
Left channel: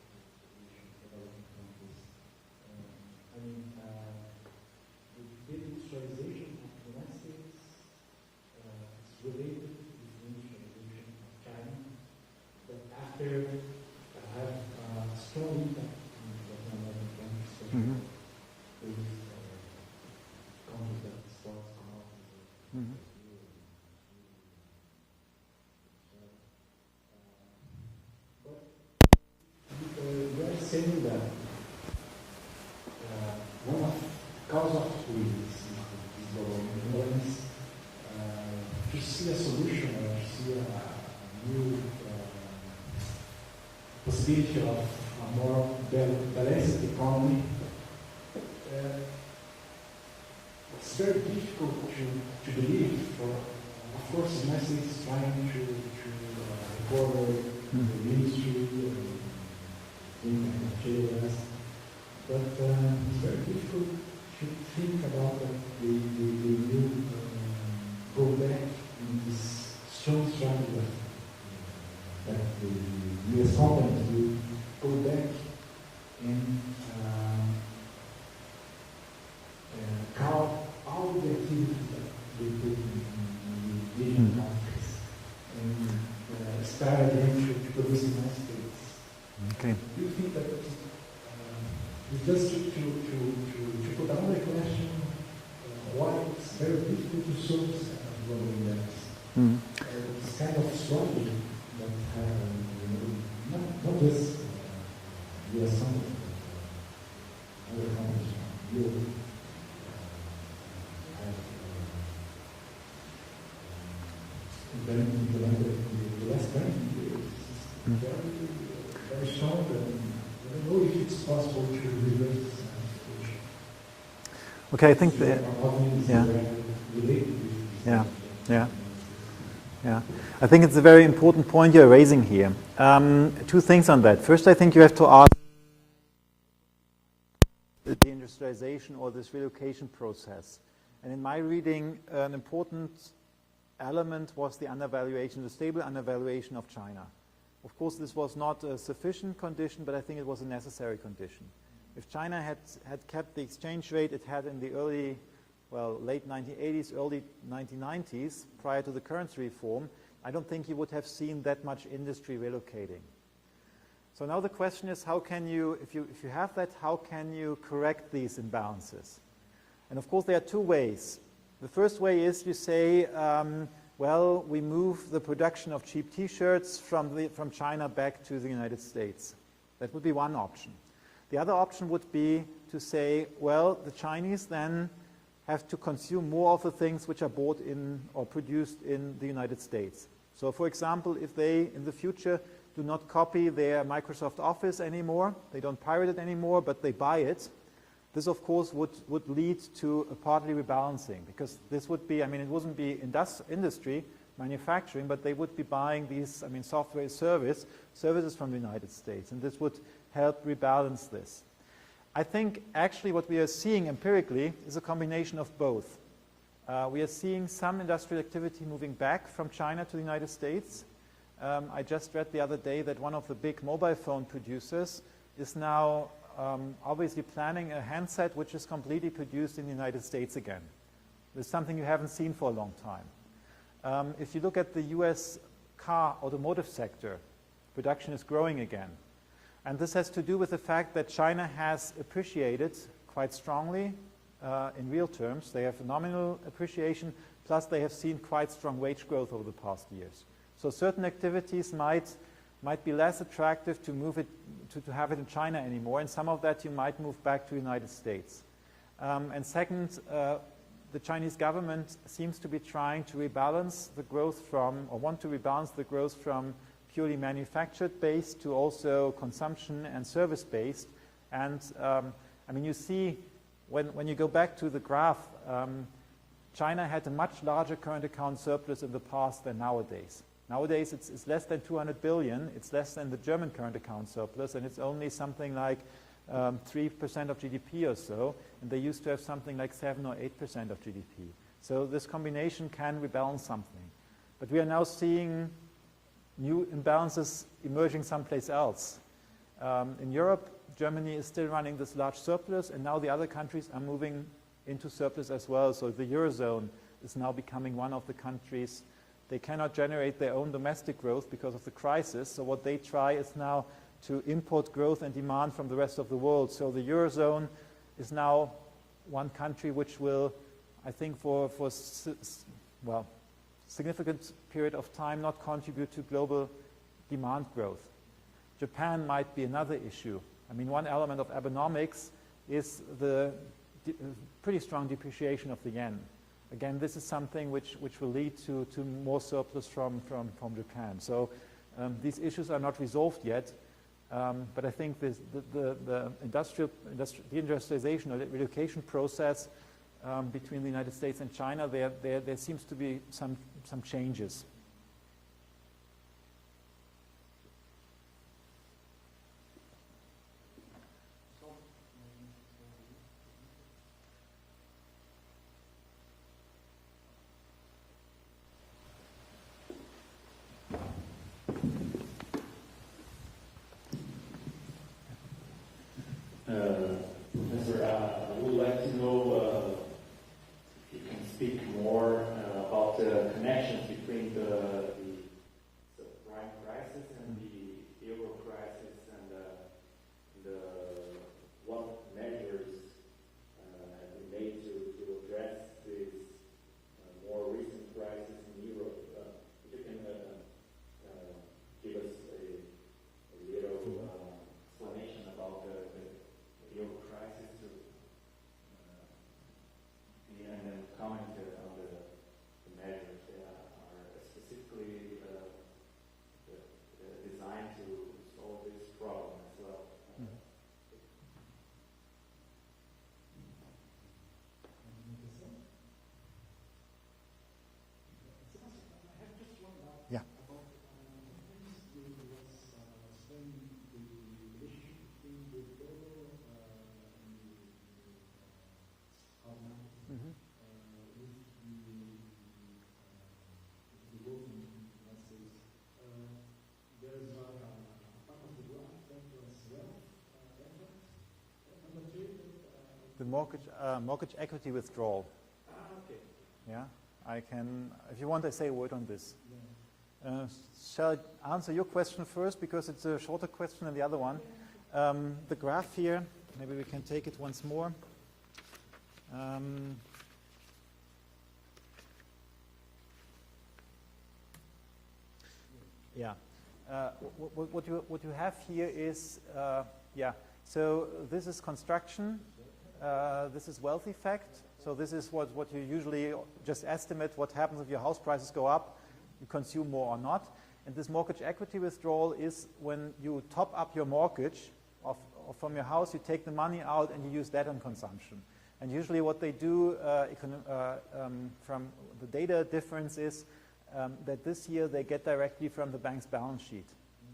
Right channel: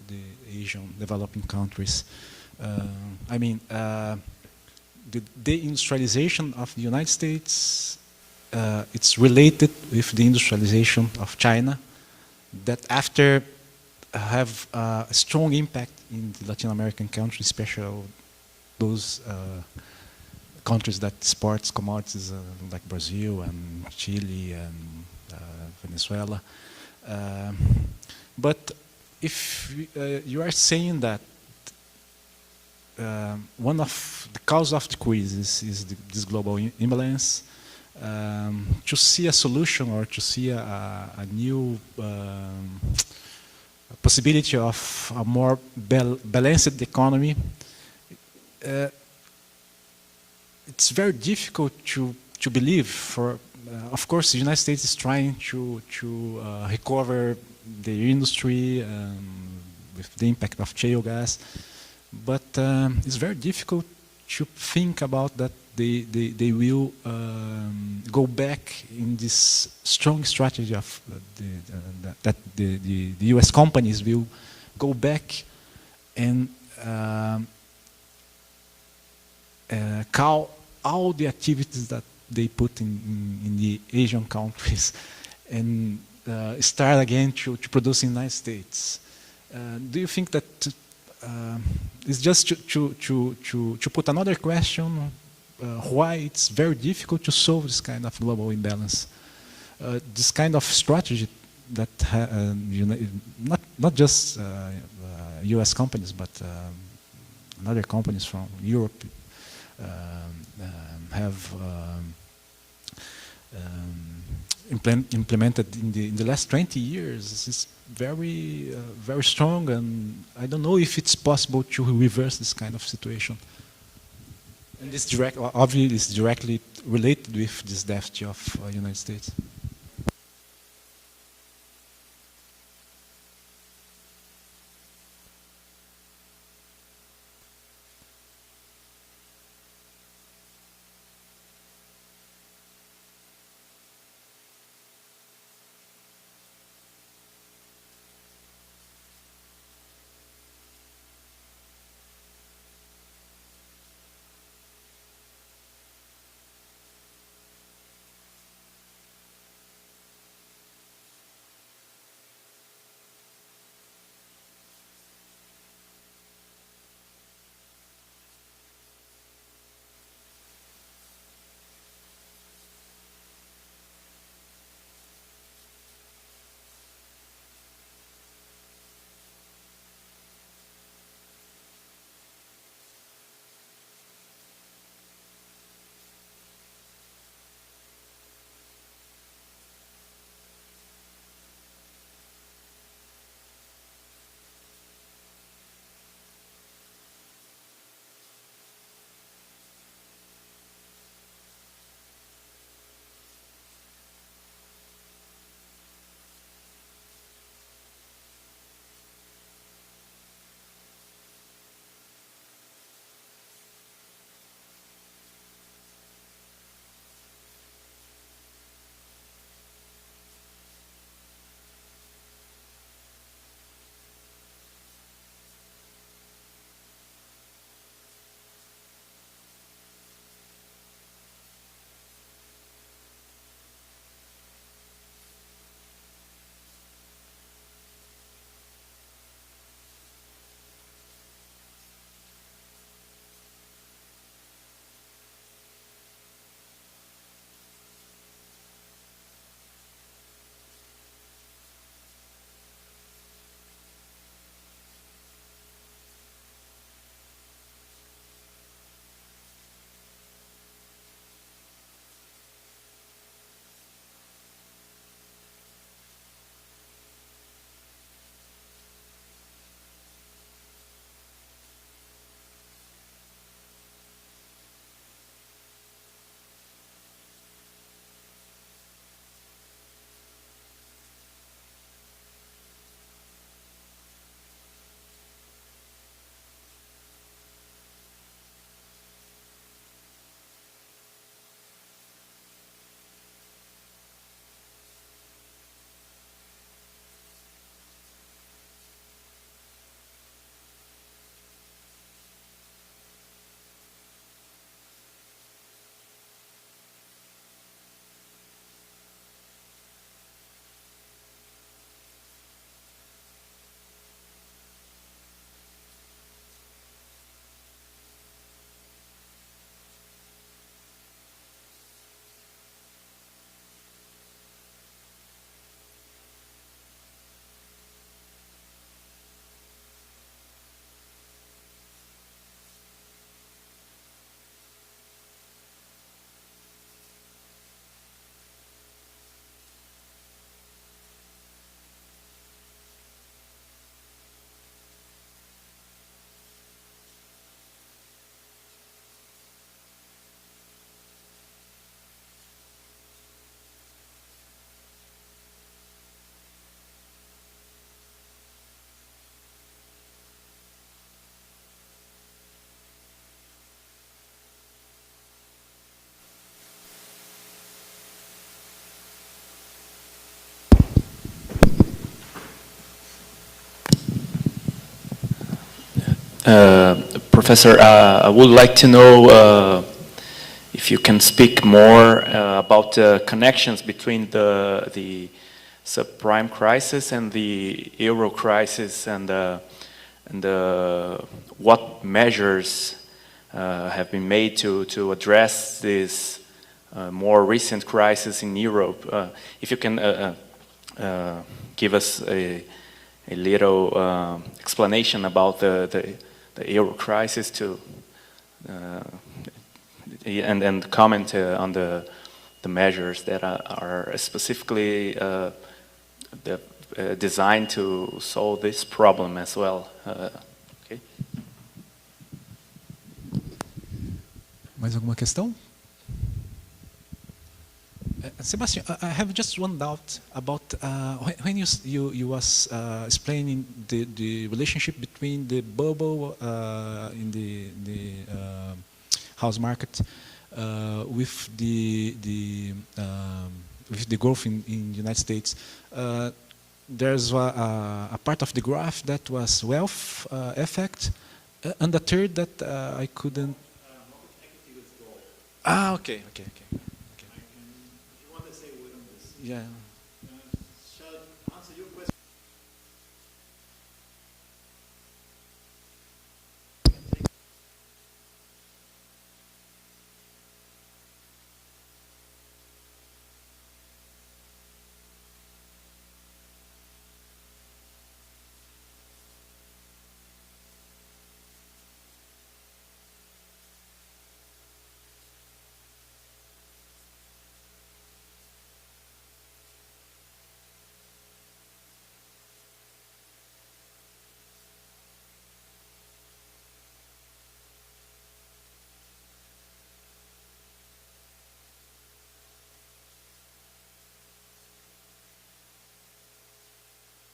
Asian developing countries. I mean, the deindustrialization of the United States, it's related with the industrialization of China, that after have a strong impact in the Latin American countries, especially those countries that export commodities like Brazil and Chile and Venezuela. But if you are saying that one of the cause of the crisis is this global imbalance, to see a solution or to see a new possibility of a more balanced economy, it's very difficult to believe. Of course, the United States is trying to recover the industry with the impact of shale gas, but it's very difficult to think about that they will go back in this strong strategy of that the U.S. companies will go back and call all the activities that they put in the Asian countries and start again to produce in the United States. Okay. Do you think that it's just to put another question, why it's very difficult to solve this kind of global imbalance? This kind of strategy that not just U.S. companies, but other companies from Europe have implemented in the last 20 years. This is very strong, and I don't know if it's possible to reverse this kind of situation. Okay, it's obviously it's directly related with this deficit of the United States. Yeah, I think it's a very important point you're raising here. Two things on that. First, I think you have to ask the deindustrialization or this relocation process. And in my reading, an important element was the undervaluation, the stable undervaluation of China. Of course, this was not a sufficient condition, but I think it was a necessary condition. If China had kept the exchange rate it had in the late 1980s, early 1990s, prior to the currency reform, I don't think you would have seen that much industry relocating. So now the question is, how can you, if you have that, how can you correct these imbalances? And of course, there are two ways. The first way is you say, well, we move the production of cheap T-shirts from China back to the United States. That would be one option. The other option would be to say, well, the Chinese then have to consume more of the things which are bought in or produced in the United States. So for example, if they, in the future, do not copy their Microsoft Office anymore, they don't pirate it anymore, but they buy it, this of course would lead to a partly rebalancing, because this would be, it wouldn't be industry, manufacturing, but they would be buying these, software services from the United States, and this would help rebalance this. I think actually what we are seeing empirically is a combination of both. We are seeing some industrial activity moving back from China to the United States. I just read the other day that one of the big mobile phone producers is now obviously planning a handset which is completely produced in the United States again. This is something you haven't seen for a long time. If you look at the US car automotive sector, production is growing again. And this has to do with the fact that China has appreciated quite strongly in real terms. They have a nominal appreciation, plus they have seen quite strong wage growth over the past years. So certain activities might be less attractive to move it, to have it in China anymore, and some of that you might move back to the United States. And second, the Chinese government seems to be trying to rebalance the growth from, or want to rebalance the growth from purely manufactured based to also consumption and service based. And you see, when you go back to the graph, China had a much larger current account surplus in the past than nowadays. Nowadays it's less than 200 billion, it's less than the German current account surplus, and it's only something like 3% of GDP or so, and they used to have something like 7 or 8% of GDP. So this combination can rebalance something. But we are now seeing new imbalances emerging someplace else. In Europe, Germany is still running this large surplus, and now the other countries are moving into surplus as well. So the Eurozone is now becoming one of the countries. They cannot generate their own domestic growth because of the crisis, so what they try is now to import growth and demand from the rest of the world. So the Eurozone is now one country which will, I think, for significant period of time not contribute to global demand growth. Japan might be another issue. I mean, one element of Abenomics is the pretty strong depreciation of the yen. Again, this is something which will lead to more surplus from Japan. So these issues are not resolved yet, but I think the industrialization or the relocation process between the United States and China, there seems to be some changes. Professor, I would like to know if you can speak more about the connections between the subprime crisis and the euro crisis, and what measures have been made to address this more recent crisis in Europe. If you can give us a little explanation about the euro crisis and comment on the measures that are specifically designed to solve this problem as well. Okay. Mais alguma questão? Sebastian, I have just one doubt about when you was explaining the relationship between the bubble in the house market with the growth in the United States. There's a part of the graph that was wealth effect, and the third that I couldn't. Mortgage equity withdrawal. Okay. Yeah. I can, if you want, I say a word on this. Yeah. Shall I answer your question first, because it's a shorter question than the other one? The graph here, maybe we can take it once more. Yeah. What you have here is, so this is construction, this is wealth effect. So this is what you usually just estimate what happens if your house prices go up, you consume more or not. And this mortgage equity withdrawal is when you top up your mortgage from your house, you take the money out and you use that on consumption. And usually what they do from the data difference is that this year they get directly from the bank's balance sheet.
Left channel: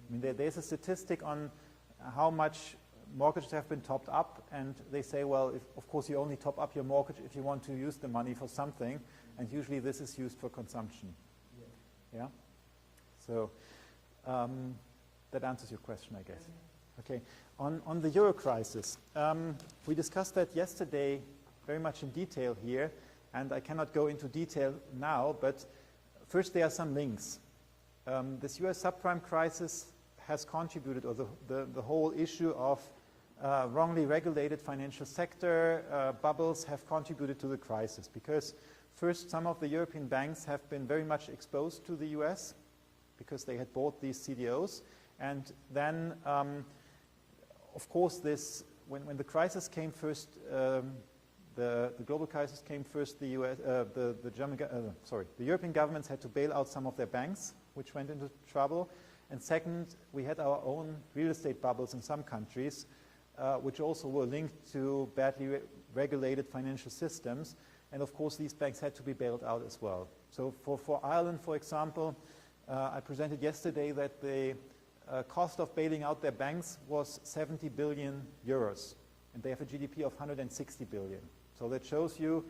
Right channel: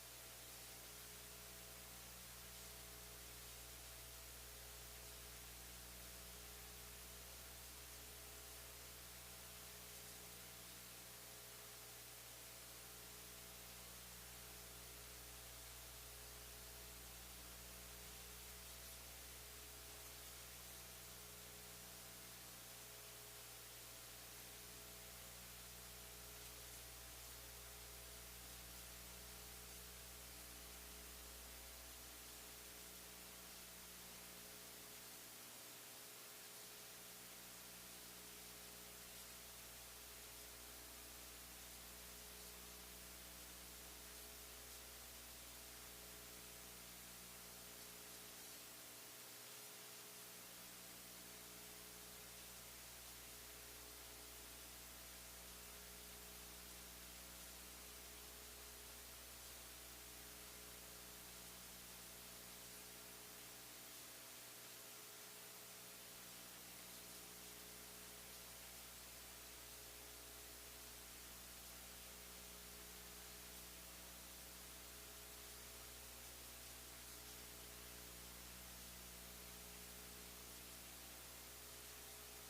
I mean, there's a statistic on how much mortgages have been topped up, and they say, well, of course you only top up your mortgage if you want to use the money for something, and usually this is used for consumption. Yeah? So that answers your question, I guess. Okay. On the euro crisis, we discussed that yesterday very much in detail here, and I cannot go into detail now, but first there are some links. This US subprime crisis has contributed, or the whole issue of wrongly regulated financial sector bubbles have contributed to the crisis, because first some of the European banks have been very much exposed to the US because they had bought these CDOs, and then of course this, when the crisis came first, the global crisis came first, the European governments had to bail out some of their banks which went into trouble, and second, we had our own real estate bubbles in some countries which also were linked to badly regulated financial systems, and of course these banks had to be bailed out as well. So for Ireland, for example, I presented yesterday that the cost of bailing out their banks was 70 billion euros, and they have a GDP of 160 billion. So that shows you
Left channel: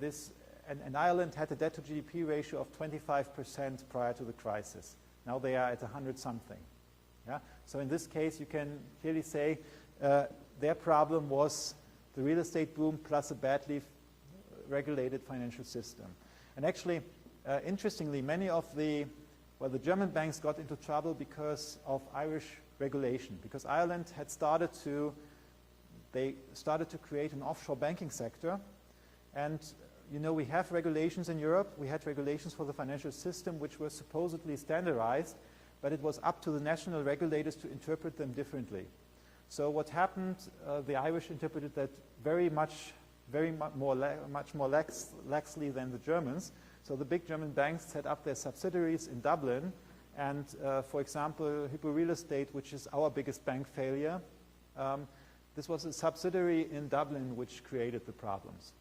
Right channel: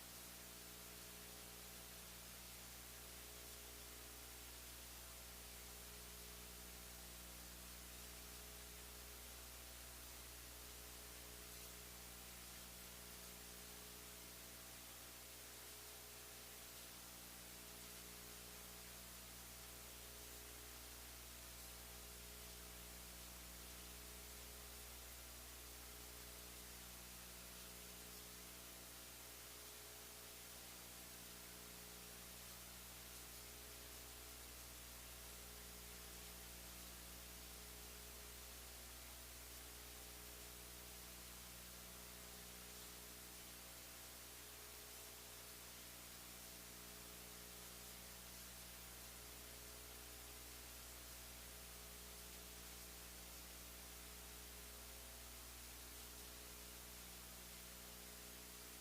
this, and Ireland had a debt to GDP ratio of 25% prior to the crisis. Now they are at 100 something. Yeah? So in this case, you can clearly say their problem was the real estate boom plus a badly regulated financial system. And actually, interestingly, many of the German banks got into trouble because of Irish regulation, because Ireland had started to create an offshore banking sector, and you know, we have regulations in Europe. We had regulations for the financial system which were supposedly standardized, but it was up to the national regulators to interpret them differently. So what happened, the Irish interpreted that much more laxly than the Germans. So the big German banks set up their subsidiaries in Dublin, and for example, Hypo Real Estate, which is our biggest bank failure, this was a subsidiary in Dublin which created the problems.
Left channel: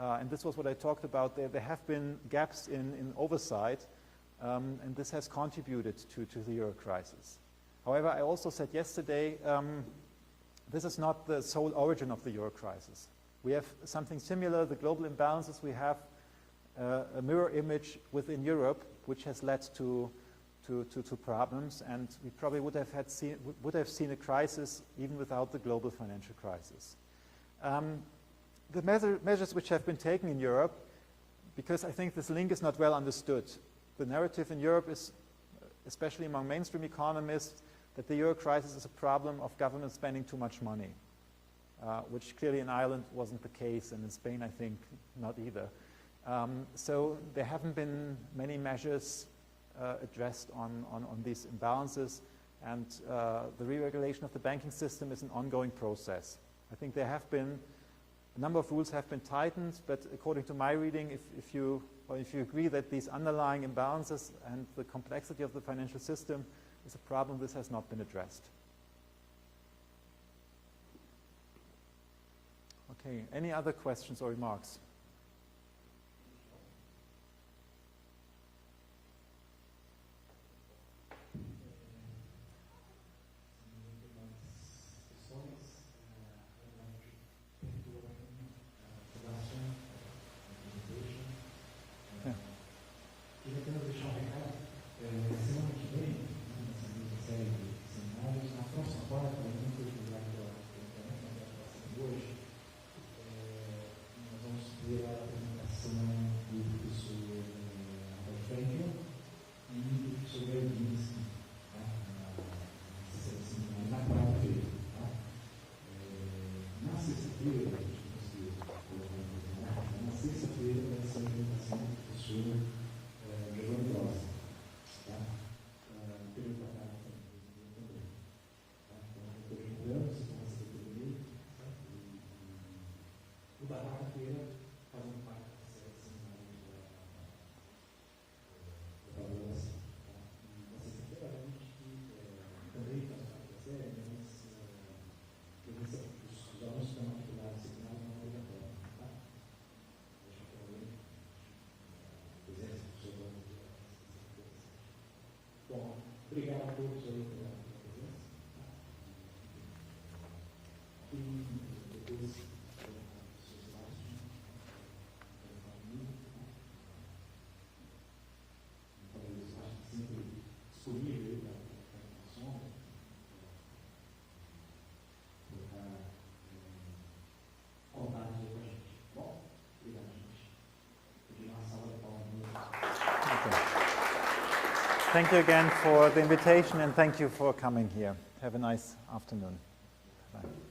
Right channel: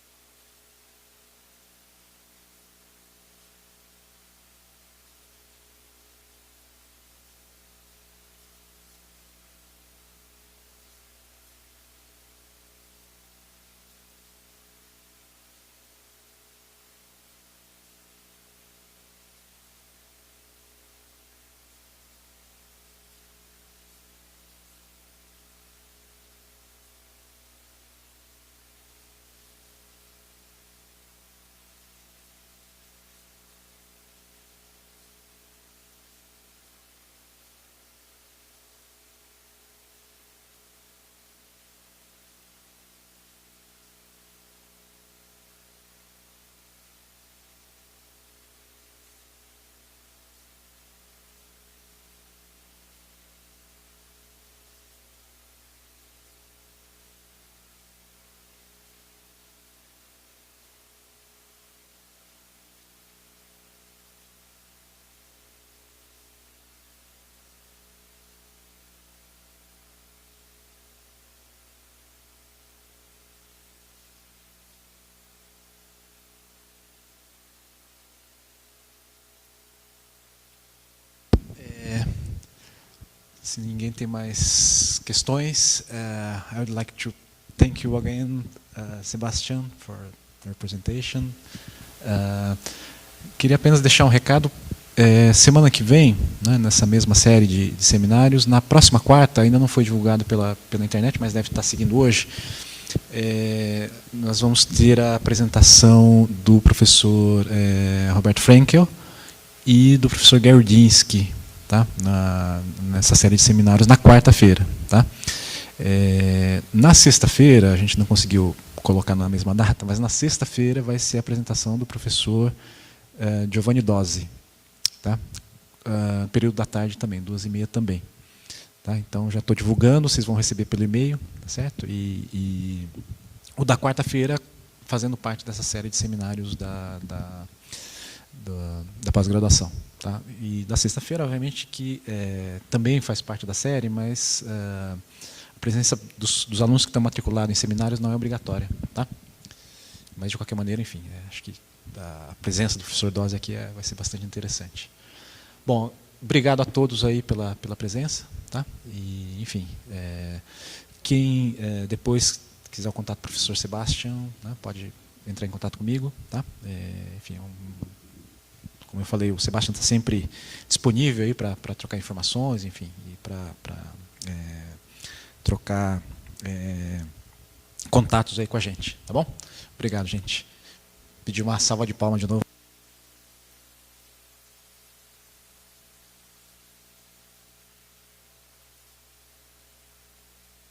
And this was what I talked about. There have been gaps in oversight, and this has contributed to the euro crisis. However, I also said yesterday, this is not the sole origin of the euro crisis. We have something similar, the global imbalances. We have a mirror image within Europe, which has led to problems, and we probably would have seen a crisis even without the global financial crisis. The measures which have been taken in Europe, because I think this link is not well understood. The narrative in Europe is, especially among mainstream economists, that the euro crisis is a problem of government spending too much money, which clearly in Ireland wasn't the case, and in Spain I think not either. So there haven't been many measures addressed on these imbalances, and the re-regulation of the banking system is an ongoing process. I think there have been a number of rules have been tightened, but according to my reading, if you agree that these underlying imbalances and the complexity of the financial system is a problem, this has not been addressed. Okay, any other questions or remarks? Se ninguém tem mais questões, I would like to thank you again, Sebastian, for your presentation. Queria apenas deixar um recado. Semana que vem, né, nessa mesma série de seminários, na próxima quarta, ainda não foi divulgado pela internet, mas deve estar seguindo hoje, nós vamos ter a apresentação do professor Roberto Frankel e do professor Gerdinsky, tá? Nessa série de seminários, na quarta-feira. Tá? Na sexta-feira, a gente não conseguiu colocar na mesma data, mas na sexta-feira vai ser a apresentação do professor Giovanni Dozzi. Tá? Período da tarde também, 2h30 também. Tá? Então, já estou divulgando, vocês vão receber pelo e-mail, tá certo? E o da quarta-feira, fazendo parte dessa série de seminários da pós-graduação. Tá? E da sexta-feira, obviamente, que também faz parte da série, mas a presença dos alunos que estão matriculados em seminários não é obrigatória. Tá? Mas, de qualquer maneira, enfim, acho que a presença do professor Dozzi aqui vai ser bastante interessante. Bom, obrigado a todos aí pela presença. Tá? E, enfim, quem depois quiser o contato do professor Sebastian, né, pode entrar em contato comigo. Tá? Enfim, como eu falei, o Sebastian está sempre disponível aí para trocar informações, enfim, e para trocar contatos aí com a gente, tá bom? Obrigado, gente. Pedir uma salva de palmas de novo. Thank you again for the invitation, and thank you for coming here. Have a nice afternoon. Bye.